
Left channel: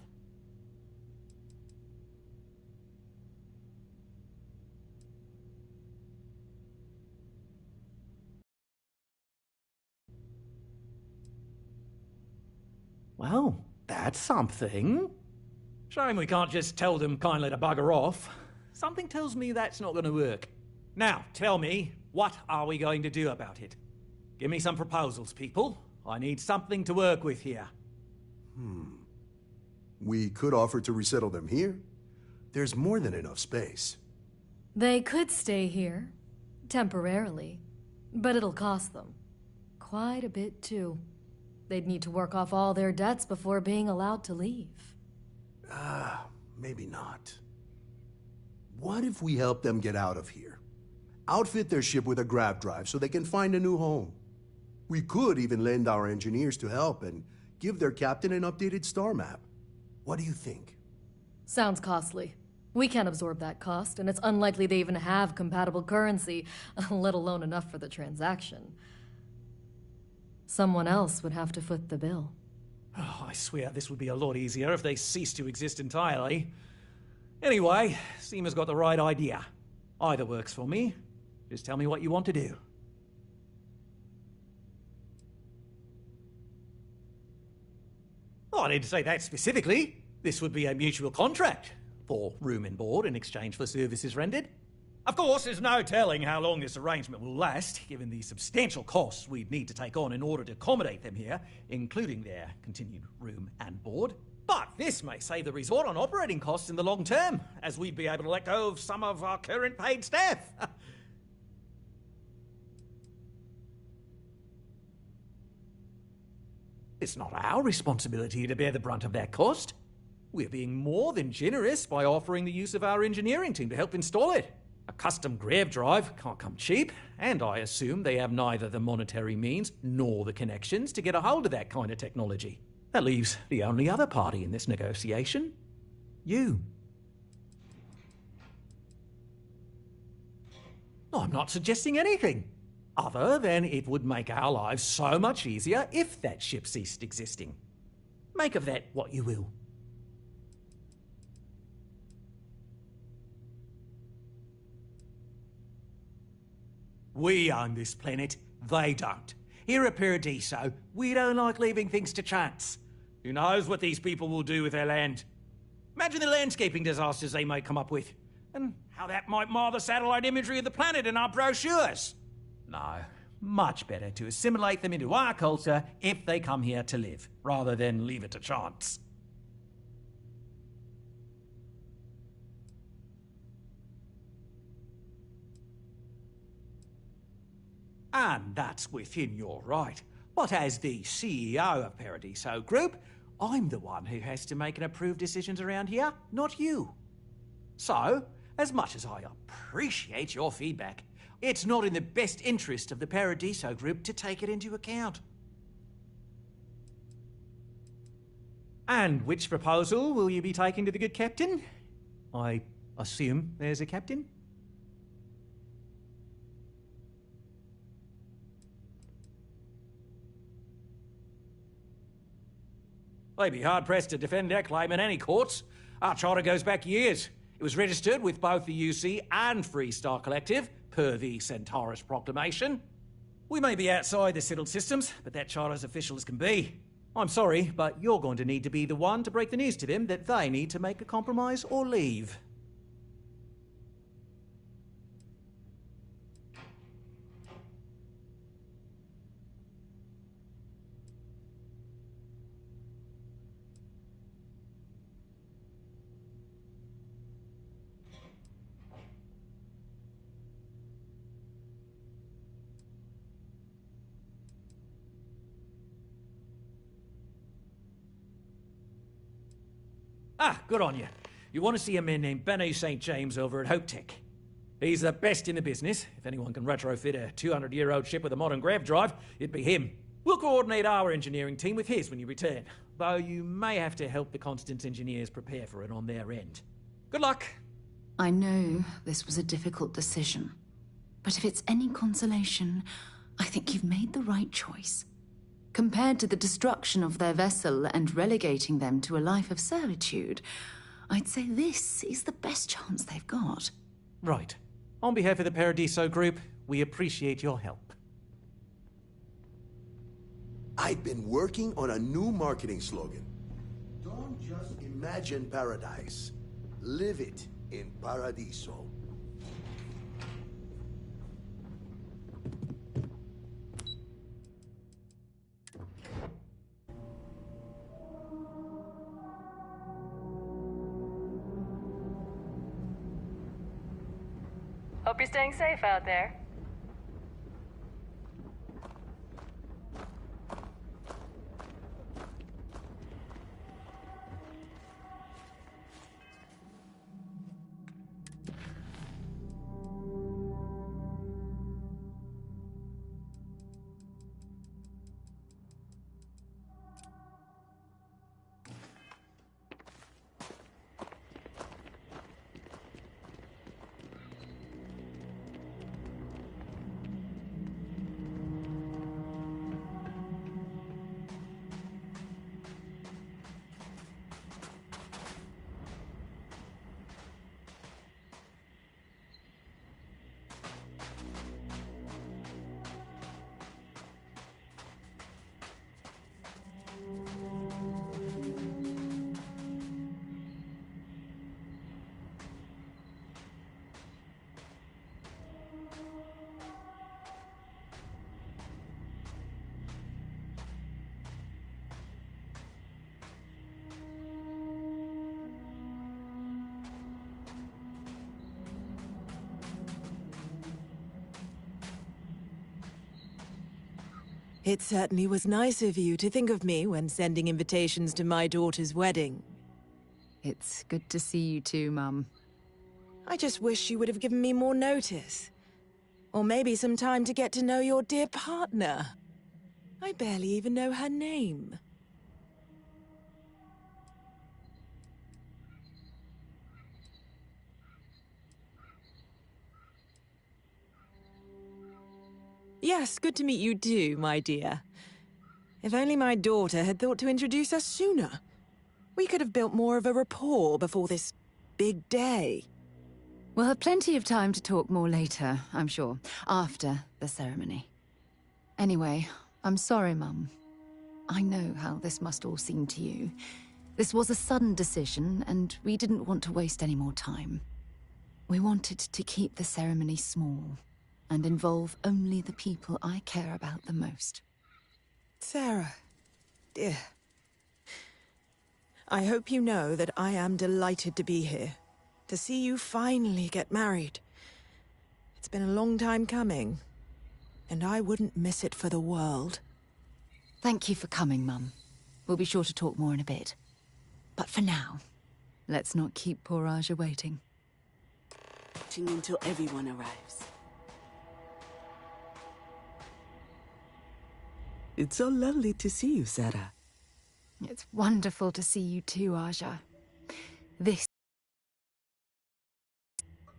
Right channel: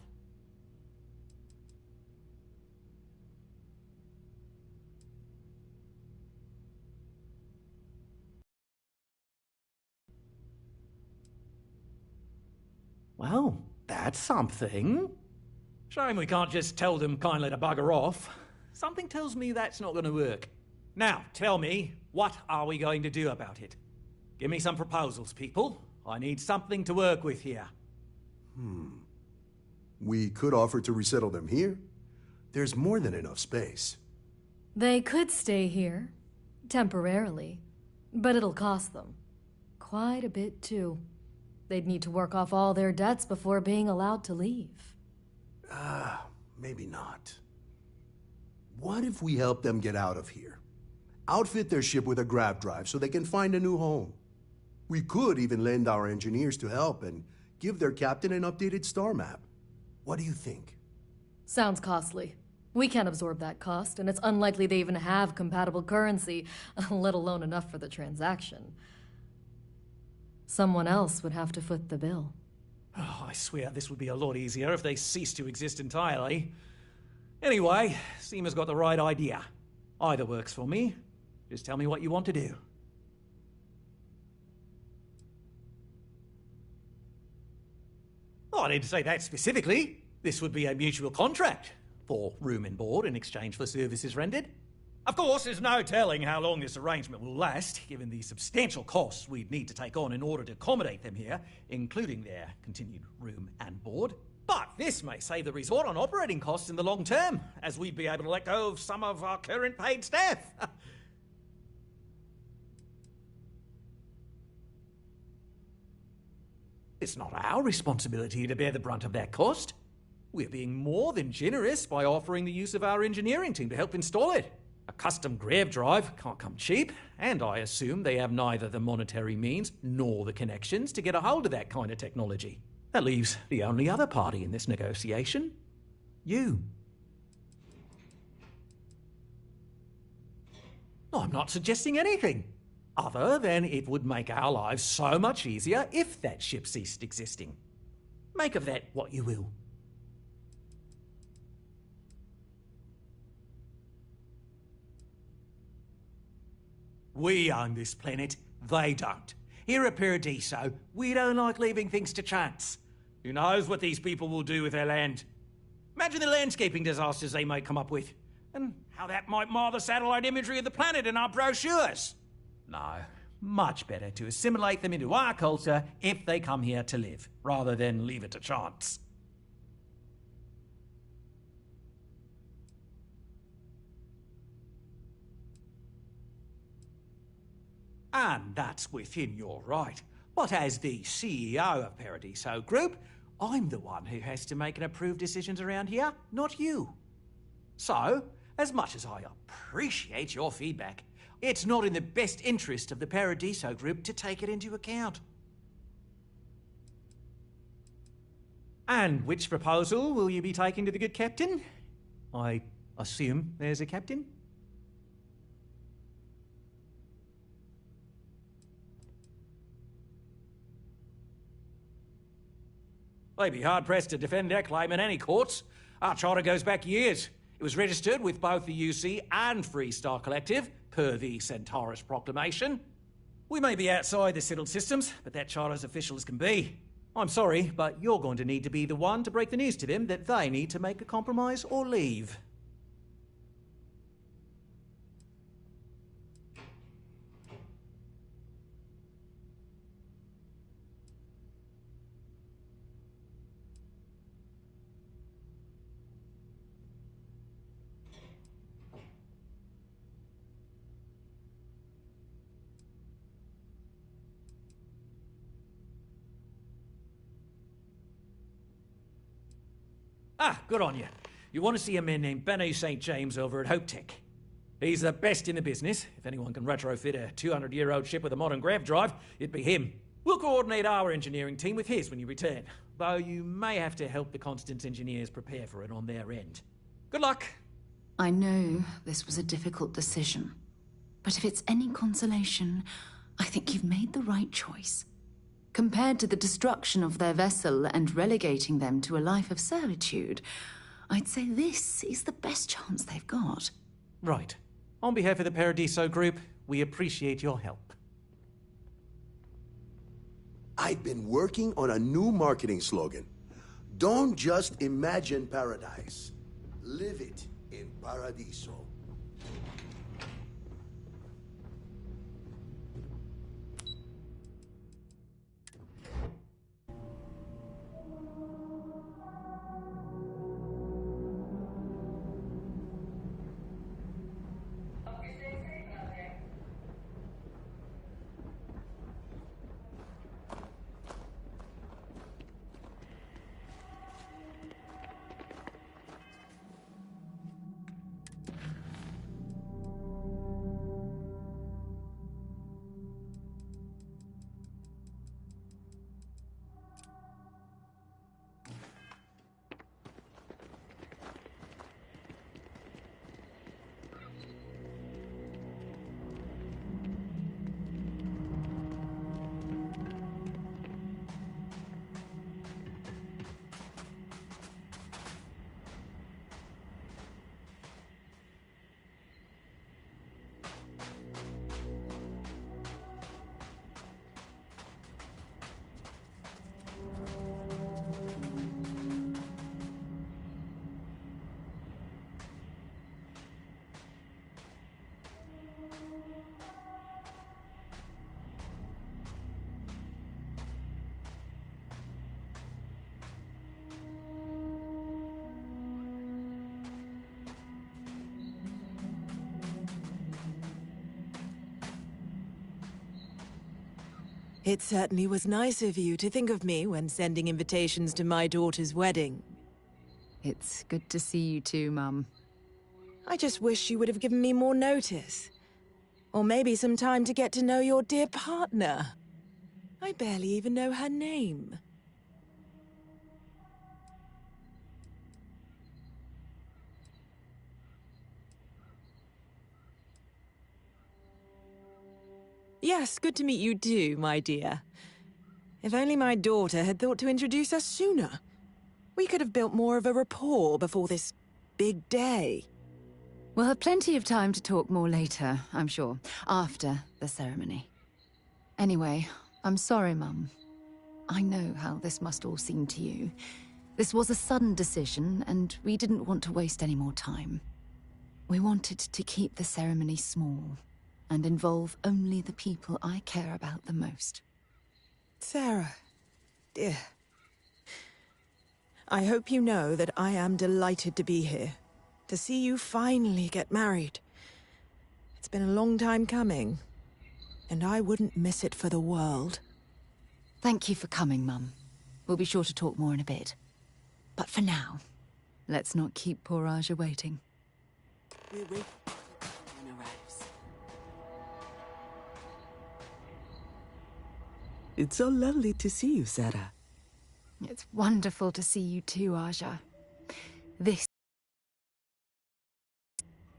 Well, that's something. Shame we can't just tell them kindly to bugger off. Something tells me that's not going to work. Now, tell me, what are we going to do about it? Give me some proposals, people. I need something to work with here. We could offer to resettle them here. There's more than enough space. They could stay here, temporarily, but it'll cost them. Quite a bit, too. They'd need to work off all their debts before being allowed to leave. Maybe not. What if we help them get out of here? Outfit their ship with a grav drive so they can find a new home. We could even lend our engineers to help and give their captain an updated star map. What do you think? Sounds costly. We can't absorb that cost, and it's unlikely they even have compatible currency, let alone enough for the transaction. Someone else would have to foot the bill. Oh, I swear this would be a lot easier if they ceased to exist entirely. Anyway, Seema's got the right idea. Either works for me. Just tell me what you want to do. Oh, I didn't say that specifically. This would be a mutual contract for room and board in exchange for services rendered. Of course, there's no telling how long this arrangement will last, given the substantial costs we'd need to take on in order to accommodate them here, including their continued room and board. But this may save the resort on operating costs in the long term, as we'd be able to let go of some of our current paid staff. It's not our responsibility to bear the brunt of that cost. We're being more than generous by offering the use of our engineering team to help install it. A custom grav drive can't come cheap, and I assume they have neither the monetary means nor the connections to get a hold of that kind of technology. That leaves the only other party in this negotiation. You. I'm not suggesting anything. other than it would make our lives so much easier if that ship ceased existing. Make of that what you will. We own this planet, they don't. Here at Paradiso, we don't like leaving things to chance. Who knows what these people will do with their land? Imagine the landscaping disasters they might come up with, and how that might mar the satellite imagery of the planet in our brochures. No, much better to assimilate them into our culture if they come here to live, rather than leave it to chance. And that's within your right. But as the CEO of Paradiso Group, I'm the one who has to make and approve decisions around here, not you. So, as much as I appreciate your feedback, it's not in the best interest of the Paradiso Group to take it into account. And which proposal will you be taking to the good captain? I assume there's a captain? They'd be hard-pressed to defend their claim in any courts. Our charter goes back years. It was registered with both the UC and Freestar Collective, per the Centaurus Proclamation. We may be outside the settled systems, but that charter's official as can be. I'm sorry, but you're going to need to be the one to break the news to them that they need to make a compromise or leave. Ah, good on you. You want to see a man named Benny St. James over at Hope Tech. He's the best in the business. If anyone can retrofit a 200-year-old ship with a modern grav drive, it'd be him. We'll coordinate our engineering team with his when you return, though you may have to help the Constance engineers prepare for it on their end. Good luck. I know this was a difficult decision, but if it's any consolation, I think you've made the right choice. Compared to the destruction of their vessel and relegating them to a life of servitude, I'd say this is the best chance they've got. Right. On behalf of the Paradiso Group, we appreciate your help. I've been working on a new marketing slogan. Don't just imagine paradise. Live it in Paradiso. Hope you're staying safe out there. It certainly was nice of you to think of me when sending invitations to my daughter's wedding. It's good to see you too, Mum. I just wish you would have given me more notice. Or maybe some time to get to know your dear partner. I barely even know her name. Yes, good to meet you too, my dear. If only my daughter had thought to introduce us sooner. We could have built more of a rapport before this big day. We'll have plenty of time to talk more later, I'm sure, after the ceremony. Anyway, I'm sorry, Mum. I know how this must all seem to you. This was a sudden decision, and we didn't want to waste any more time. We wanted to keep the ceremony small, and involve only the people I care about the most. Sarah, dear. I hope you know that I am delighted to be here, to see you finally get married. It's been a long time coming, and I wouldn't miss it for the world. Thank you for coming, Mum. We'll be sure to talk more in a bit. But for now, let's not keep poor Aja waiting. We're waiting until everyone arrives. It's so lovely to see you, Sarah. It's wonderful to see you too, Aja.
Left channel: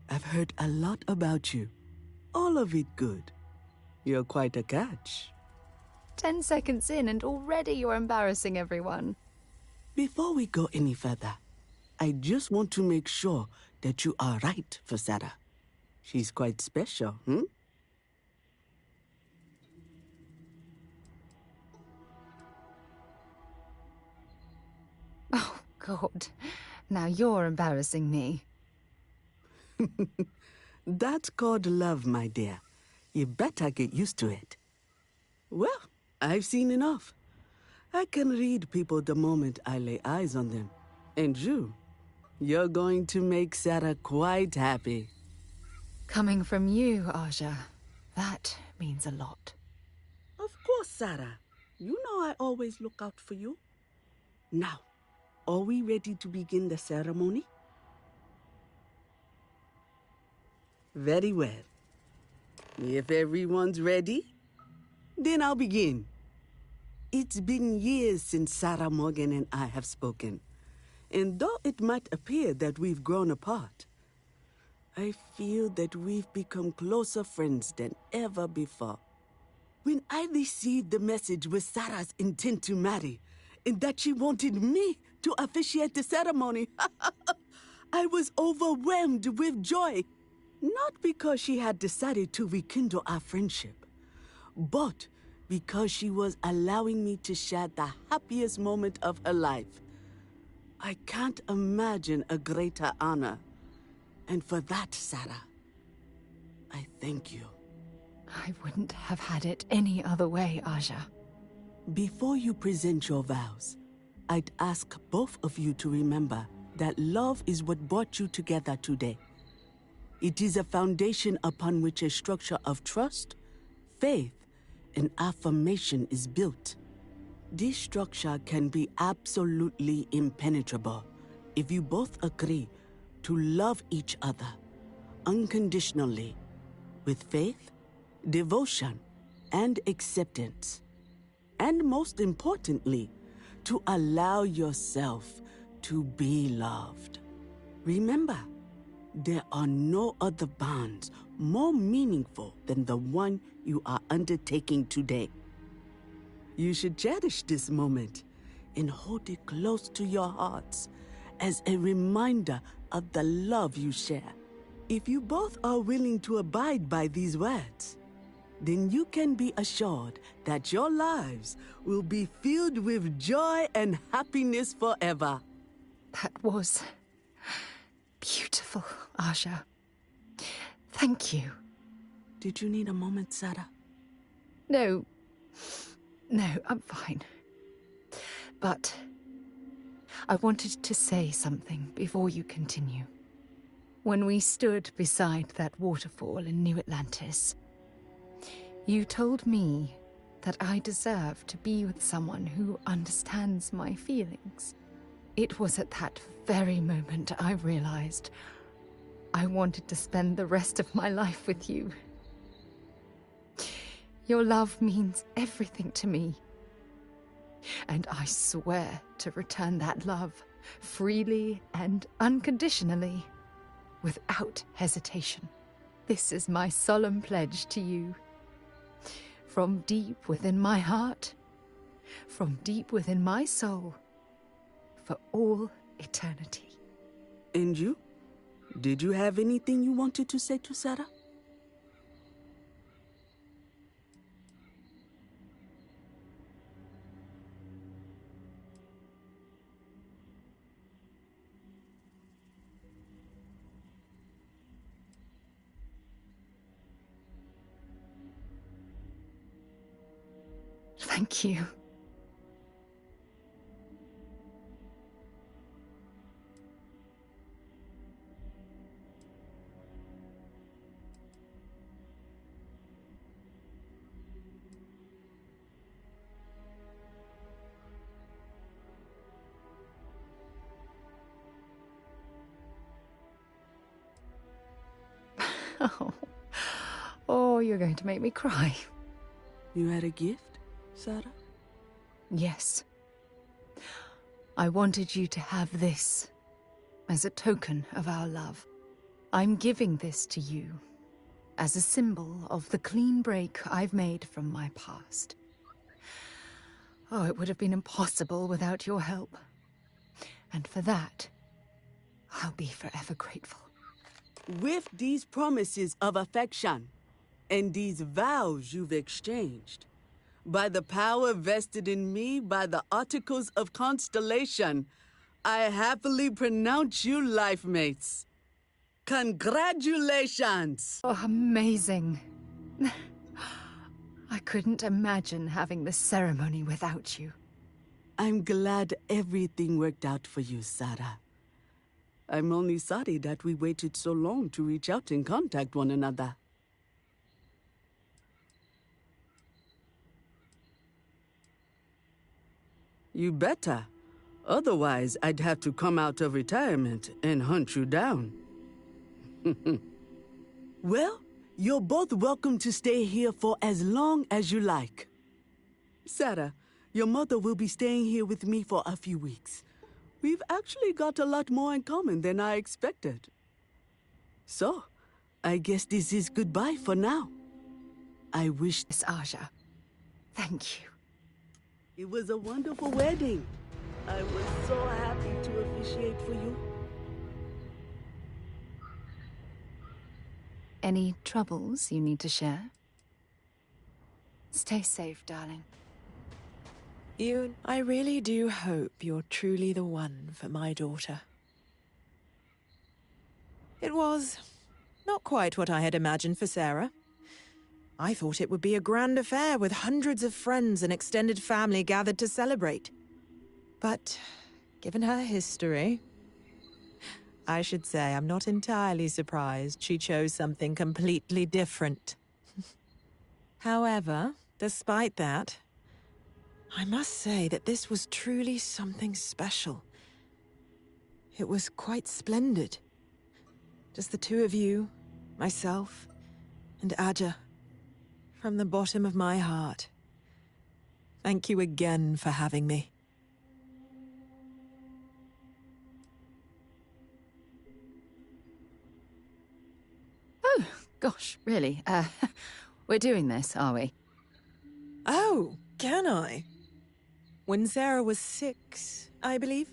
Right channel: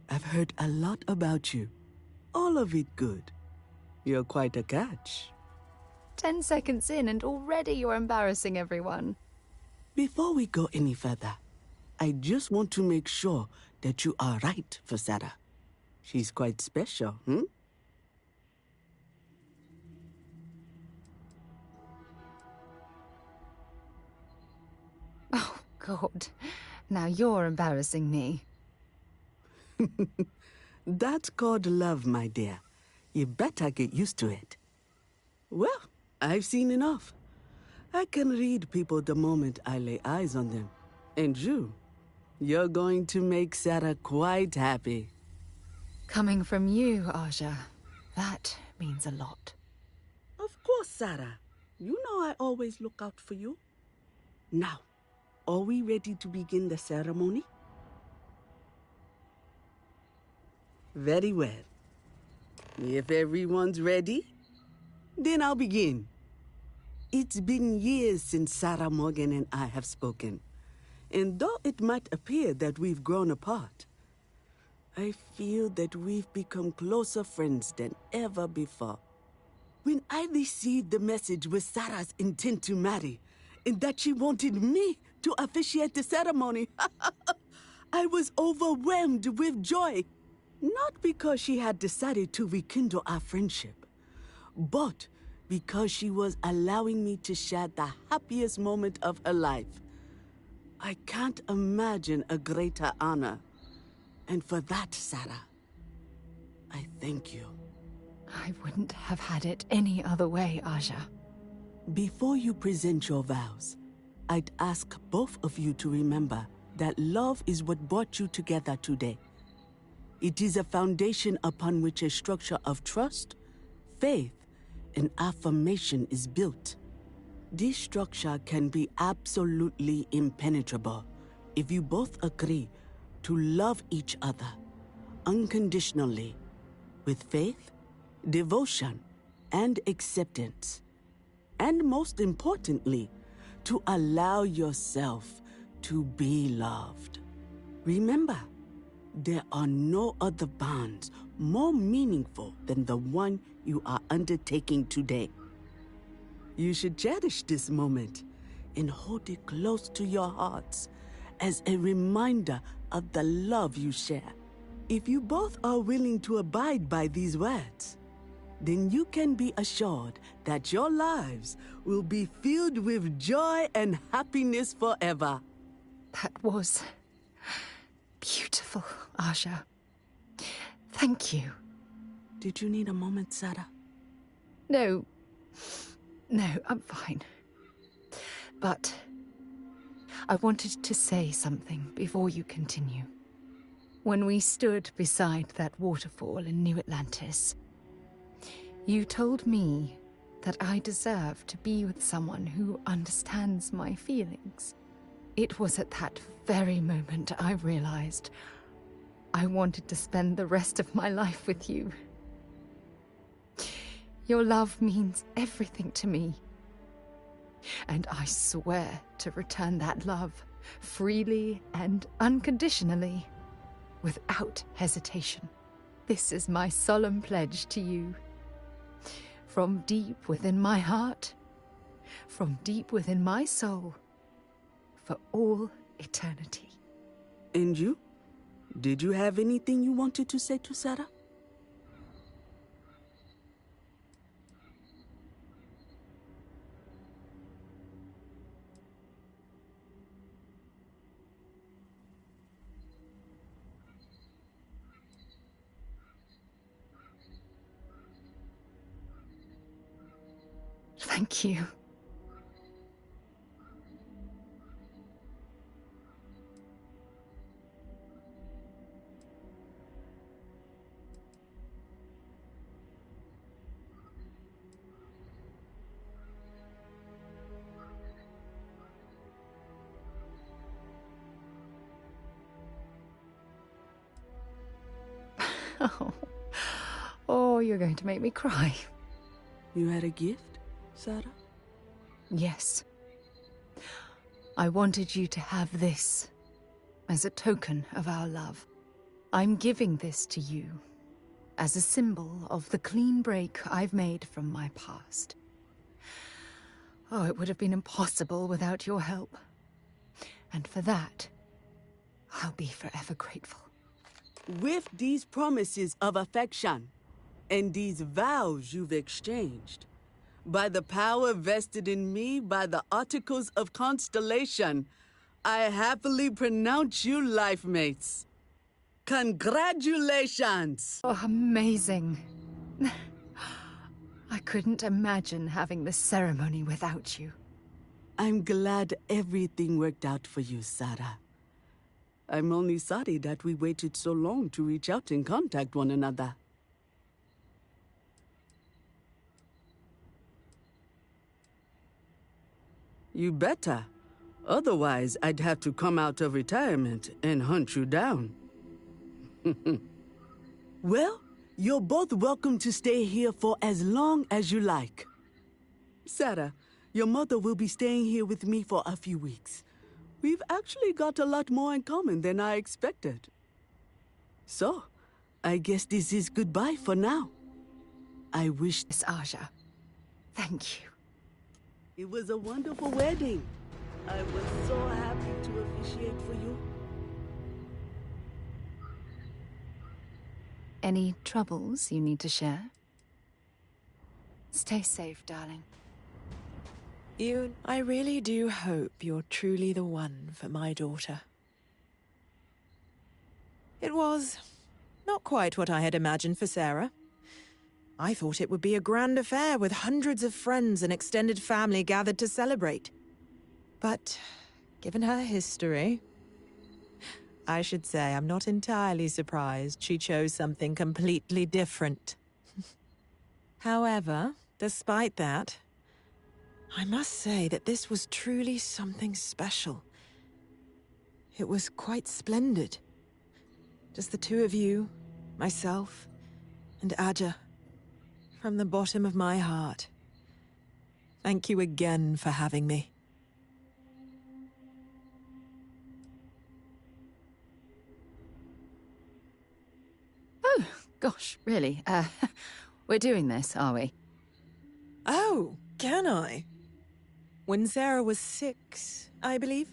I've heard a lot about you. All of it good. You're quite a catch. 10 seconds in and already you're embarrassing everyone. Before we go any further, I just want to make sure that you are right for Sarah. She's quite special, Oh, God. Now you're embarrassing me. That's called love, my dear. You better get used to it. Well, I've seen enough. I can read people the moment I lay eyes on them. And you're going to make Sarah quite happy. Coming from you, Aja, that means a lot. Of course, Sarah. You know I always look out for you. Now, are we ready to begin the ceremony? Very well. If everyone's ready, then I'll begin. It's been years since Sarah Morgan and I have spoken. And though it might appear that we've grown apart, I feel that we've become closer friends than ever before. When I received the message with Sarah's intent to marry, and that she wanted me to officiate the ceremony, I was overwhelmed with joy. Not because she had decided to rekindle our friendship, but because she was allowing me to share the happiest moment of her life. I can't imagine a greater honor. And for that, Sarah, I thank you. I wouldn't have had it any other way, Aja. Before you present your vows, I'd ask both of you to remember that love is what brought you together today. It is a foundation upon which a structure of trust, faith, and affirmation is built. This structure can be absolutely impenetrable if you both agree to love each other unconditionally, with faith, devotion, and acceptance. And most importantly, to allow yourself to be loved. Remember, there are no other bonds more meaningful than the one you are undertaking today. You should cherish this moment and hold it close to your hearts as a reminder of the love you share. If you both are willing to abide by these words, then you can be assured that your lives will be filled with joy and happiness forever. That was beautiful, Aja. Thank you. Did you need a moment, Sarah? No, I'm fine. But I wanted to say something before you continue. When we stood beside that waterfall in New Atlantis, you told me that I deserve to be with someone who understands my feelings. It was at that very moment I realized I wanted to spend the rest of my life with you. Your love means everything to me. And I swear to return that love freely and unconditionally, without hesitation. This is my solemn pledge to you. From deep within my heart, from deep within my soul, for all eternity. And you? Did you have anything you wanted to say to Sarah? Thank you. Oh, you're going to make me cry. You had a gift, Sarah? Yes. I wanted you to have this as a token of our love. I'm giving this to you as a symbol of the clean break I've made from my past. Oh, it would have been impossible without your help. And for that, I'll be forever grateful. With these promises of affection and these vows you've exchanged, by the power vested in me by the Articles of Constellation, I happily pronounce you life mates. Congratulations! Oh, amazing. I couldn't imagine having this ceremony without you. I'm glad everything worked out for you, Sarah. I'm only sorry that we waited so long to reach out and contact one another. You better. Otherwise, I'd have to come out of retirement and hunt you down. Well, you're both welcome to stay here for as long as you like. Sarah, your mother will be staying here with me for a few weeks. We've actually got a lot more in common than I expected. So, I guess this is goodbye for now. I wish... Miss Aja, thank you. It was a wonderful wedding. I was so happy to officiate for you. Any troubles you need to share? Stay safe, darling. Yoon, I really do hope you're truly the one for my daughter. It was not quite what I had imagined for Sarah. I thought it would be a grand affair with hundreds of friends and extended family gathered to celebrate. But given her history, I should say I'm not entirely surprised she chose something completely different. However, despite that, I must say that this was truly something special. It was quite splendid. Just the two of you, myself, and Aja. From the bottom of my heart. Thank you again for having me. Oh, gosh, really? We're doing this, are we? Oh, can I? When Sarah was 6, I believe,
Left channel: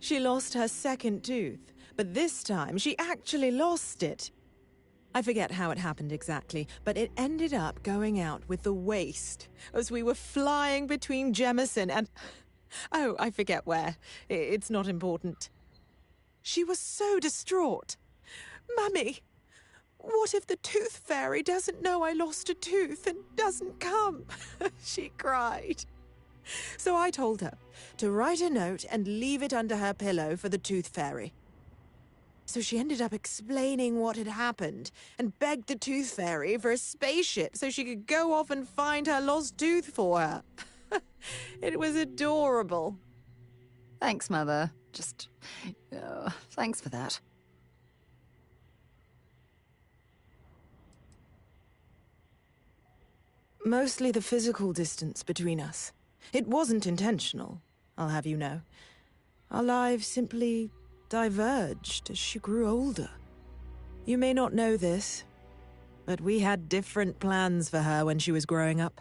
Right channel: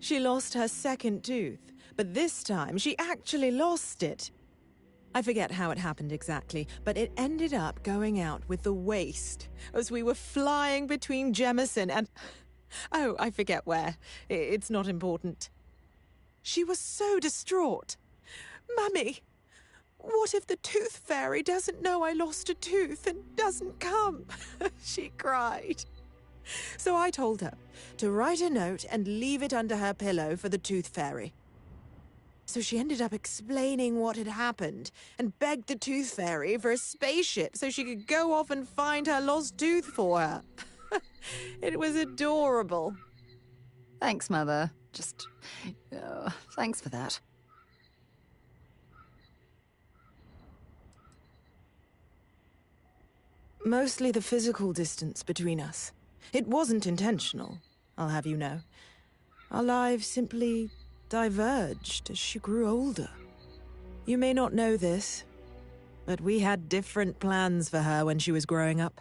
she lost her second tooth, but this time she actually lost it. I forget how it happened exactly, but it ended up going out with the waste as we were flying between Jemison and... Oh, I forget where. It's not important. She was so distraught. Mummy, what if the tooth fairy doesn't know I lost a tooth and doesn't come? She cried. So I told her to write a note and leave it under her pillow for the tooth fairy. So she ended up explaining what had happened and begged the tooth fairy for a spaceship so she could go off and find her lost tooth for her. It was adorable. Thanks, Mother. Thanks for that. Mostly the physical distance between us. It wasn't intentional, I'll have you know. Our lives simply diverged as she grew older. You may not know this, But we had different plans for her when she was growing up.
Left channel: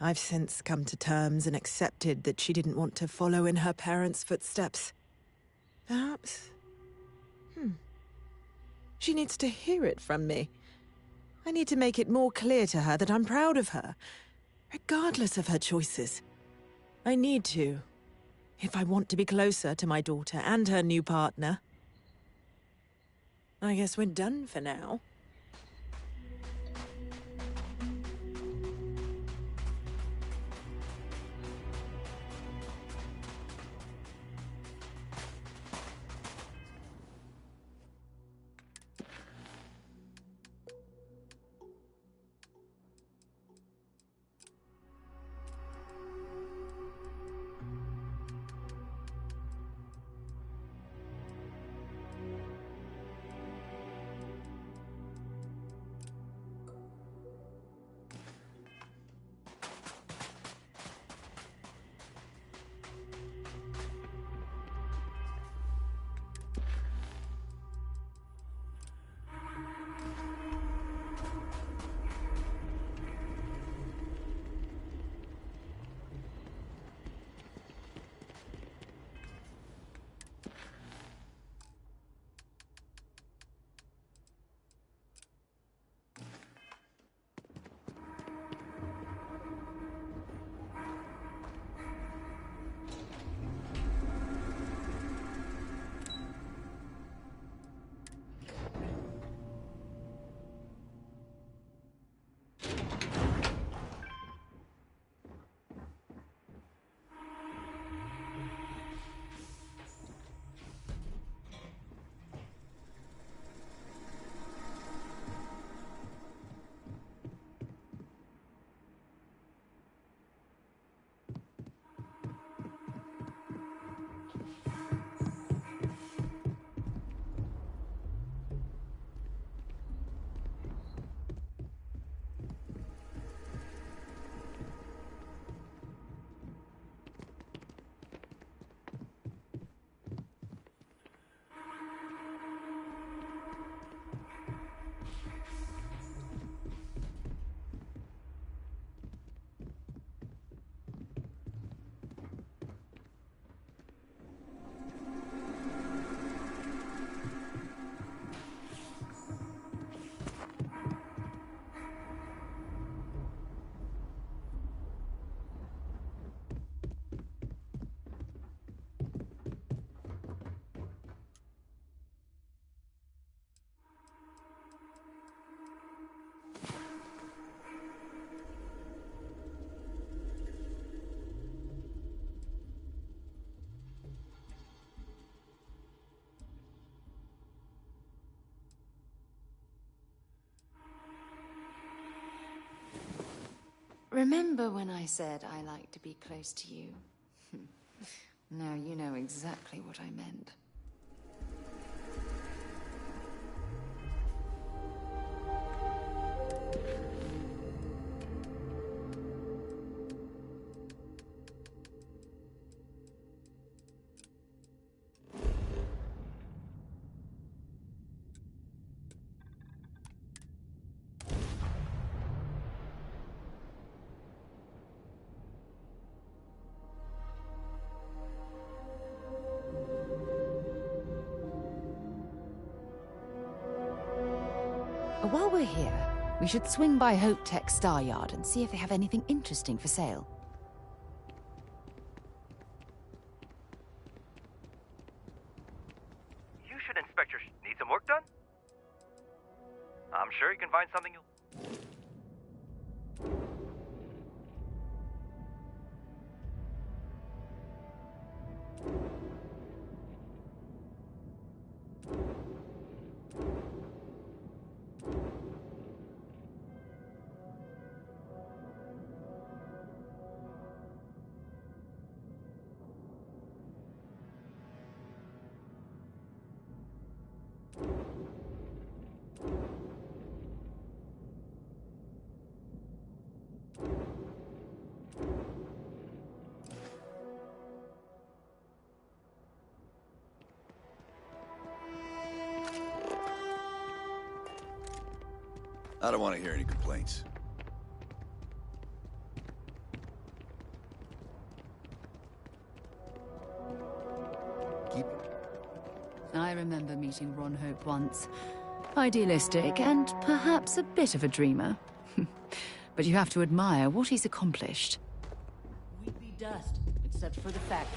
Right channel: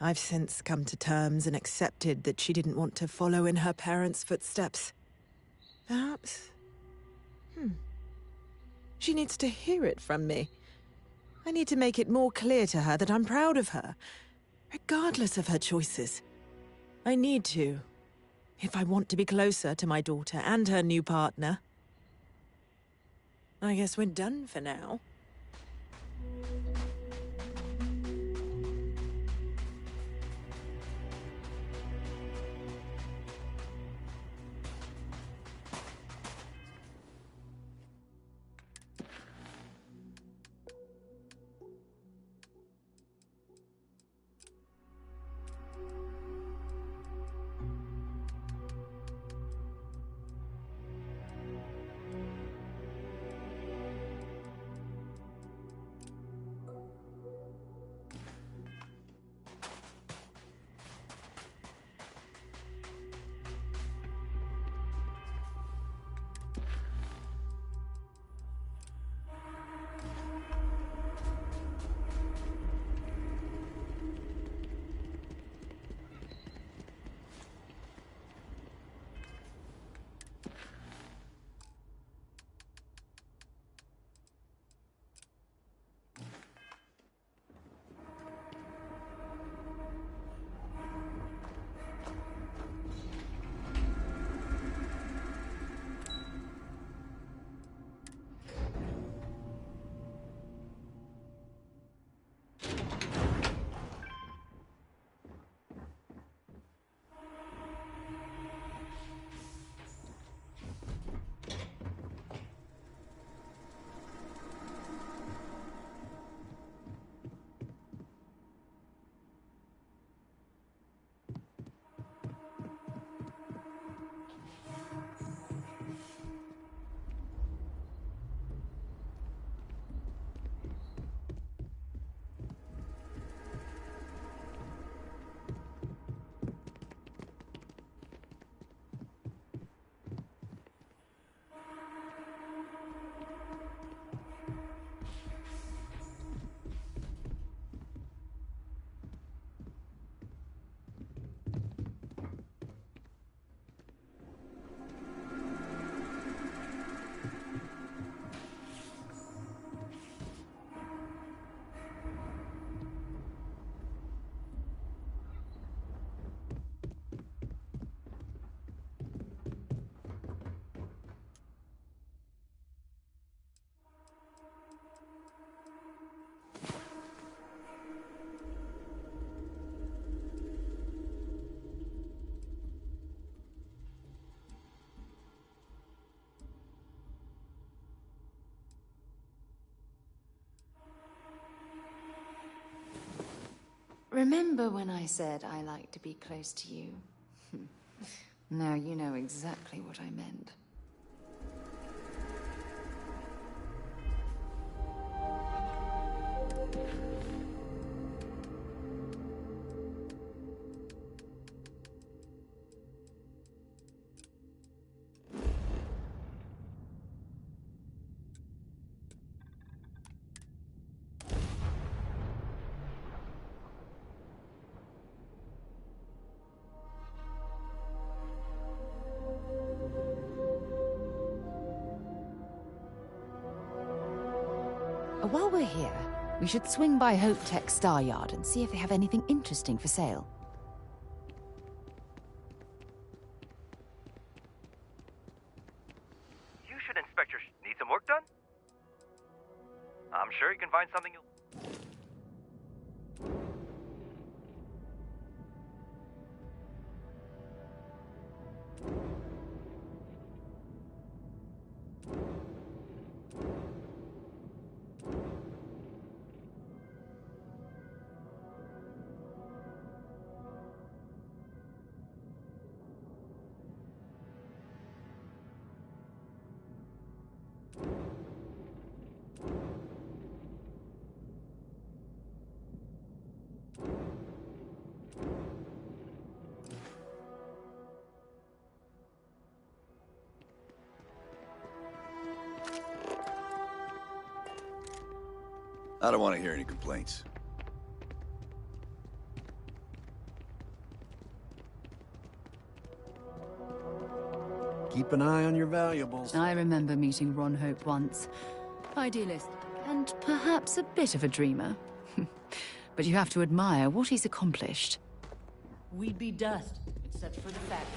I've since come to terms and accepted that she didn't want to follow in her parents' footsteps. Perhaps... She needs to hear it from me. I need to make it more clear to her that I'm proud of her, regardless of her choices. I need to, if I want to be closer to my daughter and her new partner. I guess we're done for now. Remember when I said I like to be close to you? Now you know exactly what I meant. While we're here, we should swing by Hope Tech Star Yard and see if they have anything interesting for sale. You should inspect your... Need some work done? I'm sure you can find something you'll... I don't want to hear any complaints. Keep an eye on your valuables. I remember meeting Ron Hope once. Idealistic and perhaps a bit of a dreamer. But you have to admire what he's accomplished. We'd be dust, except for the factory.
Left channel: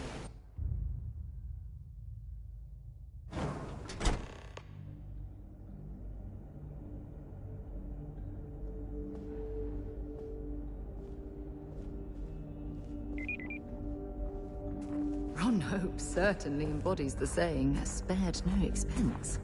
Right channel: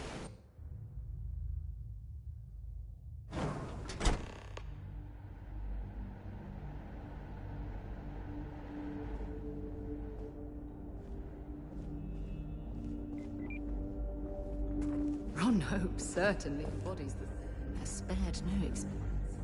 Ron Hope certainly embodies the saying, spared no expense.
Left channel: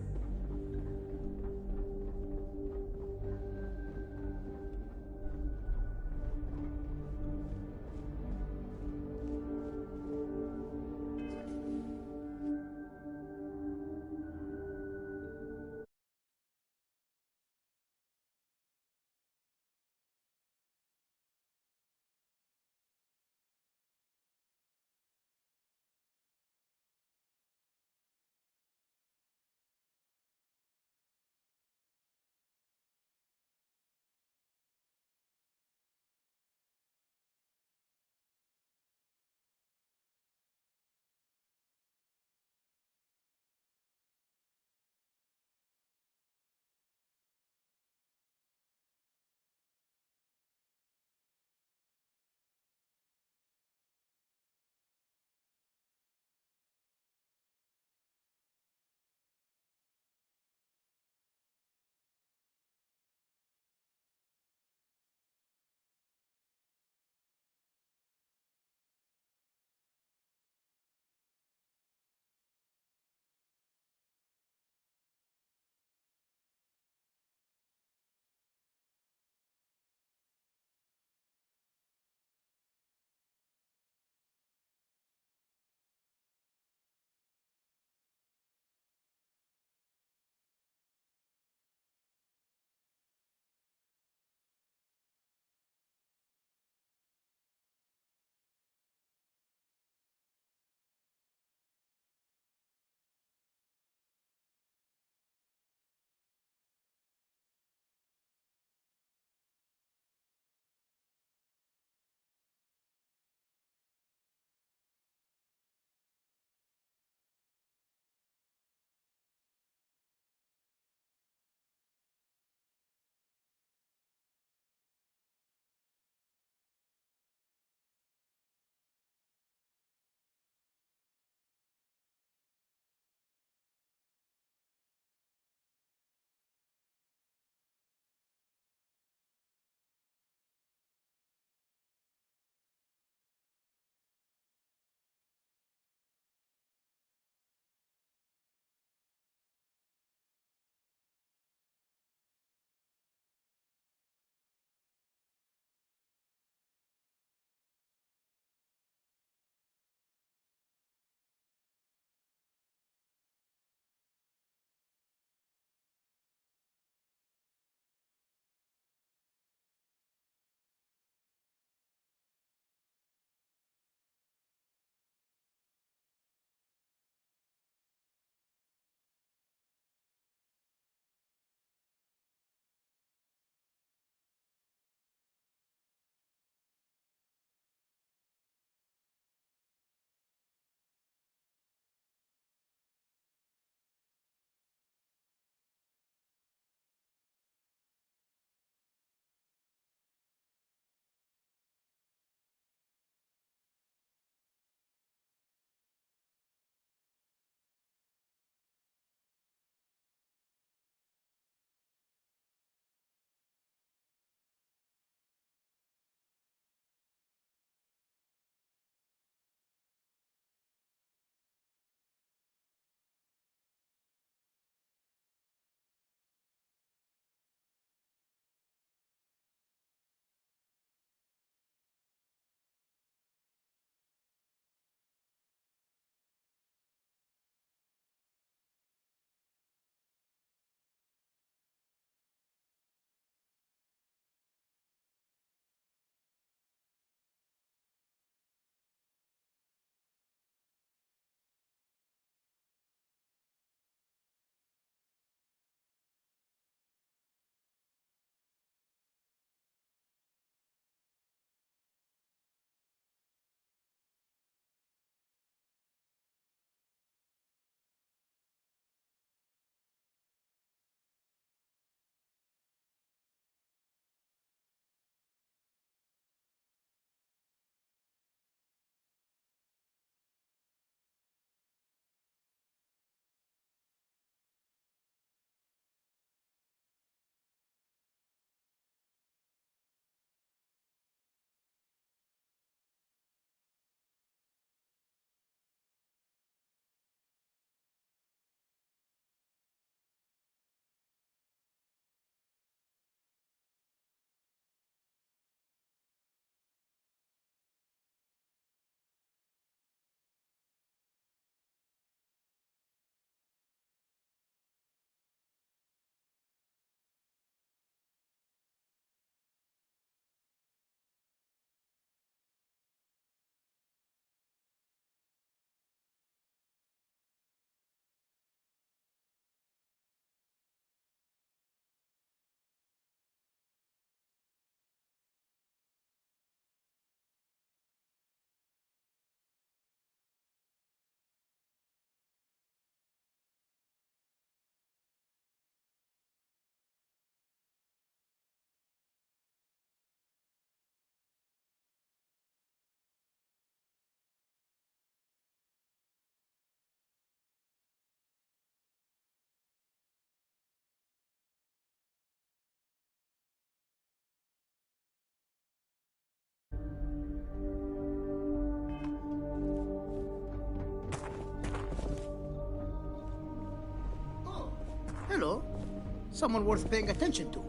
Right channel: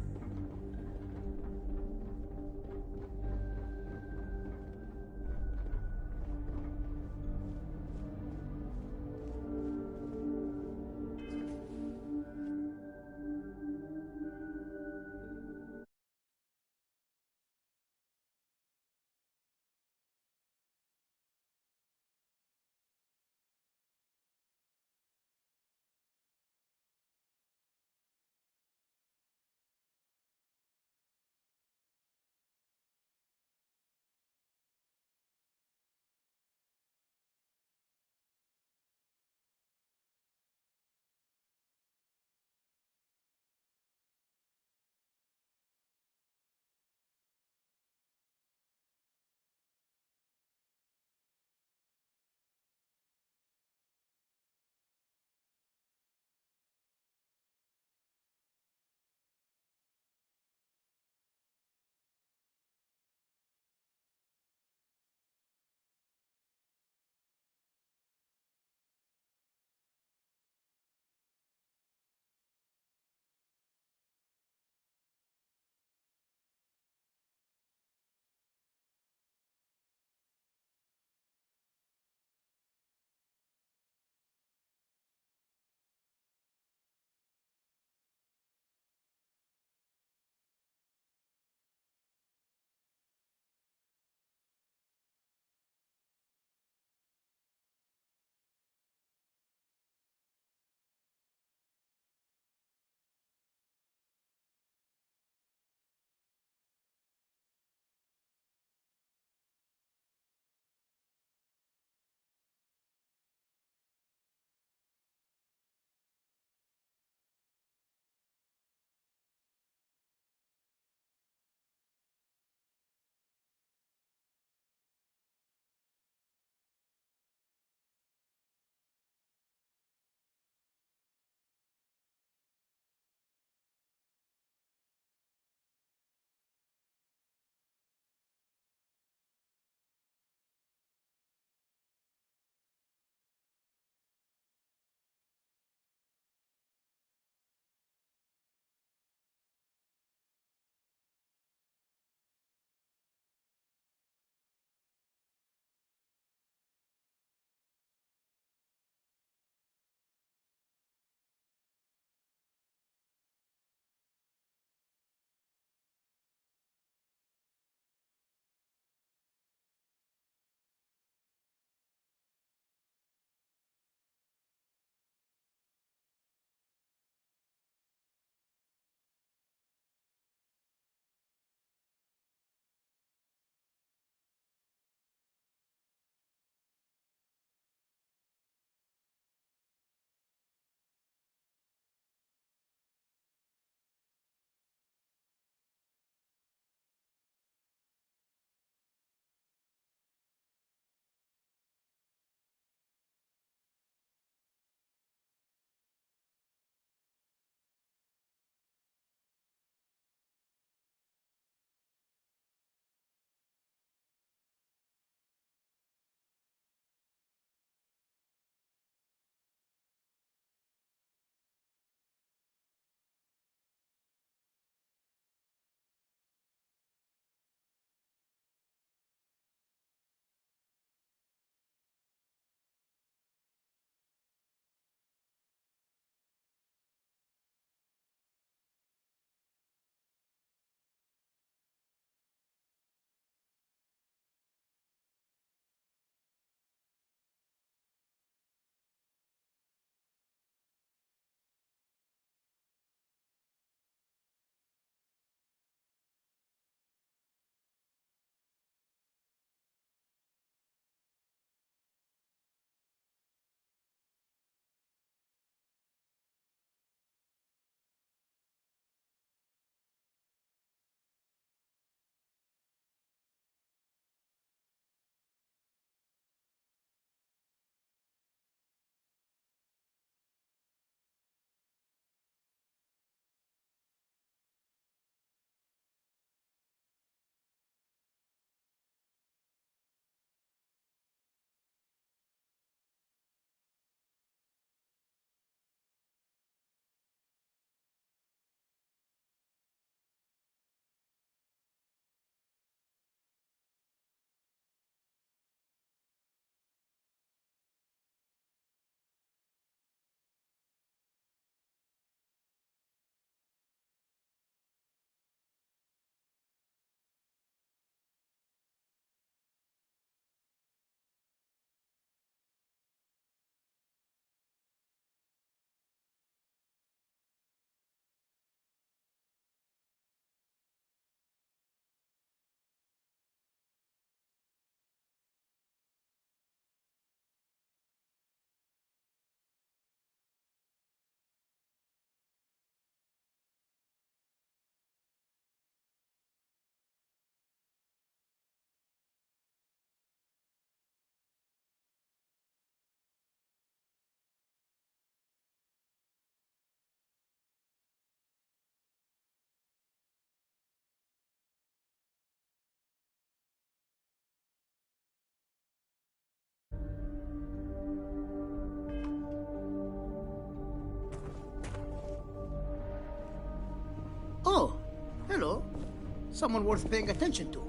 Someone worth paying attention to.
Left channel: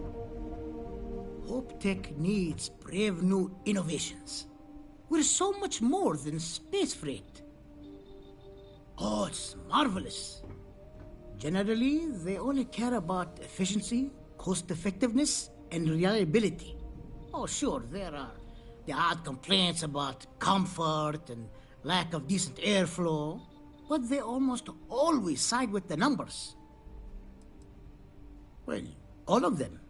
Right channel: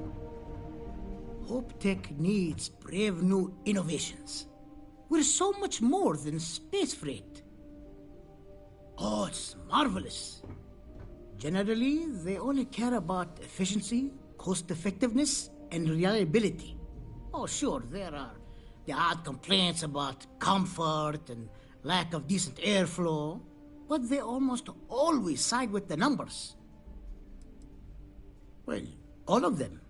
Hope Tech needs brave new innovations. We're so much more than space freight. Oh, it's marvelous. Generally, they only care about efficiency, cost-effectiveness, and reliability. Oh, sure, there are the odd complaints about comfort and lack of decent airflow, but they almost always side with the numbers. Well, all of them.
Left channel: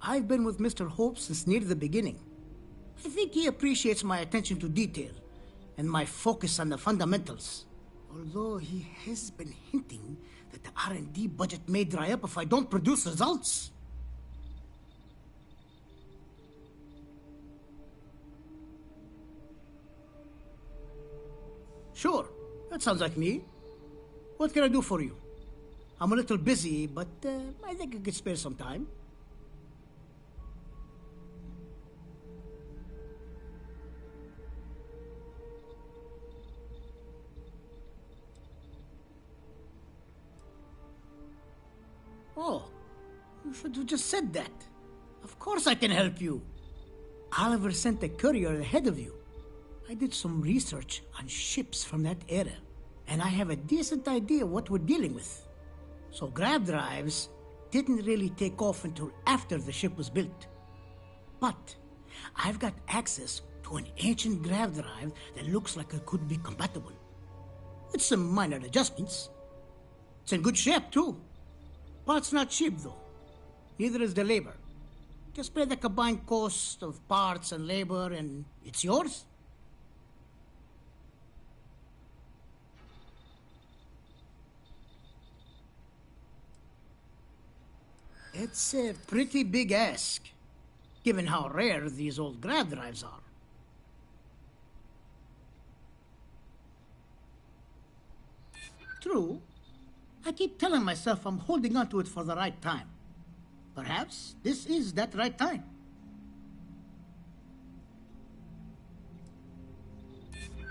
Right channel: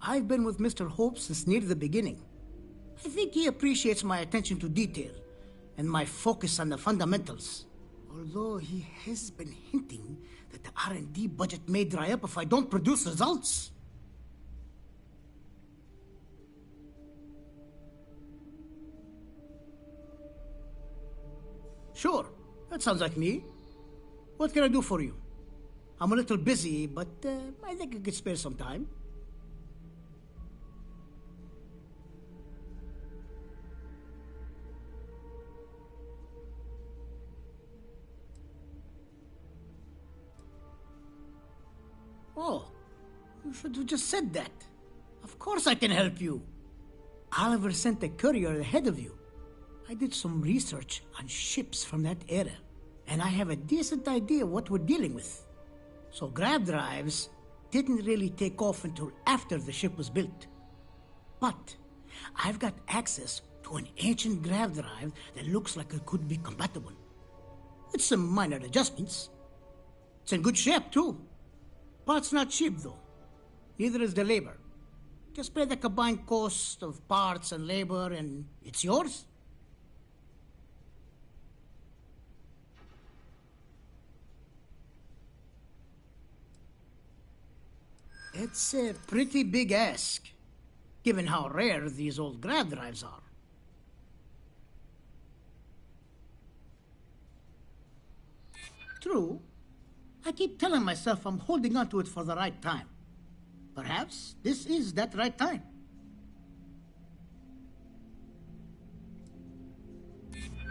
I've been with Mr. Hope since near the beginning. I think he appreciates my attention to detail and my focus on the fundamentals. Although he has been hinting that the R&D budget may dry up if I don't produce results. Sure, that sounds like me. What can I do for you? I'm a little busy, but I think I could spare some time. Oh, you should have just said that. Of course I can help you. Oliver sent a courier ahead of you. I did some research on ships from that era, and I have a decent idea what we're dealing with. So grav drives didn't really take off until after the ship was built. But I've got access to an ancient grav drive that looks like it could be compatible. With some minor adjustments. It's in good shape, too. Parts not cheap, though. Neither is the labor. Just pay the combined cost of parts and labor, and it's yours. It's a pretty big ask, given how rare these old grav drives are. True. I keep telling myself I'm holding on to it for the right time. Perhaps this is that right time.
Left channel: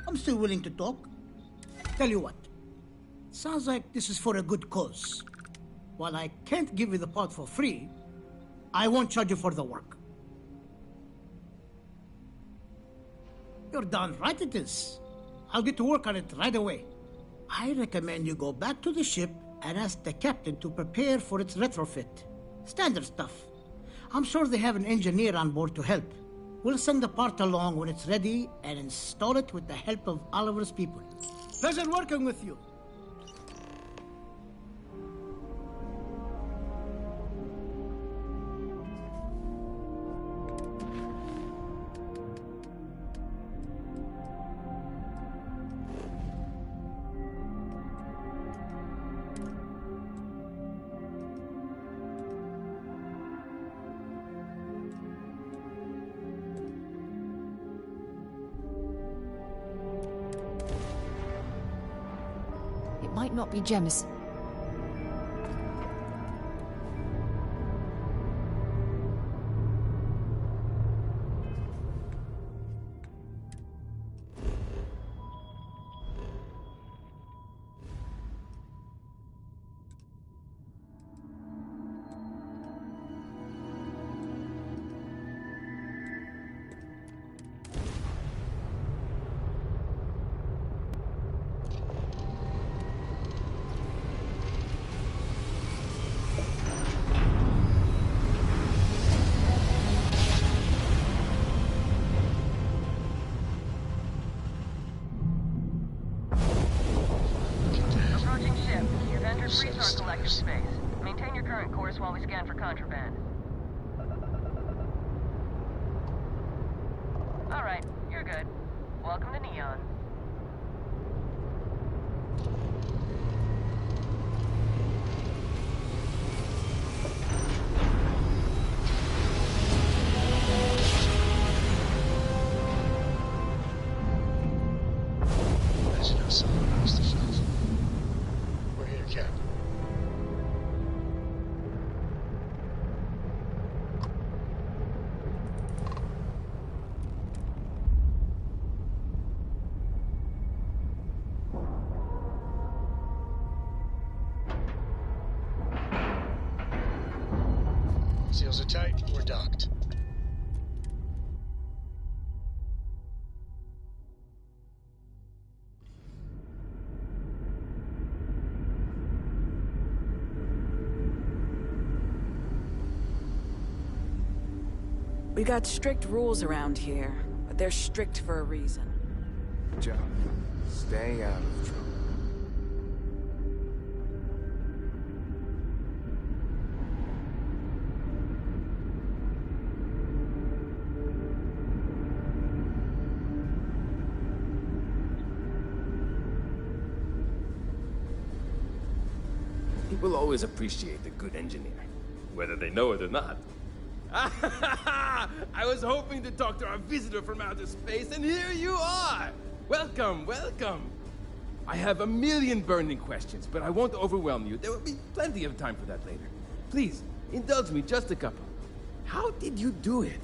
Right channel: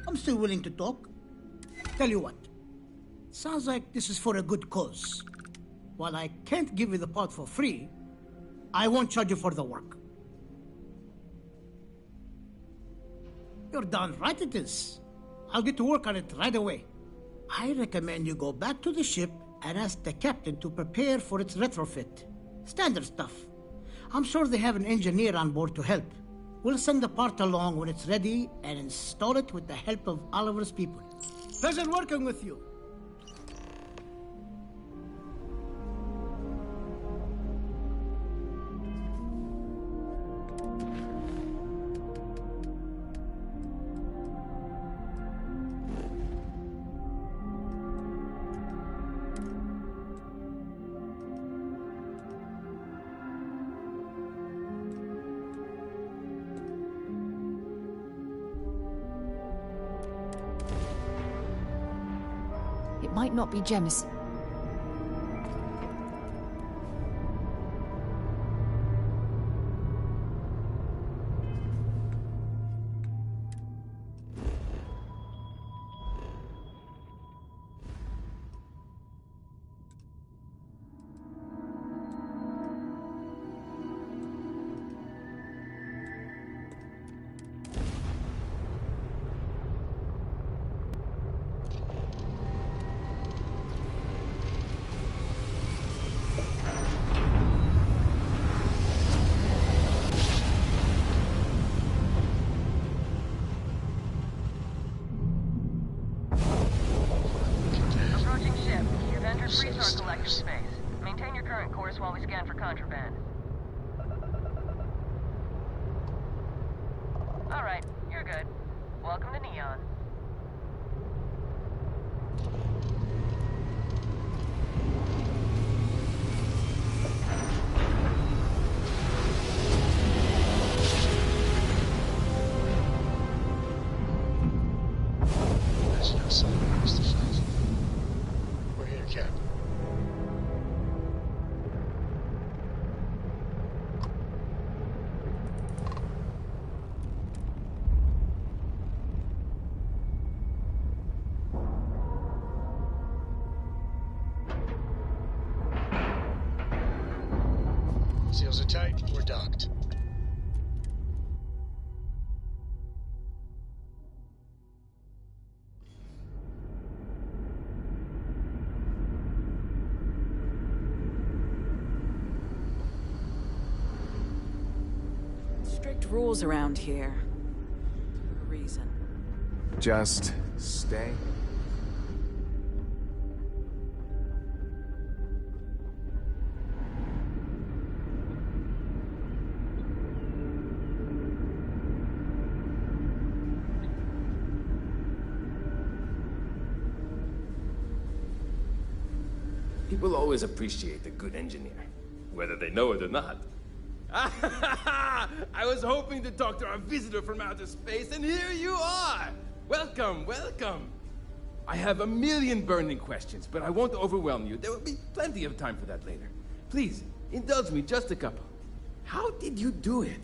I'm still willing to talk. Tell you what, sounds like this is for a good cause. While I can't give you the part for free, I won't charge you for the work. You're darn right it is. I'll get to work on it right away. I recommend you go back to the ship and ask the captain to prepare for its retrofit. Standard stuff. I'm sure they have an engineer on board to help. We'll send the part along when it's ready and install it with the help of Oliver's people. Pleasure working with you. It might not be Jemison. Resource collective space. Maintain your current course while we scan for contraband. Alright, you're good. Welcome to Neon. There's no sign past the fence. We're here, Captain. Seals are tight. We're docked. We got strict rules around here, but they're strict for a reason. Just stay out of trouble. People always appreciate a good engineer, whether they know it or not. I was hoping to talk to our visitor from outer space, and here you are! Welcome, welcome! I have a million burning questions, but I won't overwhelm you. There will be plenty of time for that later. Please, indulge me just a couple. How did you do it?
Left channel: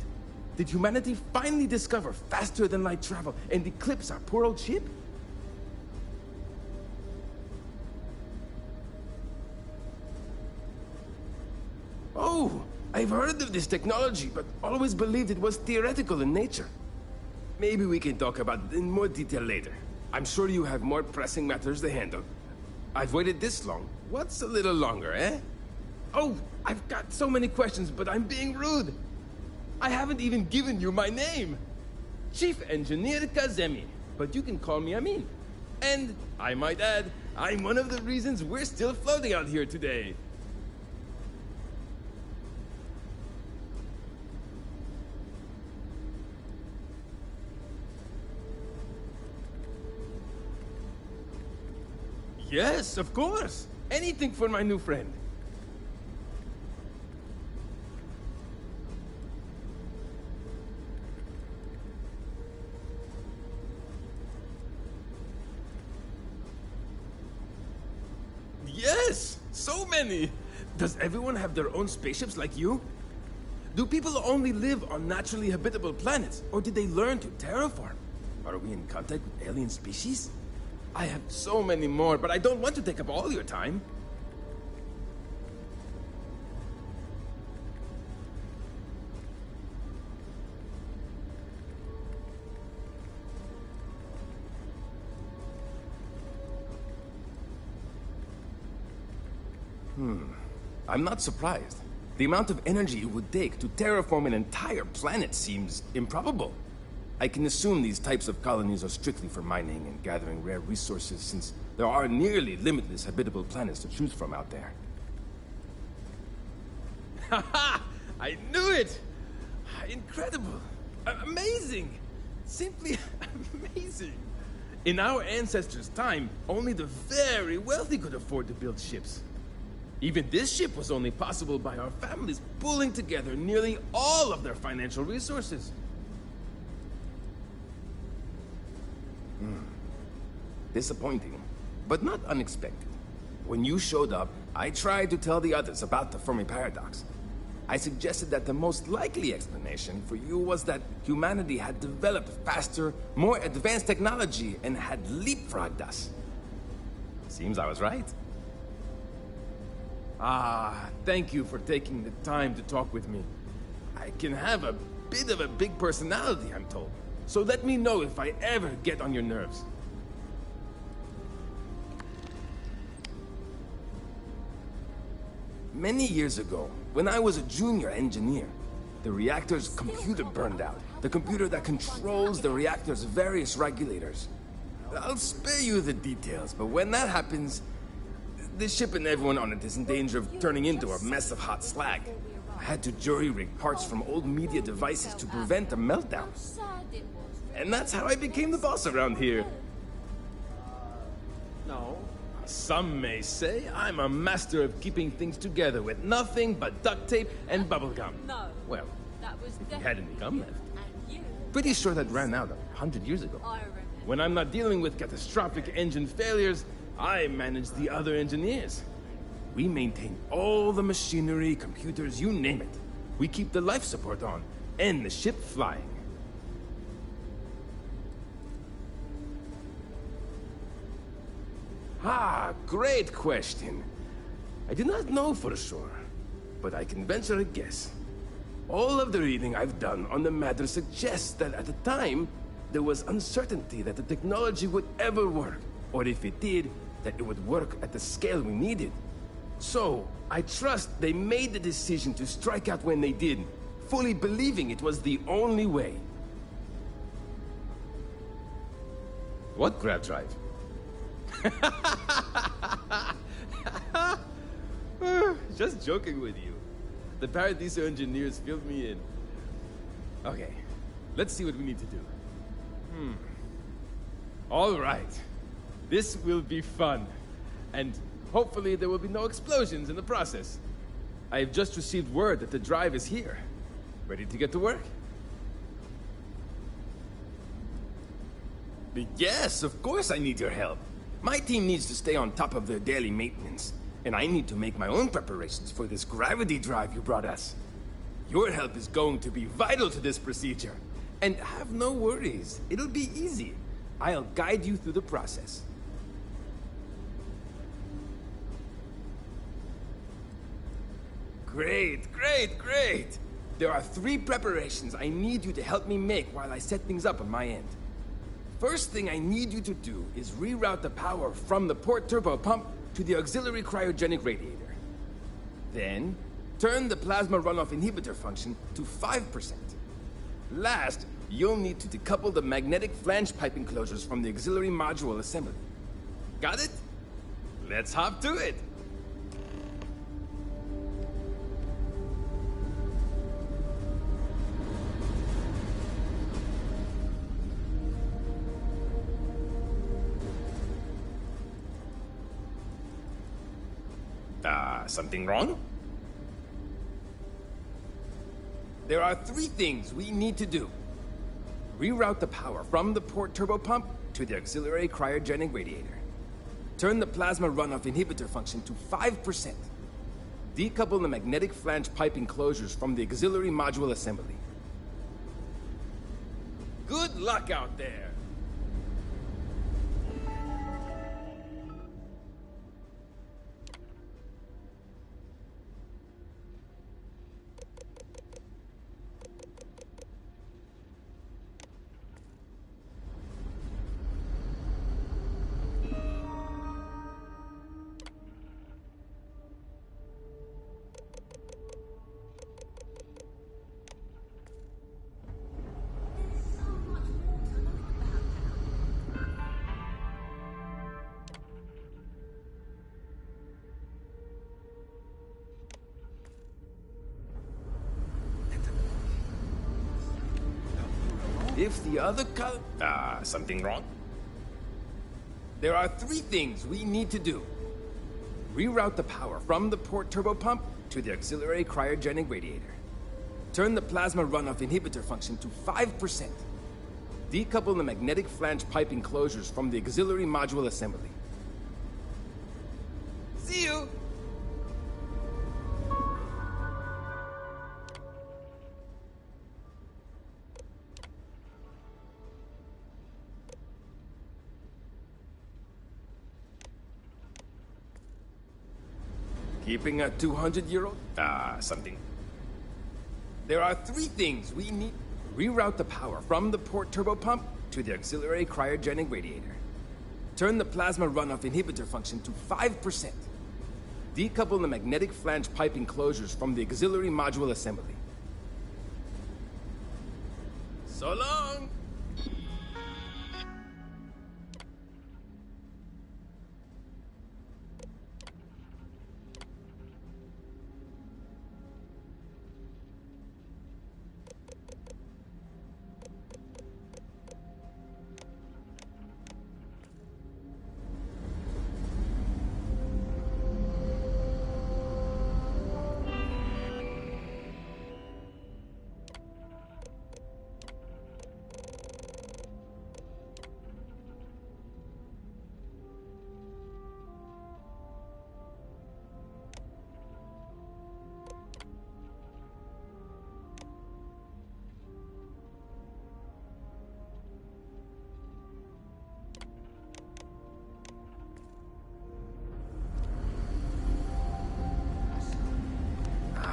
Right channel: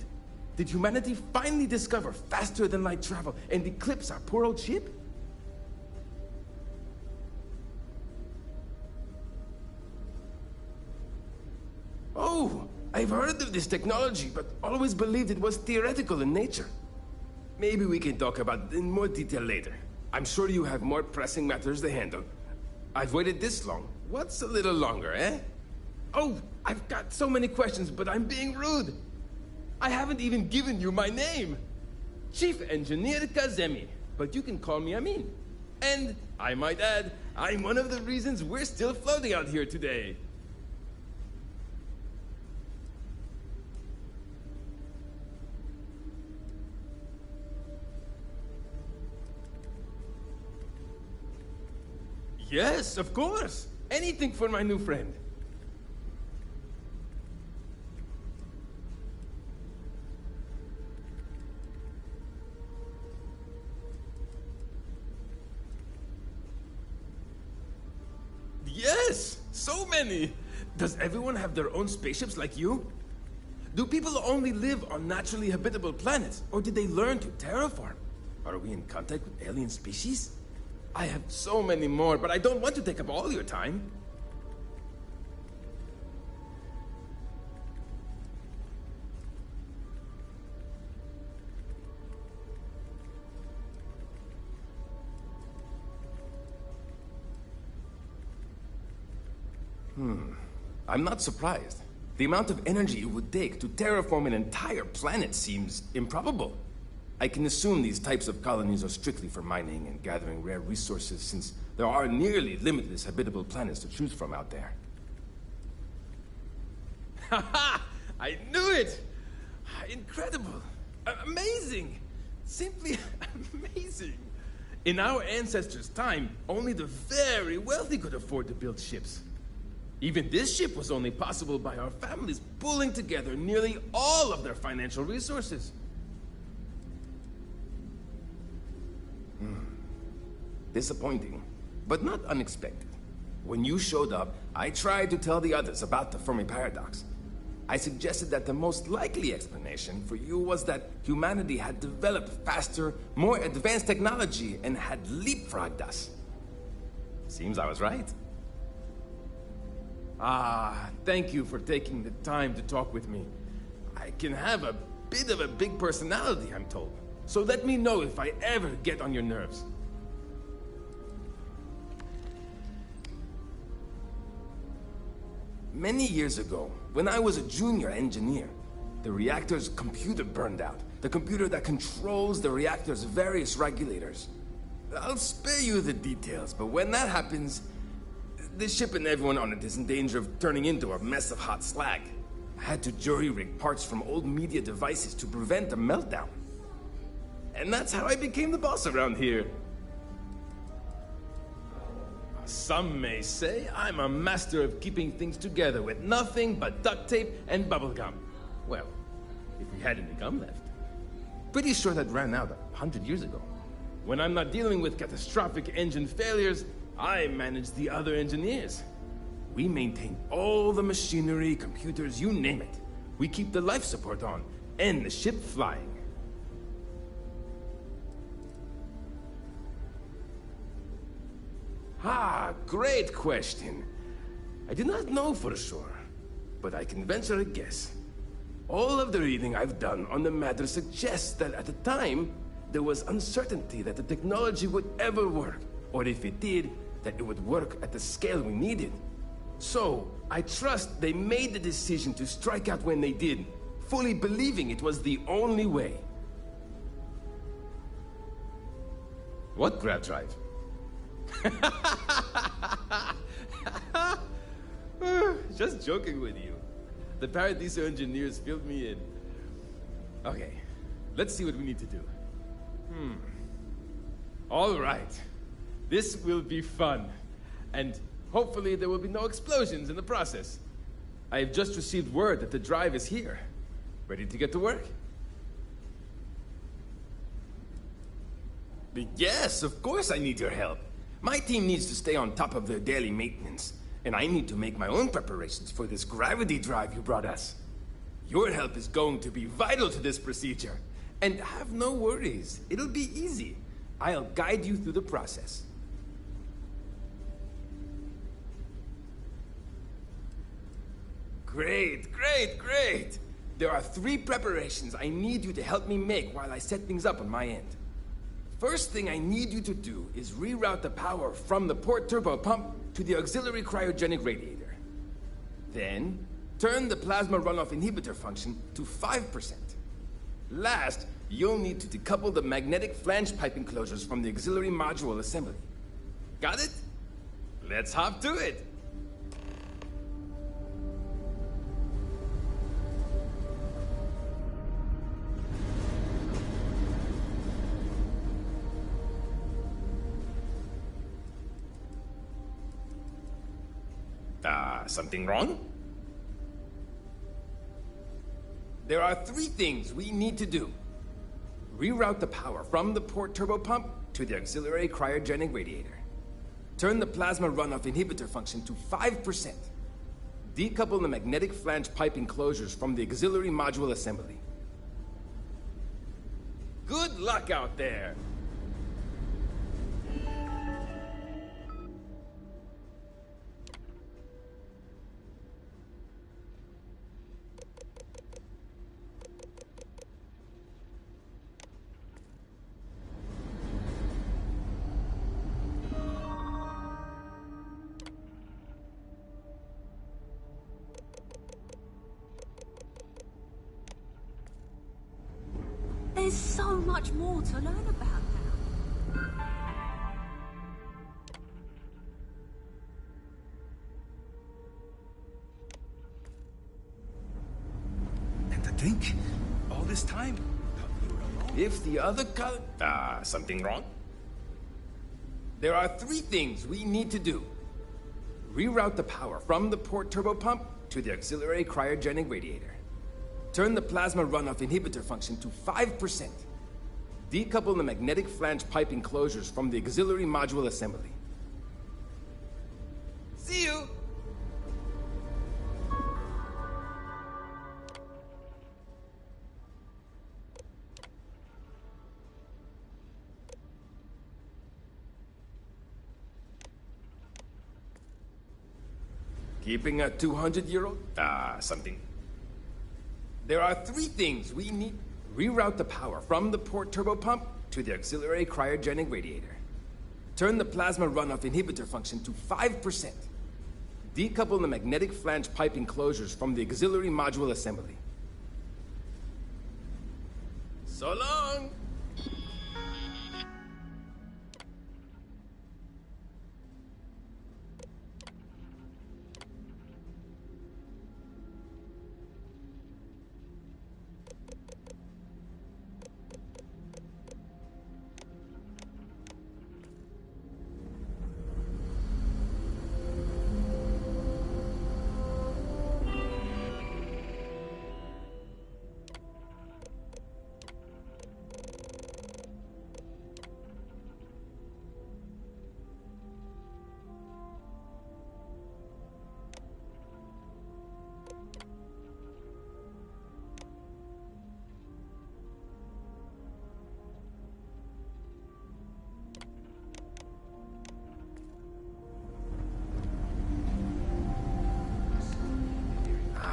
Did humanity finally discover faster-than-light travel and eclipse our poor old ship? Oh! I've heard of this technology, but always believed it was theoretical in nature. Maybe we can talk about it in more detail later. I'm sure you have more pressing matters to handle. I've waited this long. What's a little longer, eh? Oh, I've got so many questions, but I'm being rude. I haven't even given you my name. Chief Engineer Kazemi, but you can call me Amin. And, I might add, I'm one of the reasons we're still floating out here today. Yes, of course. Anything for my new friend. Yes, so many. Does everyone have their own spaceships like you? Do people only live on naturally habitable planets, or did they learn to terraform? Are we in contact with alien species? I have so many more, but I don't want to take up all your time. I'm not surprised. The amount of energy it would take to terraform an entire planet seems improbable. I can assume these types of colonies are strictly for mining and gathering rare resources, since there are nearly limitless habitable planets to choose from out there. Haha! I knew it! Incredible! Amazing! Simply amazing! In our ancestors' time, only the very wealthy could afford to build ships. Even this ship was only possible by our families pulling together nearly all of their financial resources. Disappointing, but not unexpected. When you showed up, I tried to tell the others about the Fermi paradox. I suggested that the most likely explanation for you was that humanity had developed faster, more advanced technology and had leapfrogged us. Seems I was right. Thank you for taking the time to talk with me. I can have a bit of a big personality, I'm told. So let me know if I ever get on your nerves. Many years ago, when I was a junior engineer, the reactor's computer burned out. The computer that controls the reactor's various regulators. I'll spare you the details, but when that happens, the ship and everyone on it is in danger of turning into a mess of hot slag. I had to jury-rig parts from old media devices to prevent a meltdown. And that's how I became the boss around here. Some may say I'm a master of keeping things together with nothing but duct tape and bubblegum. Well, if we had any gum left. Pretty sure that ran out 100 years ago. When I'm not dealing with catastrophic engine failures, I manage the other engineers. We maintain all the machinery, computers, you name it. We keep the life support on, and the ship flying. Great question. I do not know for sure, but I can venture a guess. All of the reading I've done on the matter suggests that at the time, there was uncertainty that the technology would ever work, or if it did, that it would work at the scale we needed. So, I trust they made the decision to strike out when they did, fully believing it was the only way. What grab drive? Just joking with you. The Paradiso engineers filled me in. Okay, let's see what we need to do. All right. This will be fun. And hopefully there will be no explosions in the process. I have just received word that the drive is here. Ready to get to work? Yes, of course I need your help. My team needs to stay on top of their daily maintenance, and I need to make my own preparations for this gravity drive you brought us. Your help is going to be vital to this procedure. And have no worries, it'll be easy. I'll guide you through the process. Great, great, great! There are 3 preparations I need you to help me make while I set things up on my end. First thing I need you to do is reroute the power from the port turbo pump to the auxiliary cryogenic radiator. Then, turn the plasma runoff inhibitor function to 5%. Last, you'll need to decouple the magnetic flange pipe enclosures from the auxiliary module assembly. Got it? Let's hop to it! Something wrong? There are 3 things we need to do. Reroute the power from the port turbo pump to the auxiliary cryogenic radiator. Turn the plasma runoff inhibitor function to 5%. Decouple the magnetic flange pipe enclosures from the auxiliary module assembly. Good luck out there! There's so much more to learn about now. And to think, all this time, you were alone? If the other something wrong? There are 3 things we need to do. Reroute the power from the port turbo pump to the auxiliary cryogenic radiator. Turn the plasma runoff inhibitor function to 5%. Decouple the magnetic flange pipe enclosures from the auxiliary module assembly. See you! Keeping a 200-year-old? Something. There are 3 things we need. Reroute the power from the port turbo pump to the auxiliary cryogenic radiator. Turn the plasma runoff inhibitor function to 5%. Decouple the magnetic flange pipe enclosures from the auxiliary module assembly. So long!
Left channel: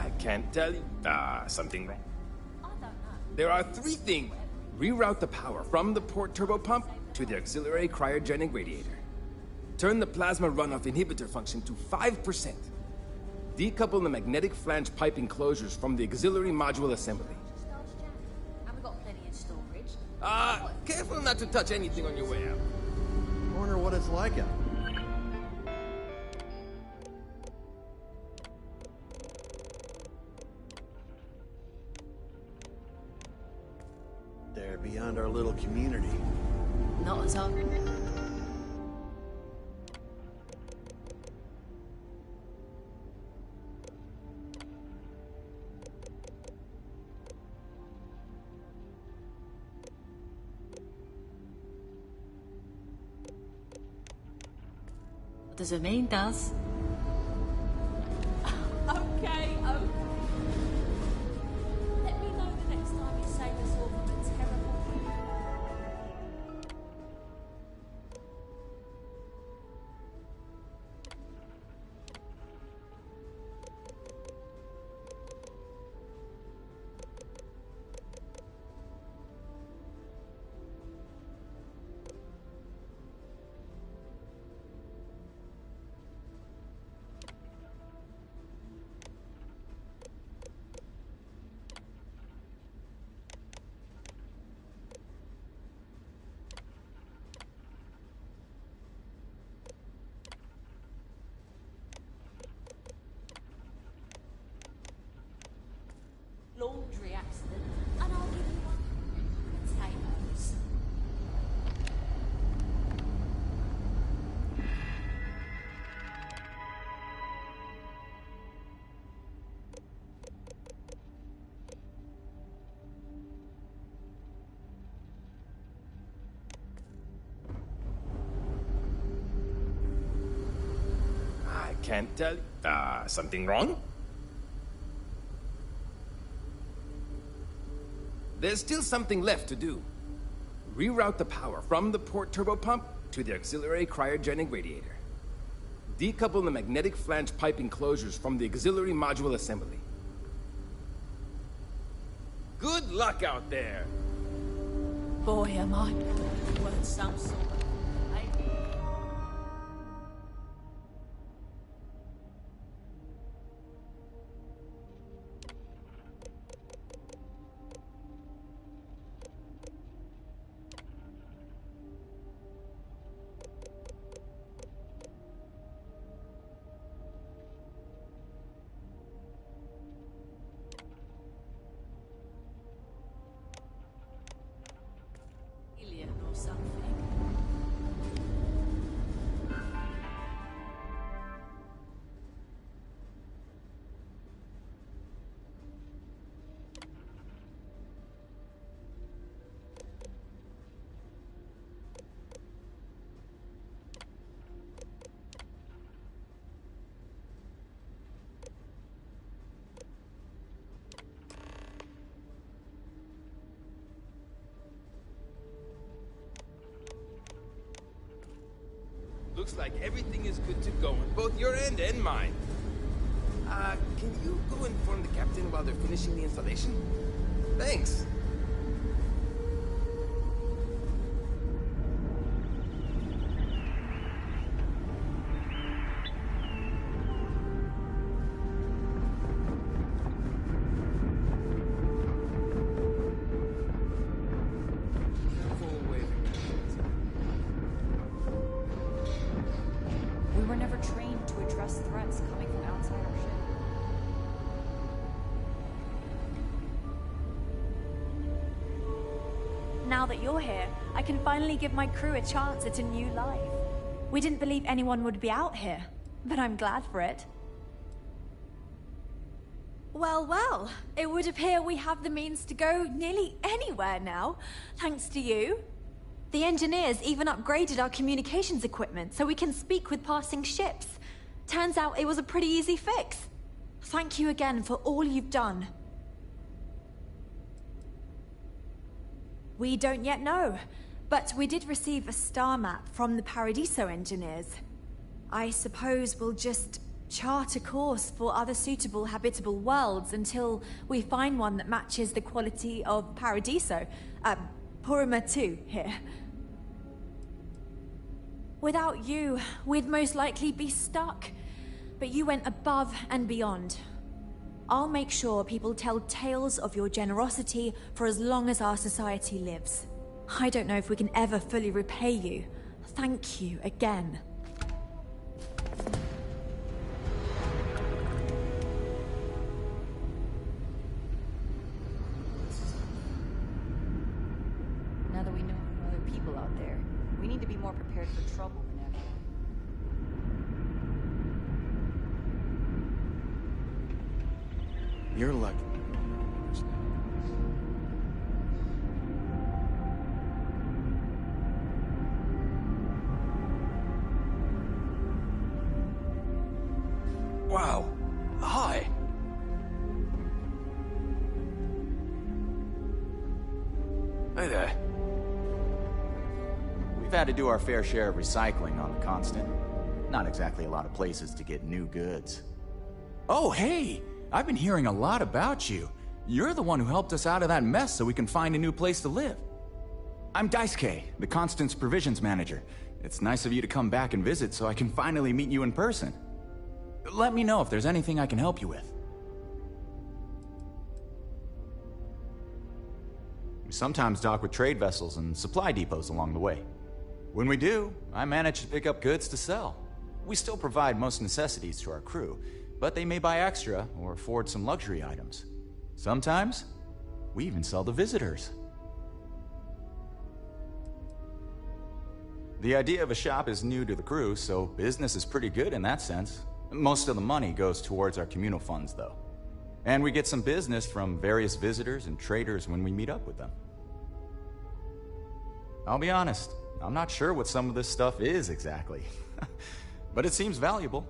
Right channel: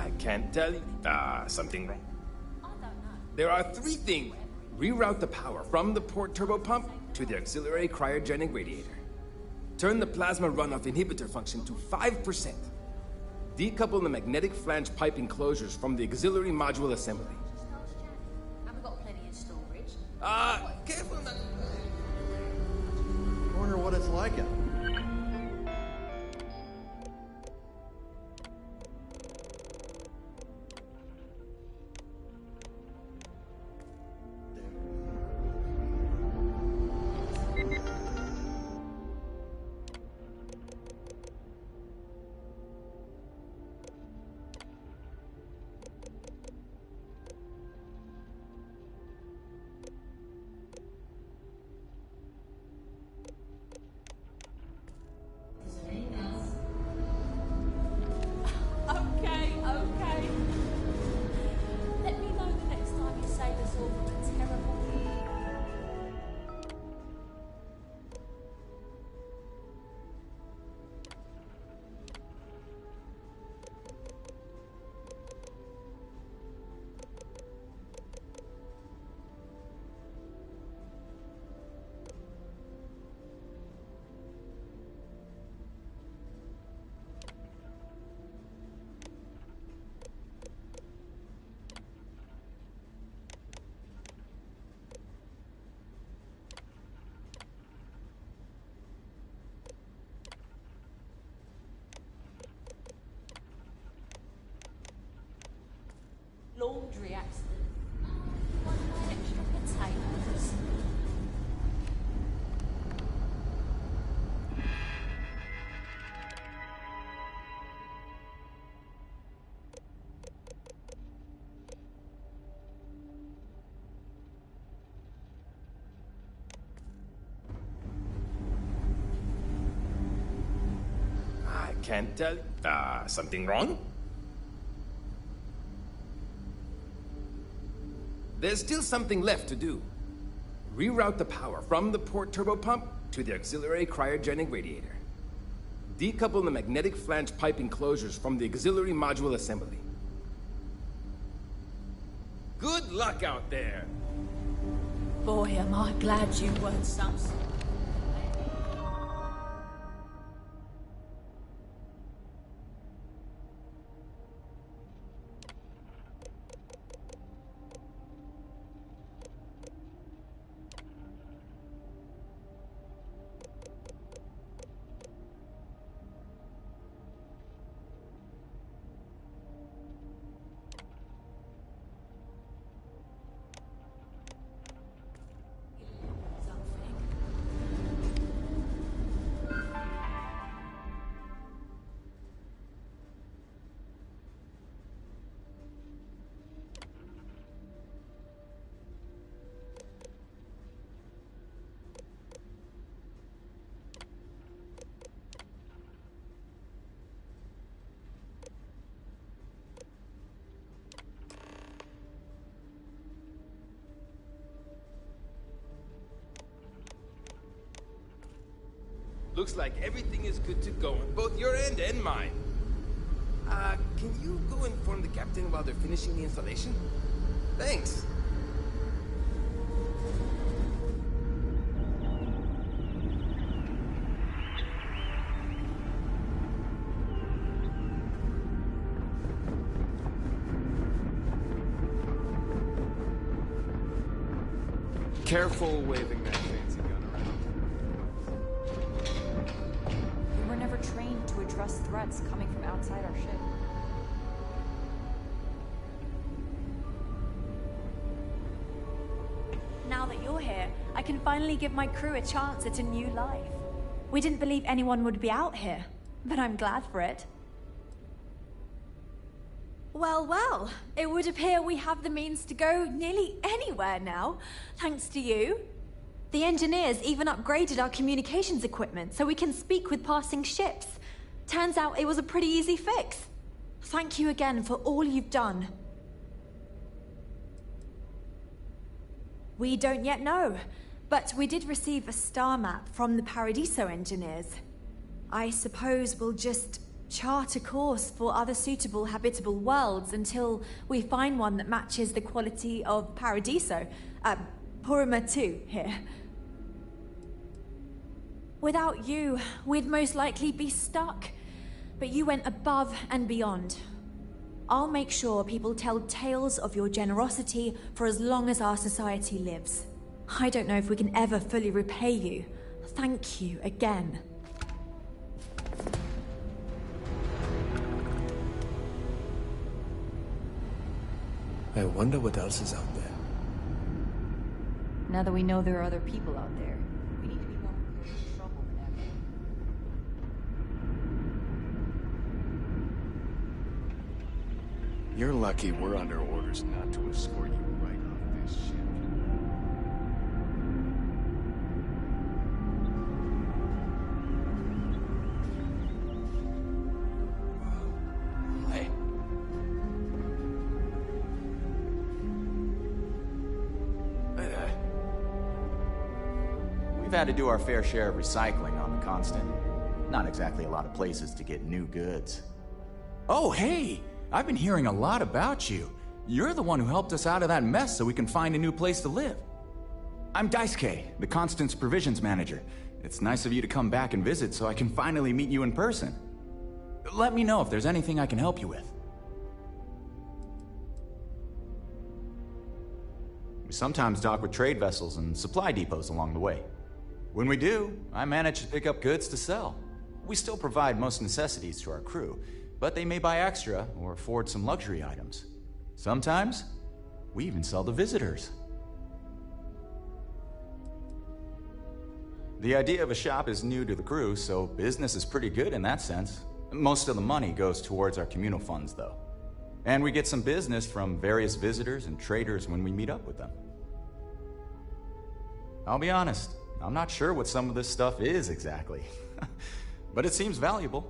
I can't tell you. Something wrong? There are 3 things. Reroute the power from the port turbo pump to the auxiliary cryogenic radiator. Turn the plasma runoff inhibitor function to 5%. Decouple the magnetic flange pipe enclosures from the auxiliary module assembly. And we got plenty in storage. Careful not to touch anything on your way out. I wonder what it's like out. There, beyond our little community. Not as hard. Does it mean does? Okay. Let me know the next time you save us all from a terrible fear. Laundry accident, and I'll give you one of my extra potatoes. I can't tell you. Something wrong? There's still something left to do. Reroute the power from the port turbo pump to the auxiliary cryogenic radiator. Decouple the magnetic flange pipe enclosures from the auxiliary module assembly. Good luck out there! Boy, am I glad you weren't some sort of... alien or something. Looks like everything is good to go on both your end and mine. Can you go inform the captain while they're finishing the installation? Thanks. Careful waving that fancy gun. We were never trained to address threats coming from outside our ship. Now that you're here, I can finally give my crew a chance at a new life. We didn't believe anyone would be out here, but I'm glad for it. Well, it would appear we have the means to go nearly anywhere now, thanks to you. The engineers even upgraded our communications equipment so we can speak with passing ships. Turns out it was a pretty easy fix. Thank you again for all you've done. We don't yet know, but we did receive a star map from the Paradiso engineers. I suppose we'll just chart a course for other suitable habitable worlds until we find one that matches the quality of Paradiso. Purima 2 here. Without you, we'd most likely be stuck. But you went above and beyond. I'll make sure people tell tales of your generosity for as long as our society lives. I don't know if we can ever fully repay you. Thank you again. I wonder what else is out there. Now that we know there are other people out there, we need to be more prepared for trouble than ever. You're lucky we're under orders not to escort you right on this ship. Wow. Hi. Hi there. We've had to do our fair share of recycling on the Constant. Not exactly a lot of places to get new goods. Oh, hey! I've been hearing a lot about you. You're the one who helped us out of that mess so we can find a new place to live. I'm Daisuke, the Constant's provisions manager. It's nice of you to come back and visit so I can finally meet you in person. Let me know if there's anything I can help you with. We sometimes dock with trade vessels and supply depots along the way. When we do, I manage to pick up goods to sell. We still provide most necessities to our crew, but they may buy extra or afford some luxury items. Sometimes, we even sell to visitors. The idea of a shop is new to the crew, so business is pretty good in that sense. Most of the money goes towards our communal funds, though. And we get some business from various visitors and traders when we meet up with them. I'll be honest, I'm not sure what some of this stuff is exactly, but it seems valuable.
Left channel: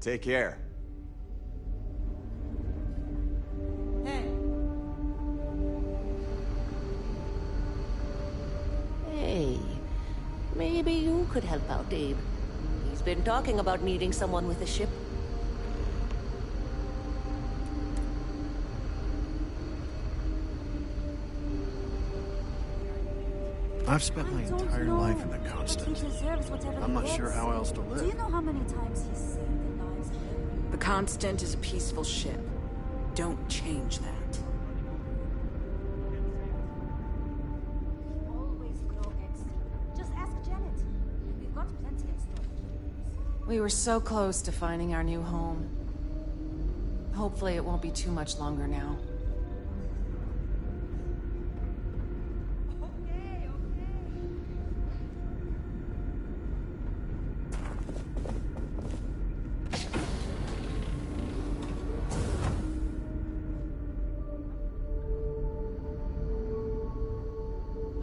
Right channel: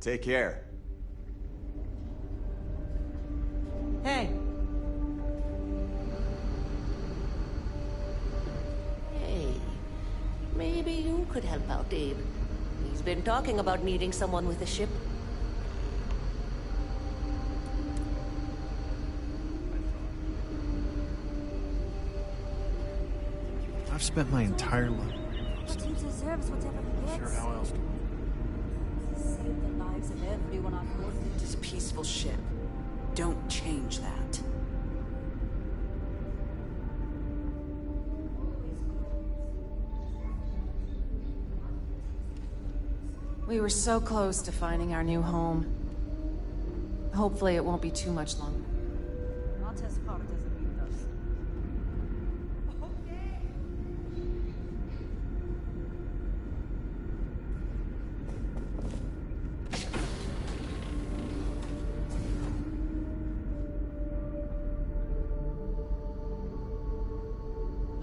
Take care. Hey. Hey, maybe you could help out Abe. He's been talking about needing someone with a ship. I've spent my entire life in the Constant. I'm not sure how else to live. Do you know how many times he's saved the lives of everyone? The Constant is a peaceful ship. Don't change that. We were so close to finding our new home. Hopefully it won't be too much longer now.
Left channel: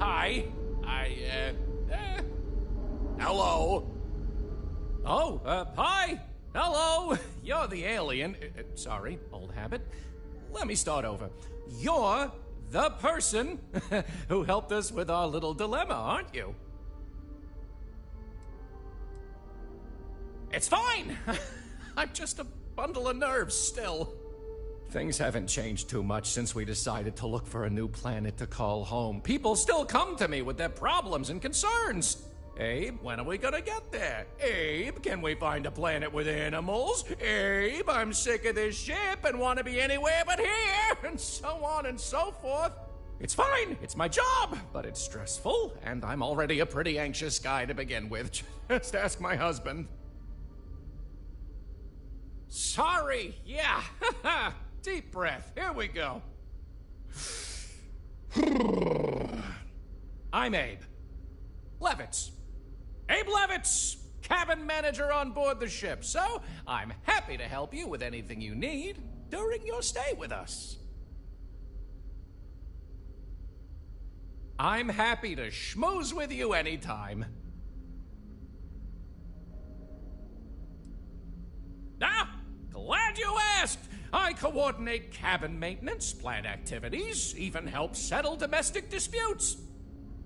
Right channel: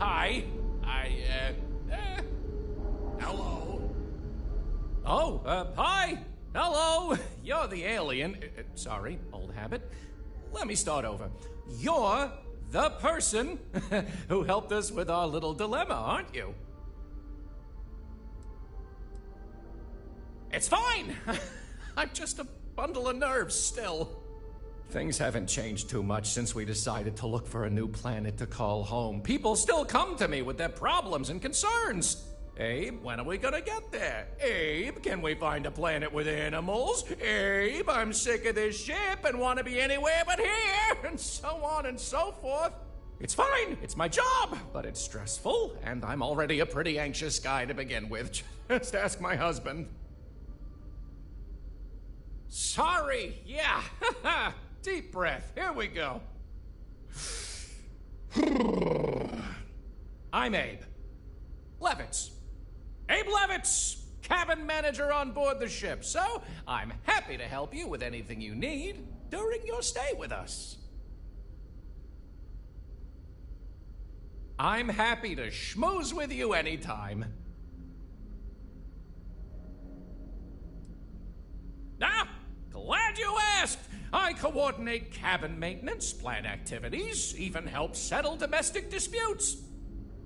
Hi. Hello. Oh, hi! Hello! You're the alien. Sorry, old habit. Let me start over. You're the person who helped us with our little dilemma, aren't you? It's fine! I'm just a bundle of nerves still. Things haven't changed too much since we decided to look for a new planet to call home. People still come to me with their problems and concerns. Abe, when are we gonna get there? Abe, can we find a planet with animals? Abe, I'm sick of this ship and want to be anywhere but here, and so on and so forth. It's fine, it's my job, but it's stressful, and I'm already a pretty anxious guy to begin with. Just ask my husband. Sorry, yeah. Deep breath, here we go. I'm Abe Levitz. Abe Levitz, cabin manager on board the ship, so I'm happy to help you with anything you need during your stay with us. I'm happy to schmooze with you anytime. Ah, glad you asked. I coordinate cabin maintenance, plan activities, even help settle domestic disputes.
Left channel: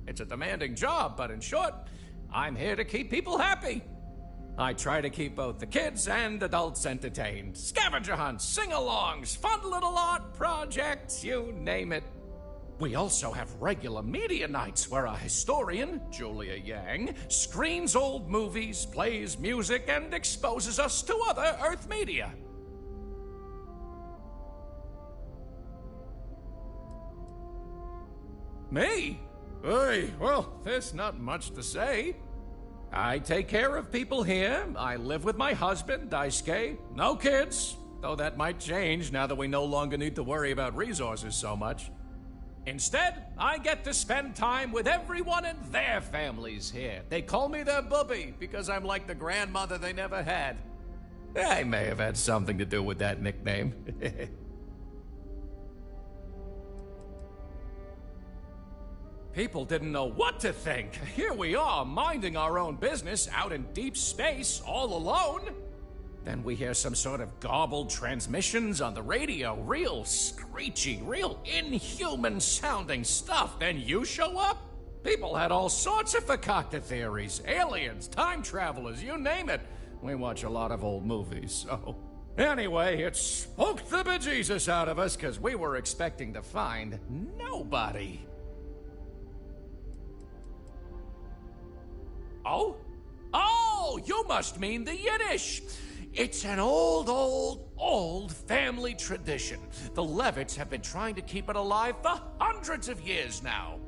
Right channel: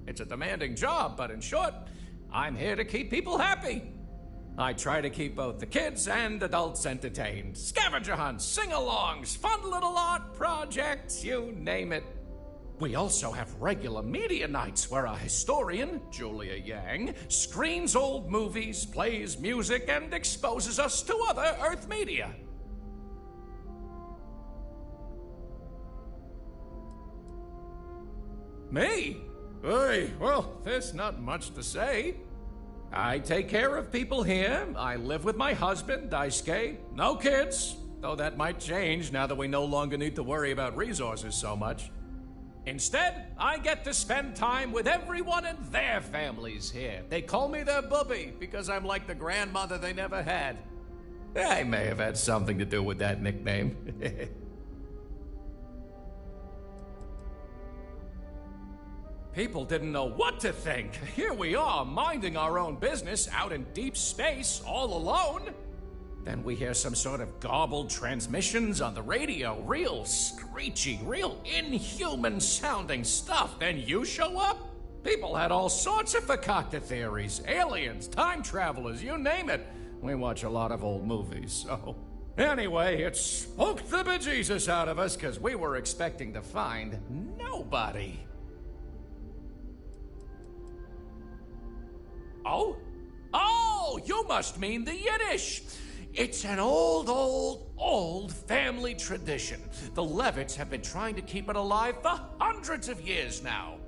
It's a demanding job, but in short, I'm here to keep people happy. I try to keep both the kids and adults entertained. Scavenger hunts, sing-alongs, fun little art projects, you name it. We also have regular media nights where our historian, Julia Yang, screens old movies, plays music, and exposes us to other Earth media. Me? Hey, well, there's not much to say. I take care of people here. I live with my husband, Daisuke. No kids, though that might change now that we no longer need to worry about resources so much. Instead, I get to spend time with everyone and their families here. They call me their bubby because I'm like the grandmother they never had. I may have had something to do with that nickname. People didn't know what to think. Here we are, minding our own business out in deep space, all alone. Then we hear some sort of garbled transmissions on the radio, real screechy, real inhuman sounding stuff. Then you show up? People had all sorts of fakakta theories, aliens, time travelers, you name it. We watch a lot of old movies, so... Anyway, it spooked the bejesus out of us because we were expecting to find nobody. Oh? Oh, you must mean the Yiddish. It's an old family tradition. The Levitts have been trying to keep it alive for hundreds of years now.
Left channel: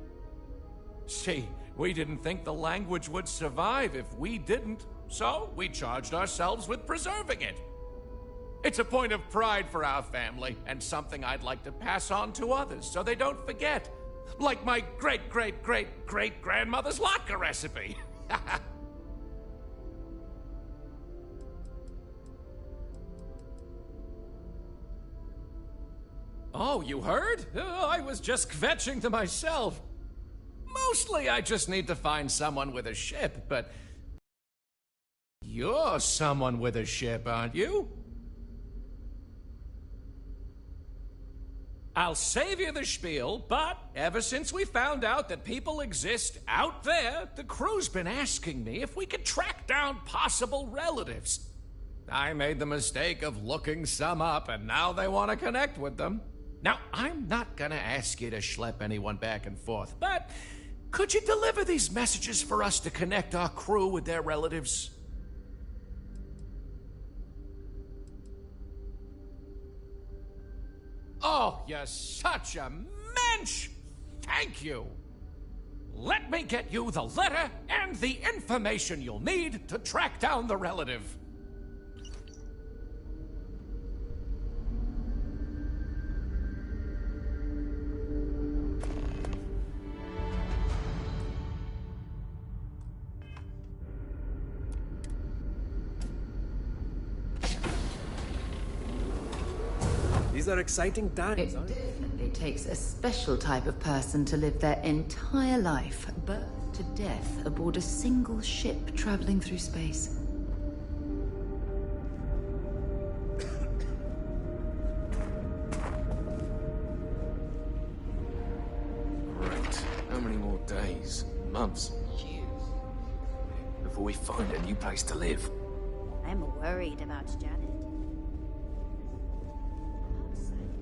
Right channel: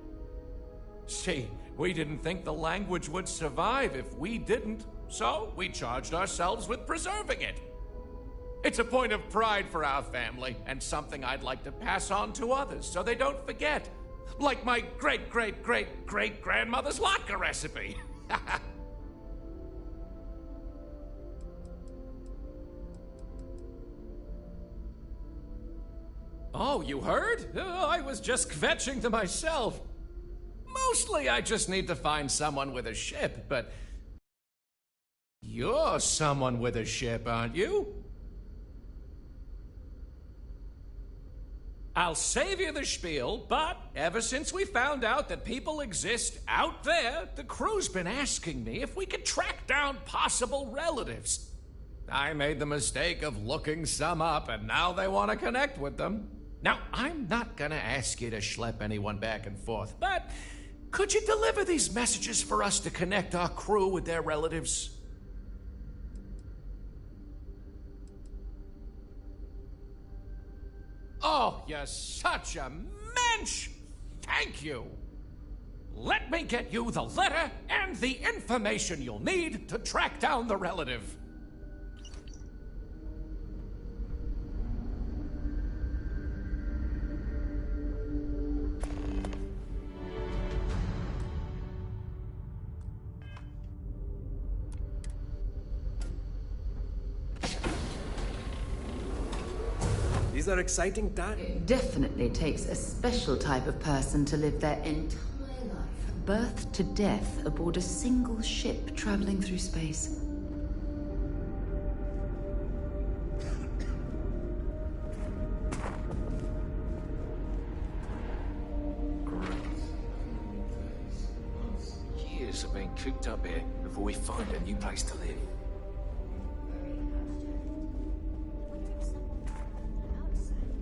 See, we didn't think the language would survive if we didn't, so we charged ourselves with preserving it. It's a point of pride for our family, and something I'd like to pass on to others so they don't forget. Like my great-great-great-great-grandmother's latke recipe. Oh, you heard? I was just kvetching to myself. Mostly I just need to find someone with a ship, but... You're someone with a ship, aren't you? I'll save you the spiel, but ever since we found out that people exist out there, the crew's been asking me if we could track down possible relatives. I made the mistake of looking some up, and now they want to connect with them. Now, I'm not gonna ask you to schlep anyone back and forth, but could you deliver these messages for us to connect our crew with their relatives? Oh, you're such a mensch! Thank you! Let me get you the letter and the information you'll need to track down the relative. These are exciting times. It definitely takes a special type of person to live their entire life, birth to death, aboard a single ship traveling through space. Great. How many more days, months, years of being cooped up here before we find a new place to live? I'm worried about Janet. Outside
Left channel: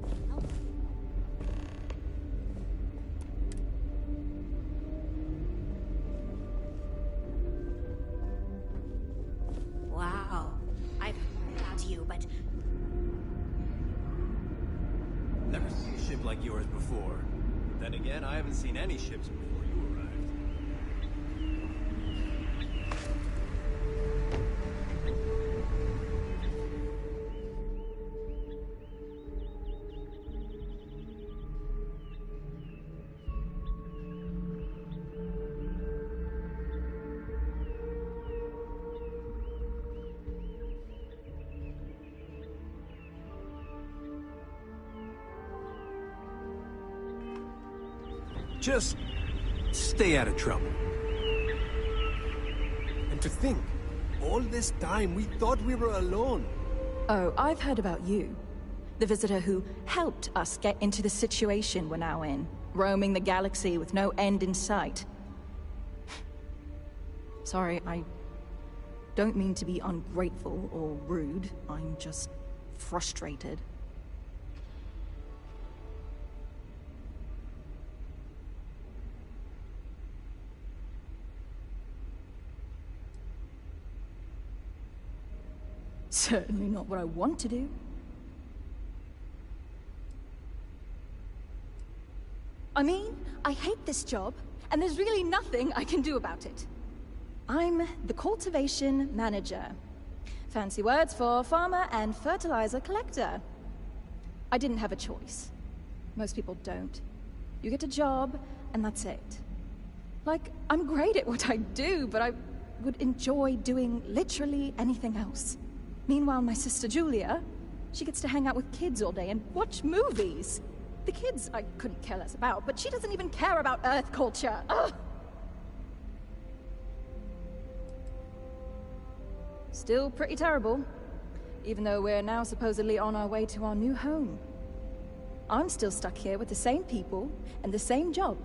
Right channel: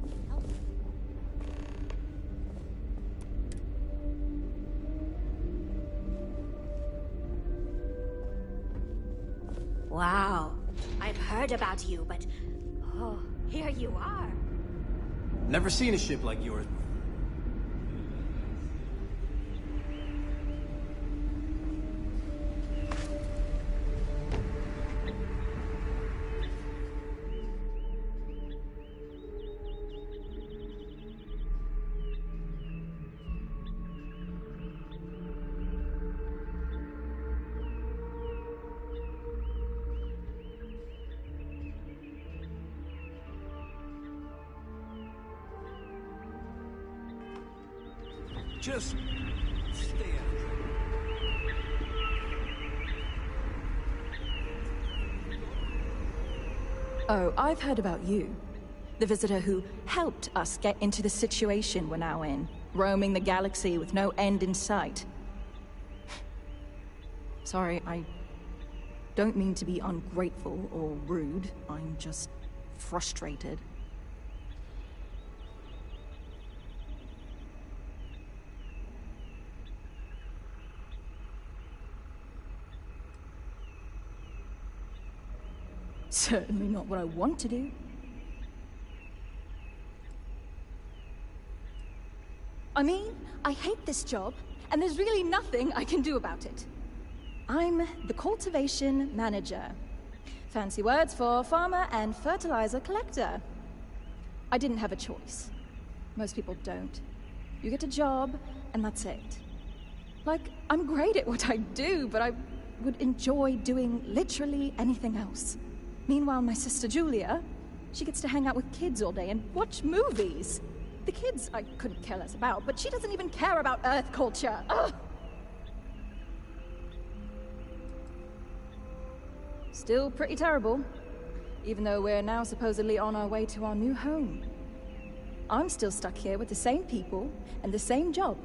heard about you, but... Oh, here you are. Never seen a ship like yours before. Then again, I haven't seen any ships before. Just stay out of trouble. And to think, all this time we thought we were alone. Oh, I've heard about you. The visitor who helped us get into the situation we're now in, roaming the galaxy with no end in sight. Sorry, I don't mean to be ungrateful or rude. I'm just frustrated. Certainly not what I want to do. I mean, I hate this job, and there's really nothing I can do about it. I'm the cultivation manager. Fancy words for farmer and fertilizer collector. I didn't have a choice. Most people don't. You get a job, and that's it. Like, I'm great at what I do, but I would enjoy doing literally anything else. Meanwhile, my sister Julia, she gets to hang out with kids all day and watch movies. The kids I couldn't care less about, but she doesn't even care about Earth culture. Ugh! Still pretty terrible, even though we're now supposedly on our way to our new home. I'm still stuck here with the same people and the same job,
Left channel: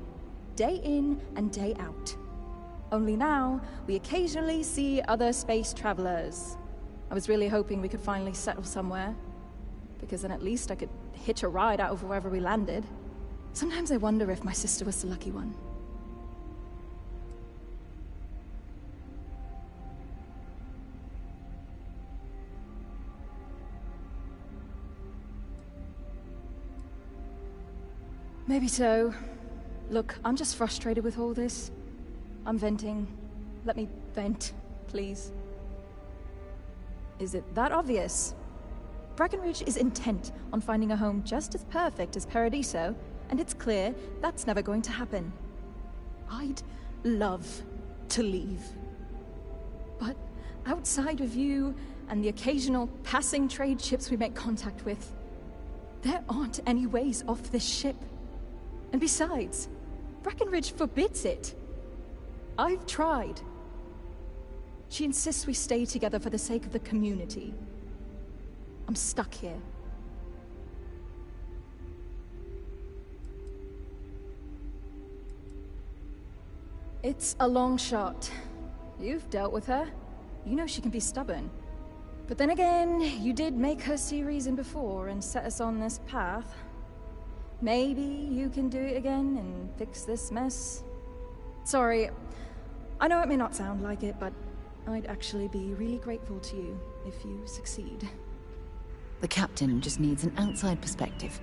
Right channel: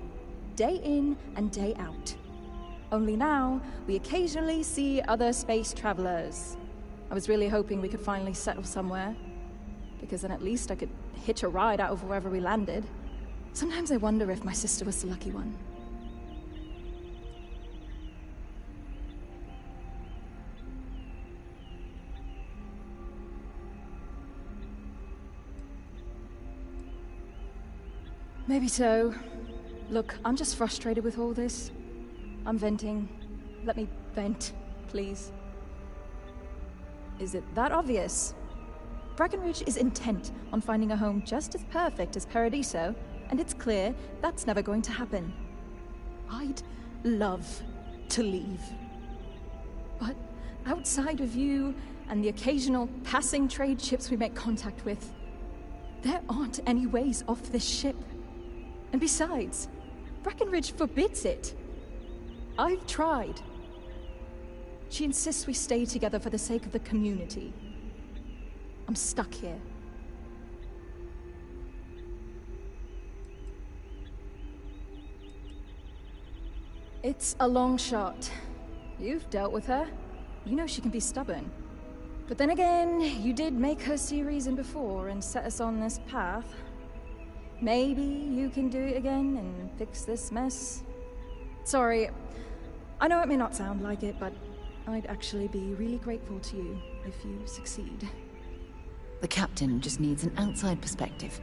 day in and day out. Only now, we occasionally see other space travelers. I was really hoping we could finally settle somewhere, because then at least I could hitch a ride out of wherever we landed. Sometimes I wonder if my sister was the lucky one. Maybe so. Look, I'm just frustrated with all this. I'm venting. Let me vent, please. Is it that obvious? Breckenridge is intent on finding a home just as perfect as Paradiso, and it's clear that's never going to happen. I'd love to leave. But outside of you and the occasional passing trade ships we make contact with, there aren't any ways off this ship. And besides, Breckenridge forbids it. I've tried. She insists we stay together for the sake of the community. I'm stuck here. It's a long shot. You've dealt with her. You know she can be stubborn. But then again, you did make her see reason before and set us on this path. Maybe you can do it again and fix this mess. Sorry, I know it may not sound like it, but I'd actually be really grateful to you if you succeed. The captain just needs an outside perspective.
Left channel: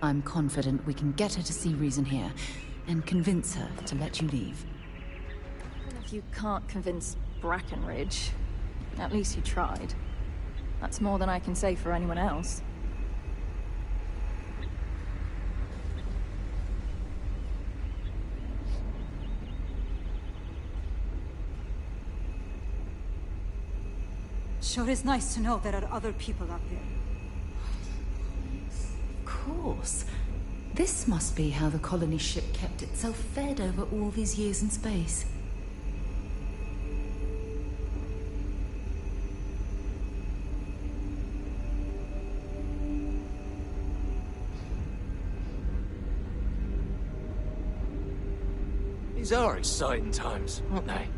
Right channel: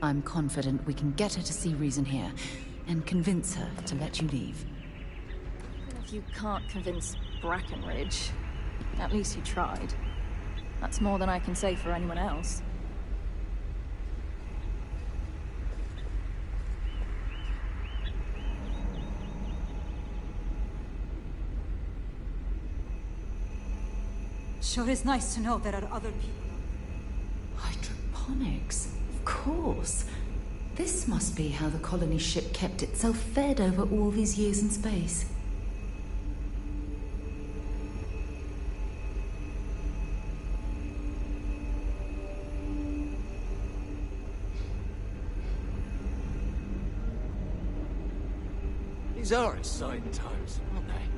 I'm confident we can get her to see reason here, and convince her to let you leave. Even if you can't convince Breckenridge, at least you tried. That's more than I can say for anyone else. Sure is nice to know there are other people out there. Hydroponics, of course. This must be how the colony ship kept itself fed over all these years in space. These are exciting times, aren't they?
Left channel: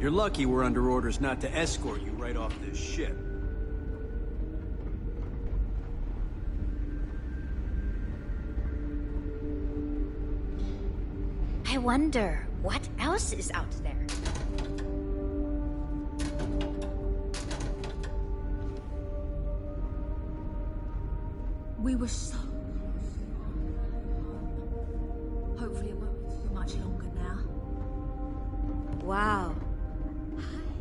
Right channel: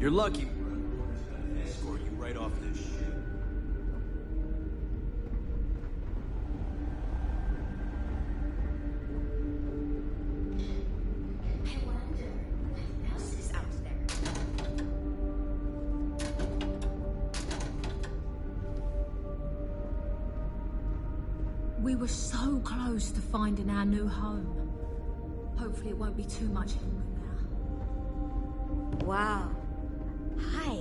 You're lucky we're under orders not to escort you right off this ship. I wonder, what else is out there? We were so close to finding our new home. Hopefully it won't be too much longer now. Wow. Hi.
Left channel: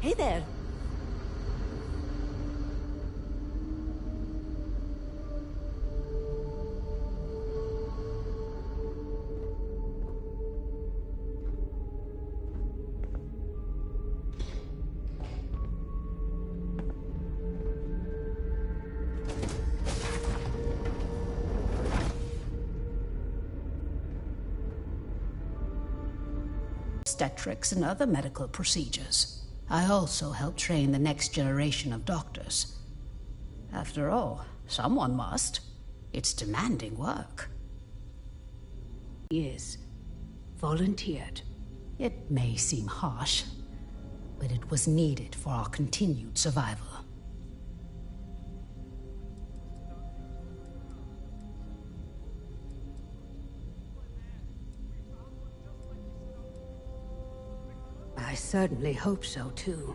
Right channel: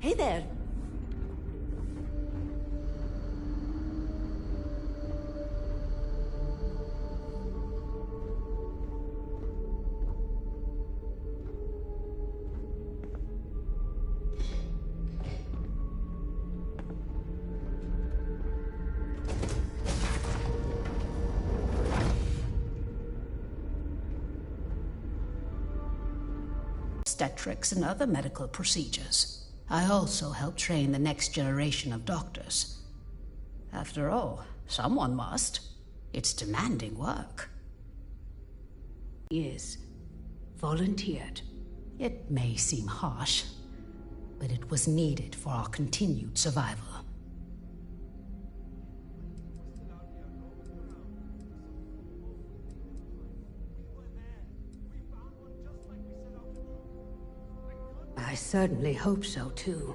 Hey there. Obstetrics and other medical procedures. I also help train the next generation of doctors. After all, someone must. It's demanding work. Years. Volunteered. It may seem harsh, but it was needed for our continued survival. I certainly hope so, too.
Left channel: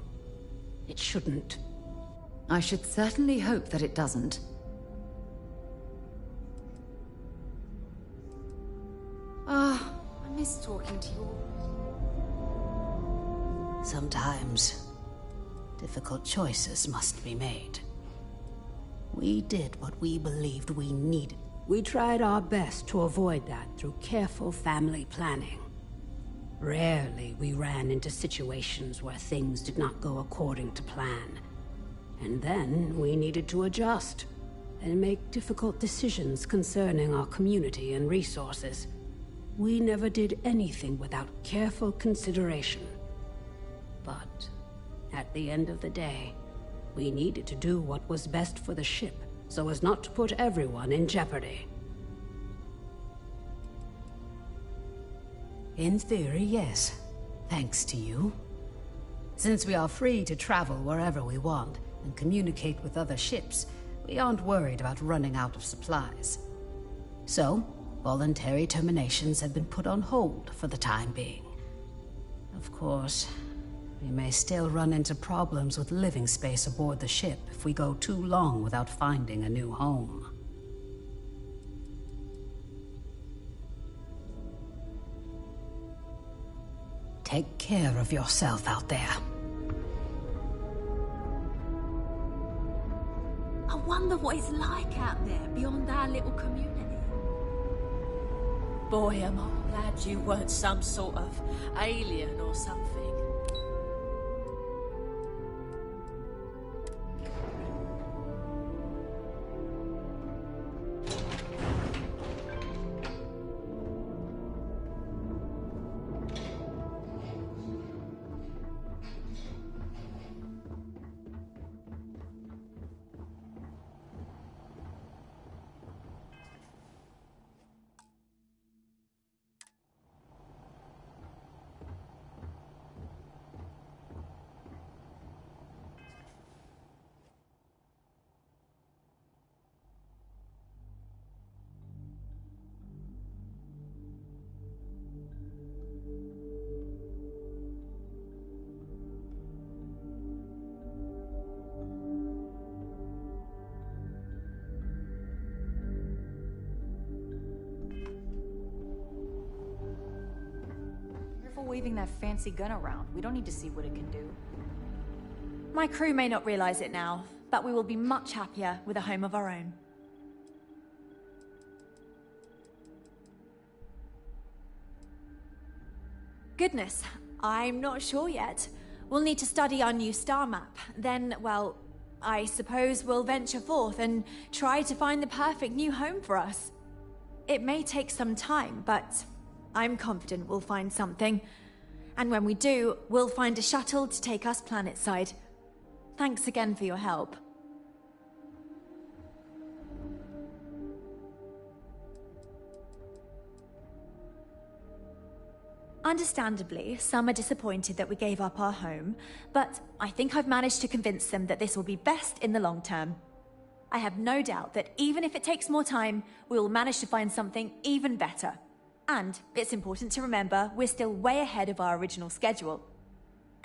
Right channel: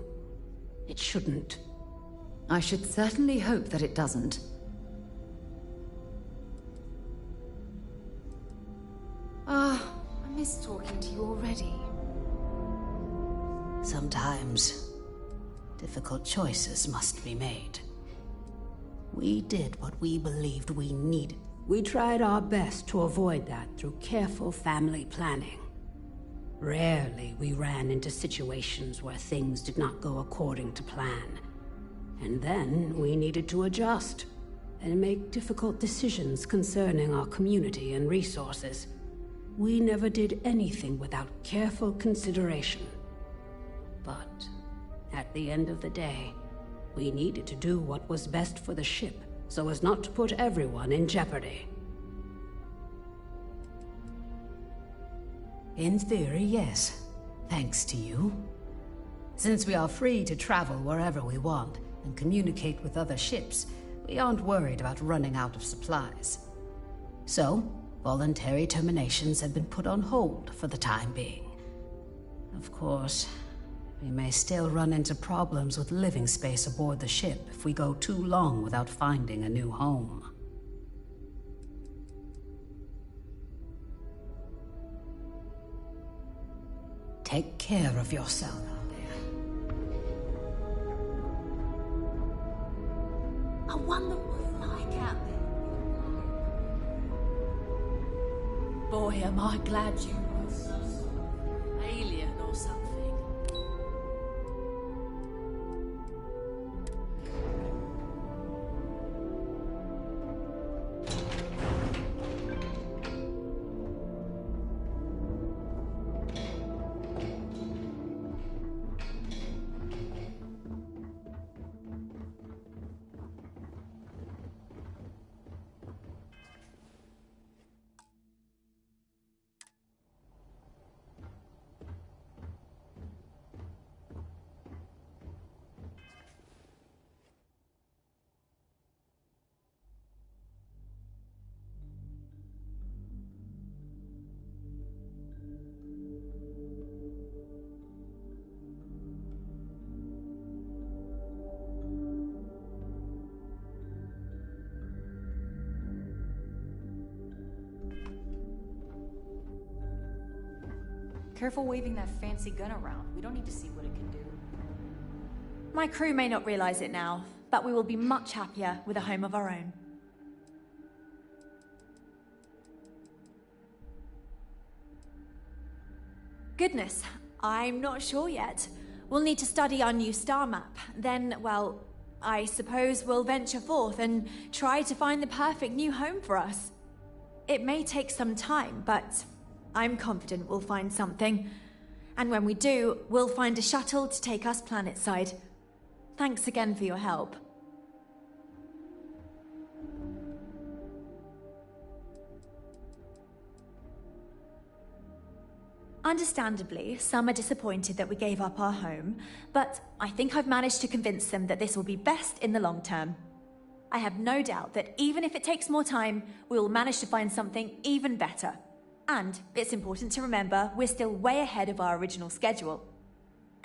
It shouldn't. I should certainly hope that it doesn't. I miss talking to you already. Sometimes, difficult choices must be made. We did what we believed we needed. We tried our best to avoid that through careful family planning. Rarely we ran into situations where things did not go according to plan. And then we needed to adjust and make difficult decisions concerning our community and resources. We never did anything without careful consideration. But at the end of the day, we needed to do what was best for the ship so as not to put everyone in jeopardy. In theory, yes. Thanks to you. Since we are free to travel wherever we want and communicate with other ships, we aren't worried about running out of supplies. So, voluntary terminations have been put on hold for the time being. Of course, we may still run into problems with living space aboard the ship if we go too long without finding a new home. Take care of yourself out there. I wonder what it's like out there beyond our little community. Boy, am I glad you weren't some sort of alien or something. Careful waving that fancy gun around. We don't need to see what it can do. My crew may not realize it now, but we will be much happier with a home of our own. Goodness, I'm not sure yet. We'll need to study our new star map. Then, well, I suppose we'll venture forth and try to find the perfect new home for us. It may take some time, but I'm confident we'll find something. And when we do, we'll find a shuttle to take us planetside. Thanks again for your help. Understandably, some are disappointed that we gave up our home, but I think I've managed to convince them that this will be best in the long term. I have no doubt that even if it takes more time, we will manage to find something even better. And it's important to remember we're still way ahead of our original schedule.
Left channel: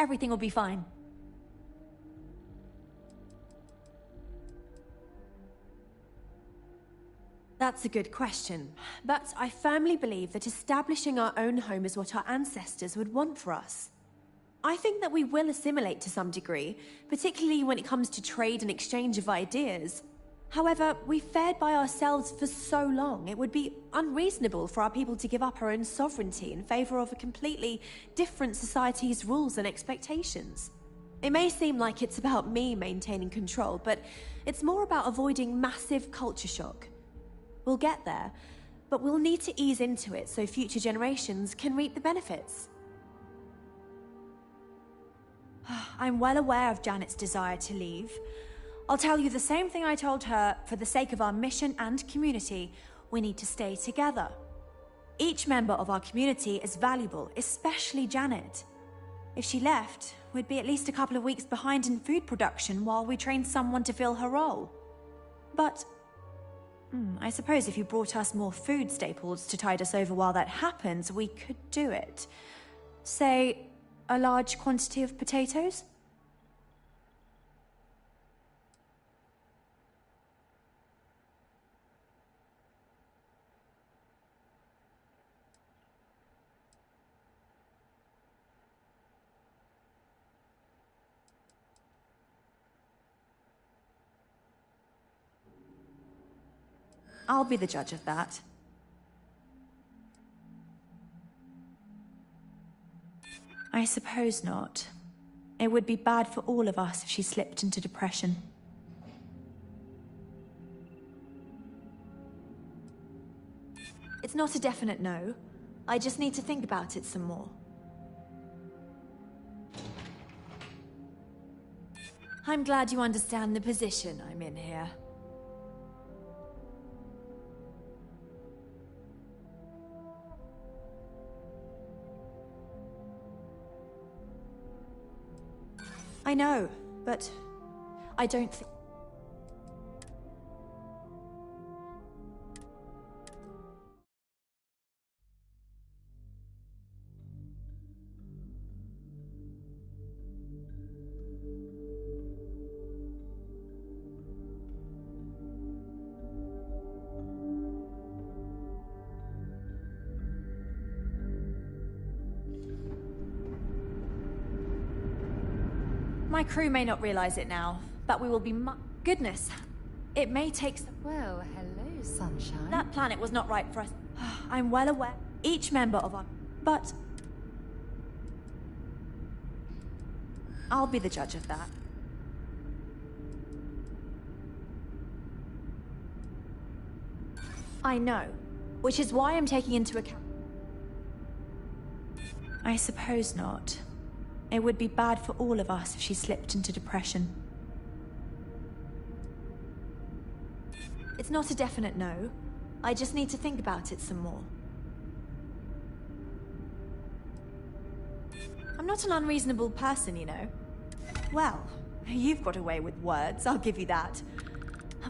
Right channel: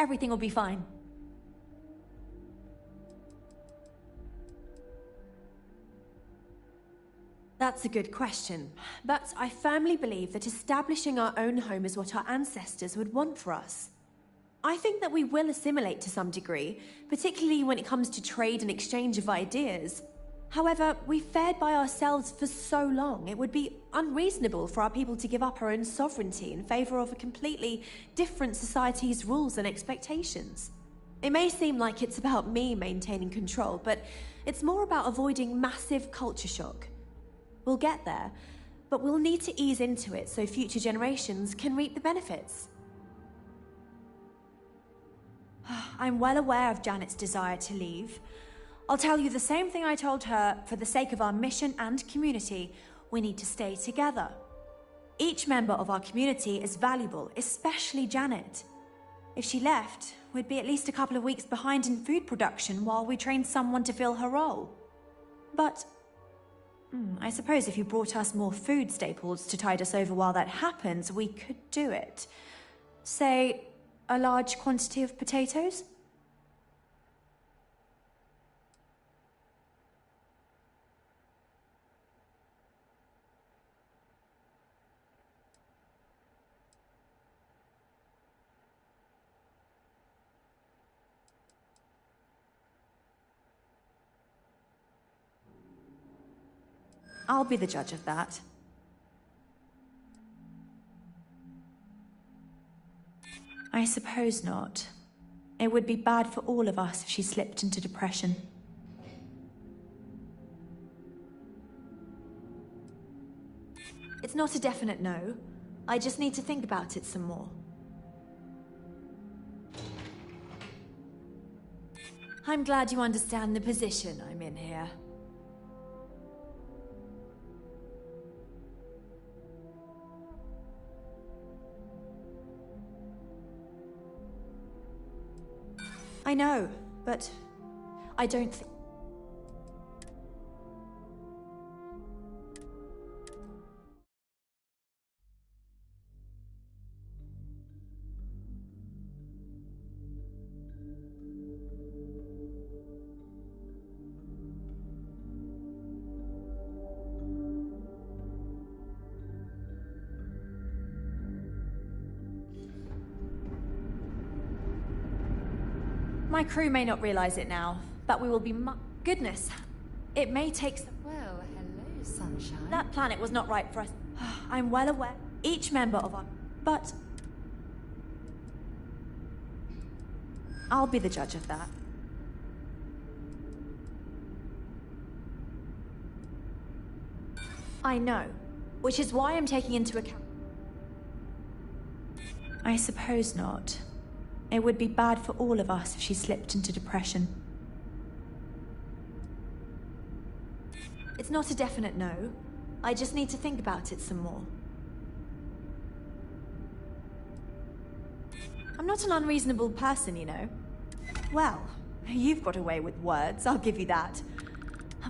Everything will be fine. That's a good question, but I firmly believe that establishing our own home is what our ancestors would want for us. I think that we will assimilate to some degree, particularly when it comes to trade and exchange of ideas. However, we've fared by ourselves for so long, it would be unreasonable for our people to give up our own sovereignty in favor of a completely different society's rules and expectations. It may seem like it's about me maintaining control, but it's more about avoiding massive culture shock. We'll get there, but we'll need to ease into it so future generations can reap the benefits. I'm well aware of Janet's desire to leave. I'll tell you the same thing I told her. For the sake of our mission and community, we need to stay together. Each member of our community is valuable, especially Janet. If she left, we'd be at least a couple of weeks behind in food production while we trained someone to fill her role. But I suppose if you brought us more food staples to tide us over while that happens, we could do it. Say, a large quantity of potatoes? I'll be the judge of that. I suppose not. It would be bad for all of us if she slipped into depression. It's not a definite no. I just need to think about it some more. I'm glad you understand the position I'm in here. I know, but I don't think... My crew may not realize it now, but we will be goodness, it may take some... Well, hello, sunshine. That planet was not right for us. I'm well aware. Each member of our... But... I'll be the judge of that. I know, which is why I'm taking into account... I suppose not. It would be bad for all of us if she slipped into depression. It's not a definite no. I just need to think about it some more. I'm not an unreasonable person, you know. Well, you've got away with words, I'll give you that.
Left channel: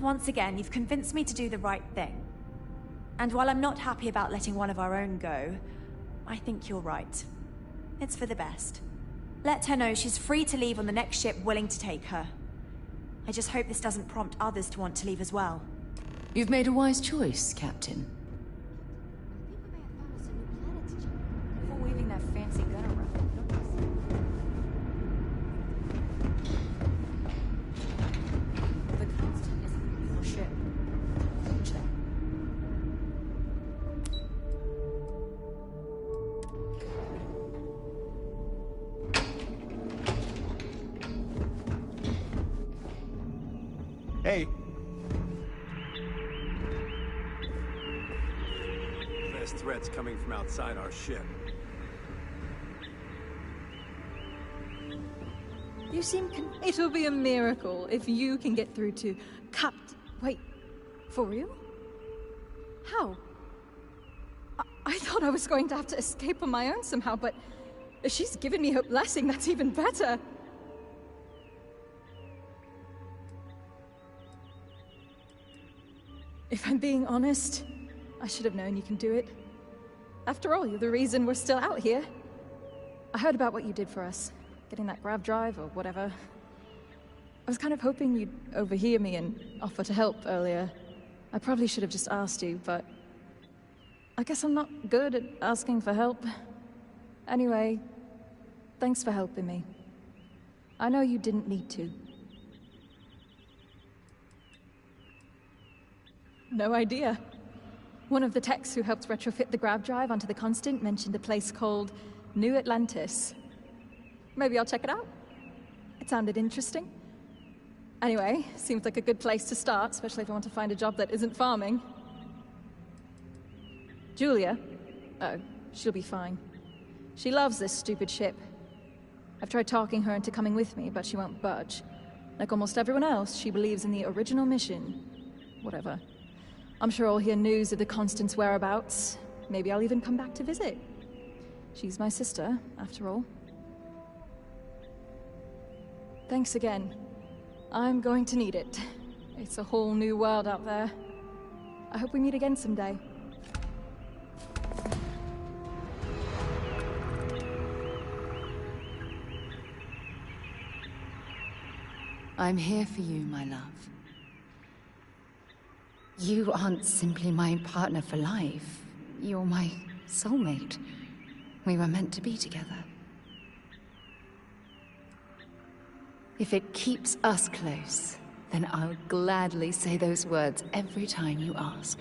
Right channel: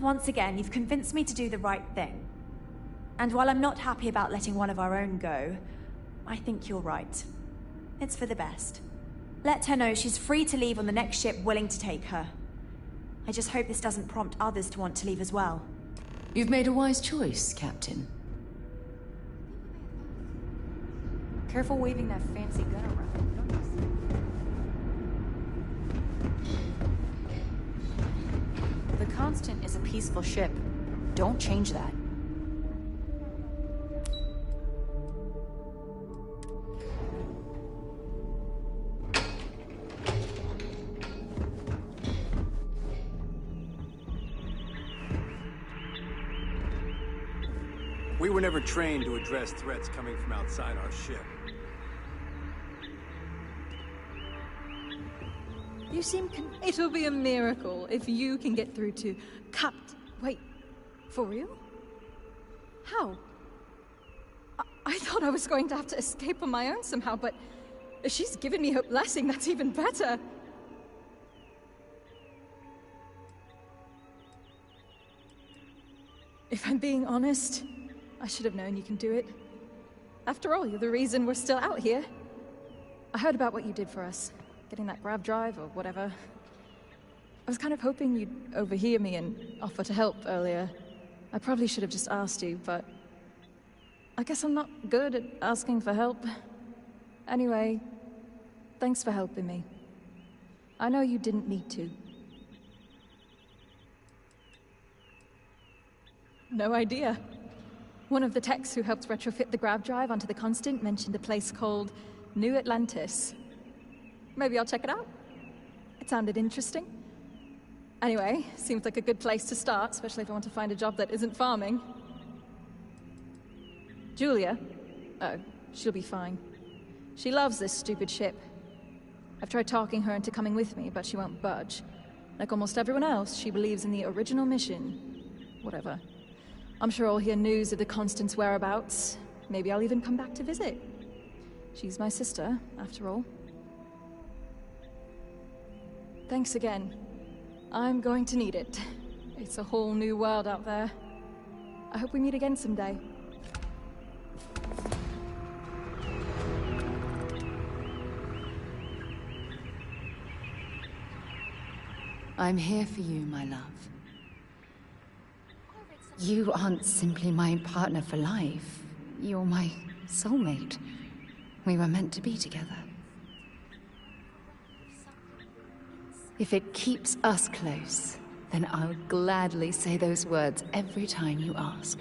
Once again, you've convinced me to do the right thing. And while I'm not happy about letting one of our own go, I think you're right. It's for the best. Let her know she's free to leave on the next ship willing to take her. I just hope this doesn't prompt others to want to leave as well. You've made a wise choice, Captain. Careful waving that fancy gun around. The Constant is a peaceful ship. Don't change that. trained to address threats coming from outside our ship. You seem It'll be a miracle if you can get through to Wait, for real? How? I thought I was going to have to escape on my own somehow, but if she's given me her blessing, that's even better. If I'm being honest, I should have known you can do it. After all, you're the reason we're still out here. I heard about what you did for us, getting that grav drive or whatever. I was kind of hoping you'd overhear me and offer to help earlier. I probably should have just asked you, but I guess I'm not good at asking for help. Anyway, thanks for helping me. I know you didn't need to. No idea. One of the techs who helped retrofit the grav drive onto the Constant mentioned a place called New Atlantis. Maybe I'll check it out. It sounded interesting. Anyway, seems like a good place to start, especially if I want to find a job that isn't farming. Julia? Oh, she'll be fine. She loves this stupid ship. I've tried talking her into coming with me, but she won't budge. Like almost everyone else, she believes in the original mission. Whatever. I'm sure I'll hear news of the Constant's whereabouts. Maybe I'll even come back to visit. She's my sister, after all. Thanks again. I'm going to need it. It's a whole new world out there. I hope we meet again someday. I'm here for you, my love. You aren't simply my partner for life. You're my soulmate. We were meant to be together. If it keeps us close, then I'll gladly say those words every time you ask.